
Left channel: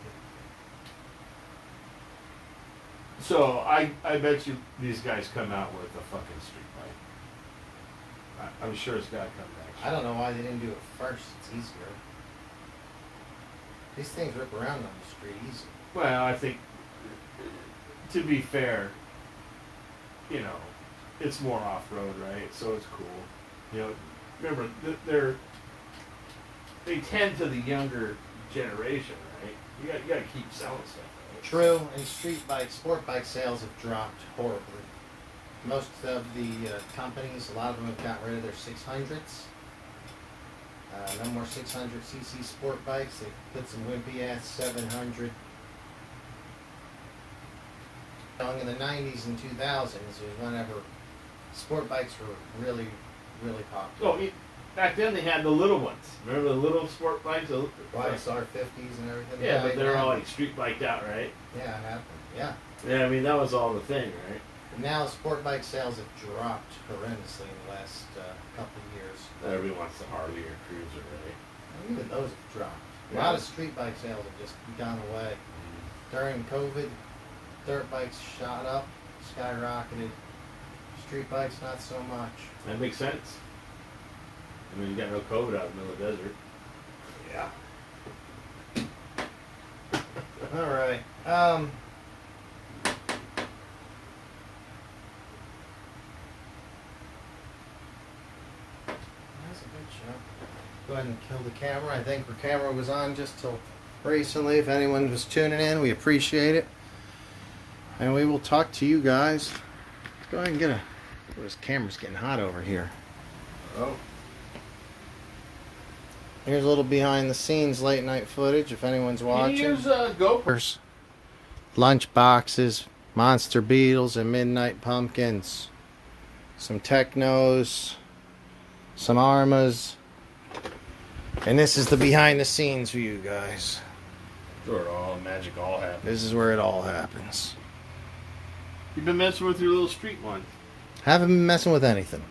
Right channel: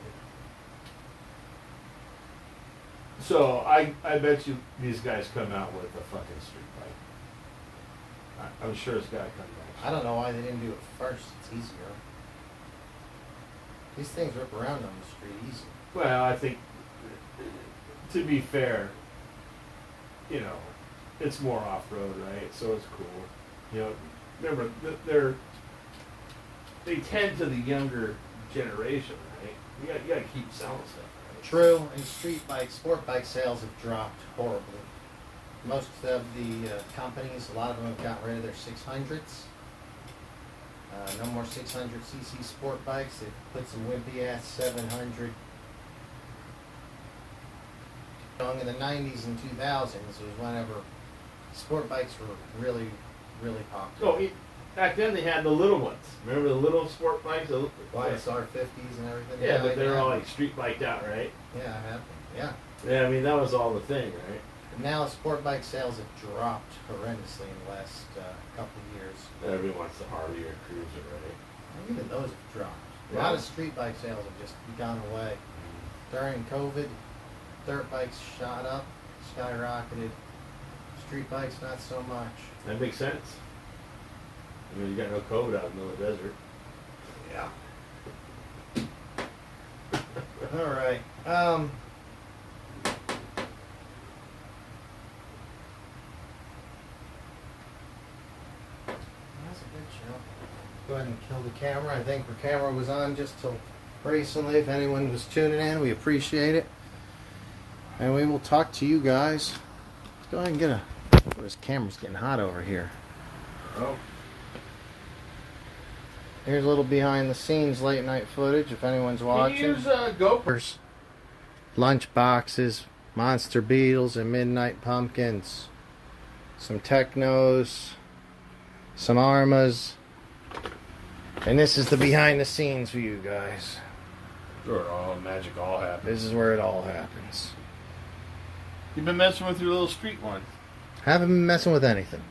So I bet you these guys come out with a fucking street bike. I'm sure it's got to come back. I don't know why they didn't do it first. It's easier. These things rip around on the street easy. Well, I think, to be fair, you know, it's more off-road, right? So it's cool. You know, remember, they tend to the younger generation, right? You got to keep selling stuff, right? True, and sport bike sales have dropped horribly. Most of the companies, a lot of them have gotten rid of their 600s. No more 600cc sport bikes. They put some wimpy ass 700. In the 90s and 2000s was whenever sport bikes were really, really popular. Oh, back then they had the little ones. Remember the little sport bikes? YSR 50s and everything. Yeah, but they're all like street biked out, right? Yeah, it happened. Yeah. Yeah, I mean that was all the thing, right? Now sport bike sales have dropped horrendously in the last couple of years. Everyone wants the Harley or Cruiser, right? Even those have dropped. A Yeah. lot of street bike sales have just gone away. During COVID, dirt bikes shot up, skyrocketed. Street bikes, not so much. That makes sense. I mean, you got no COVID out in the middle of the desert. Yeah. All right. That's a good show. Go ahead and kill the camera. I think the camera was on just till recently. If anyone was tuning in, we appreciate it. And we will talk to you guys. Go ahead and get a... Oh, this camera's getting hot over here. Oh. Here's a little behind the scenes late night footage if anyone's watching. Can you use GoPros? Lunch boxes, monster beetles, and midnight pumpkins. Some technos, some armas. And this is the behind the scenes view, guys. Where it all magic all happens. This is where it all happens. You've been messing with your little street one. Haven't been messing with anything.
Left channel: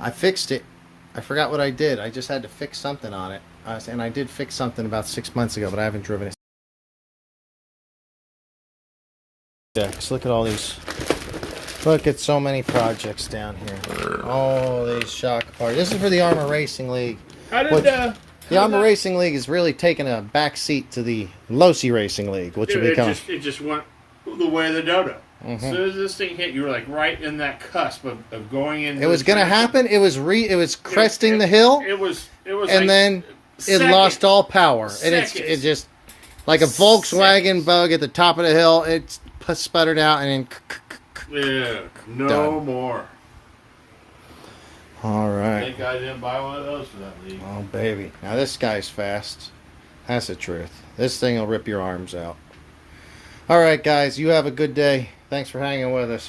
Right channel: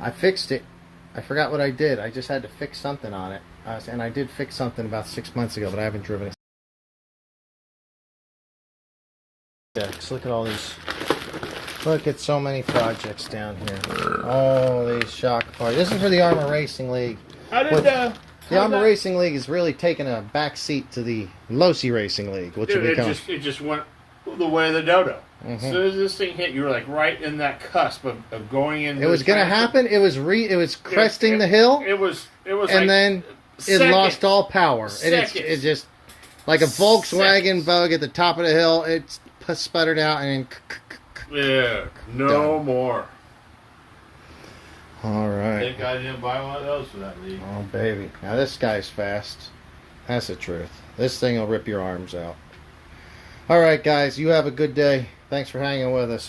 I fixed it. I forgot what I did. I just had to fix something on it. And I did fix something about 6 months ago, but I haven't driven it. Look at all these. Look at so many projects down here. Oh, these shock parts. This is for the Armor Racing League. How did the Armor Racing League is really taking a back seat to the Losi Racing League, which will become... It just went the way of the dodo. Mm-hmm. As soon as this thing hit, you were like right in that cusp of going into... It was going to happen. It was cresting the hill. It was and like then it lost all power. And it just... Like a Volkswagen Bug at the top of the hill, it sputtered out and then... Yeah, no more. All right. Thank God I didn't buy one of those for that league. Oh, baby. Now, this guy's fast. That's the truth. This thing will rip your arms out. All right, guys. You have a good day. Thanks for hanging with us.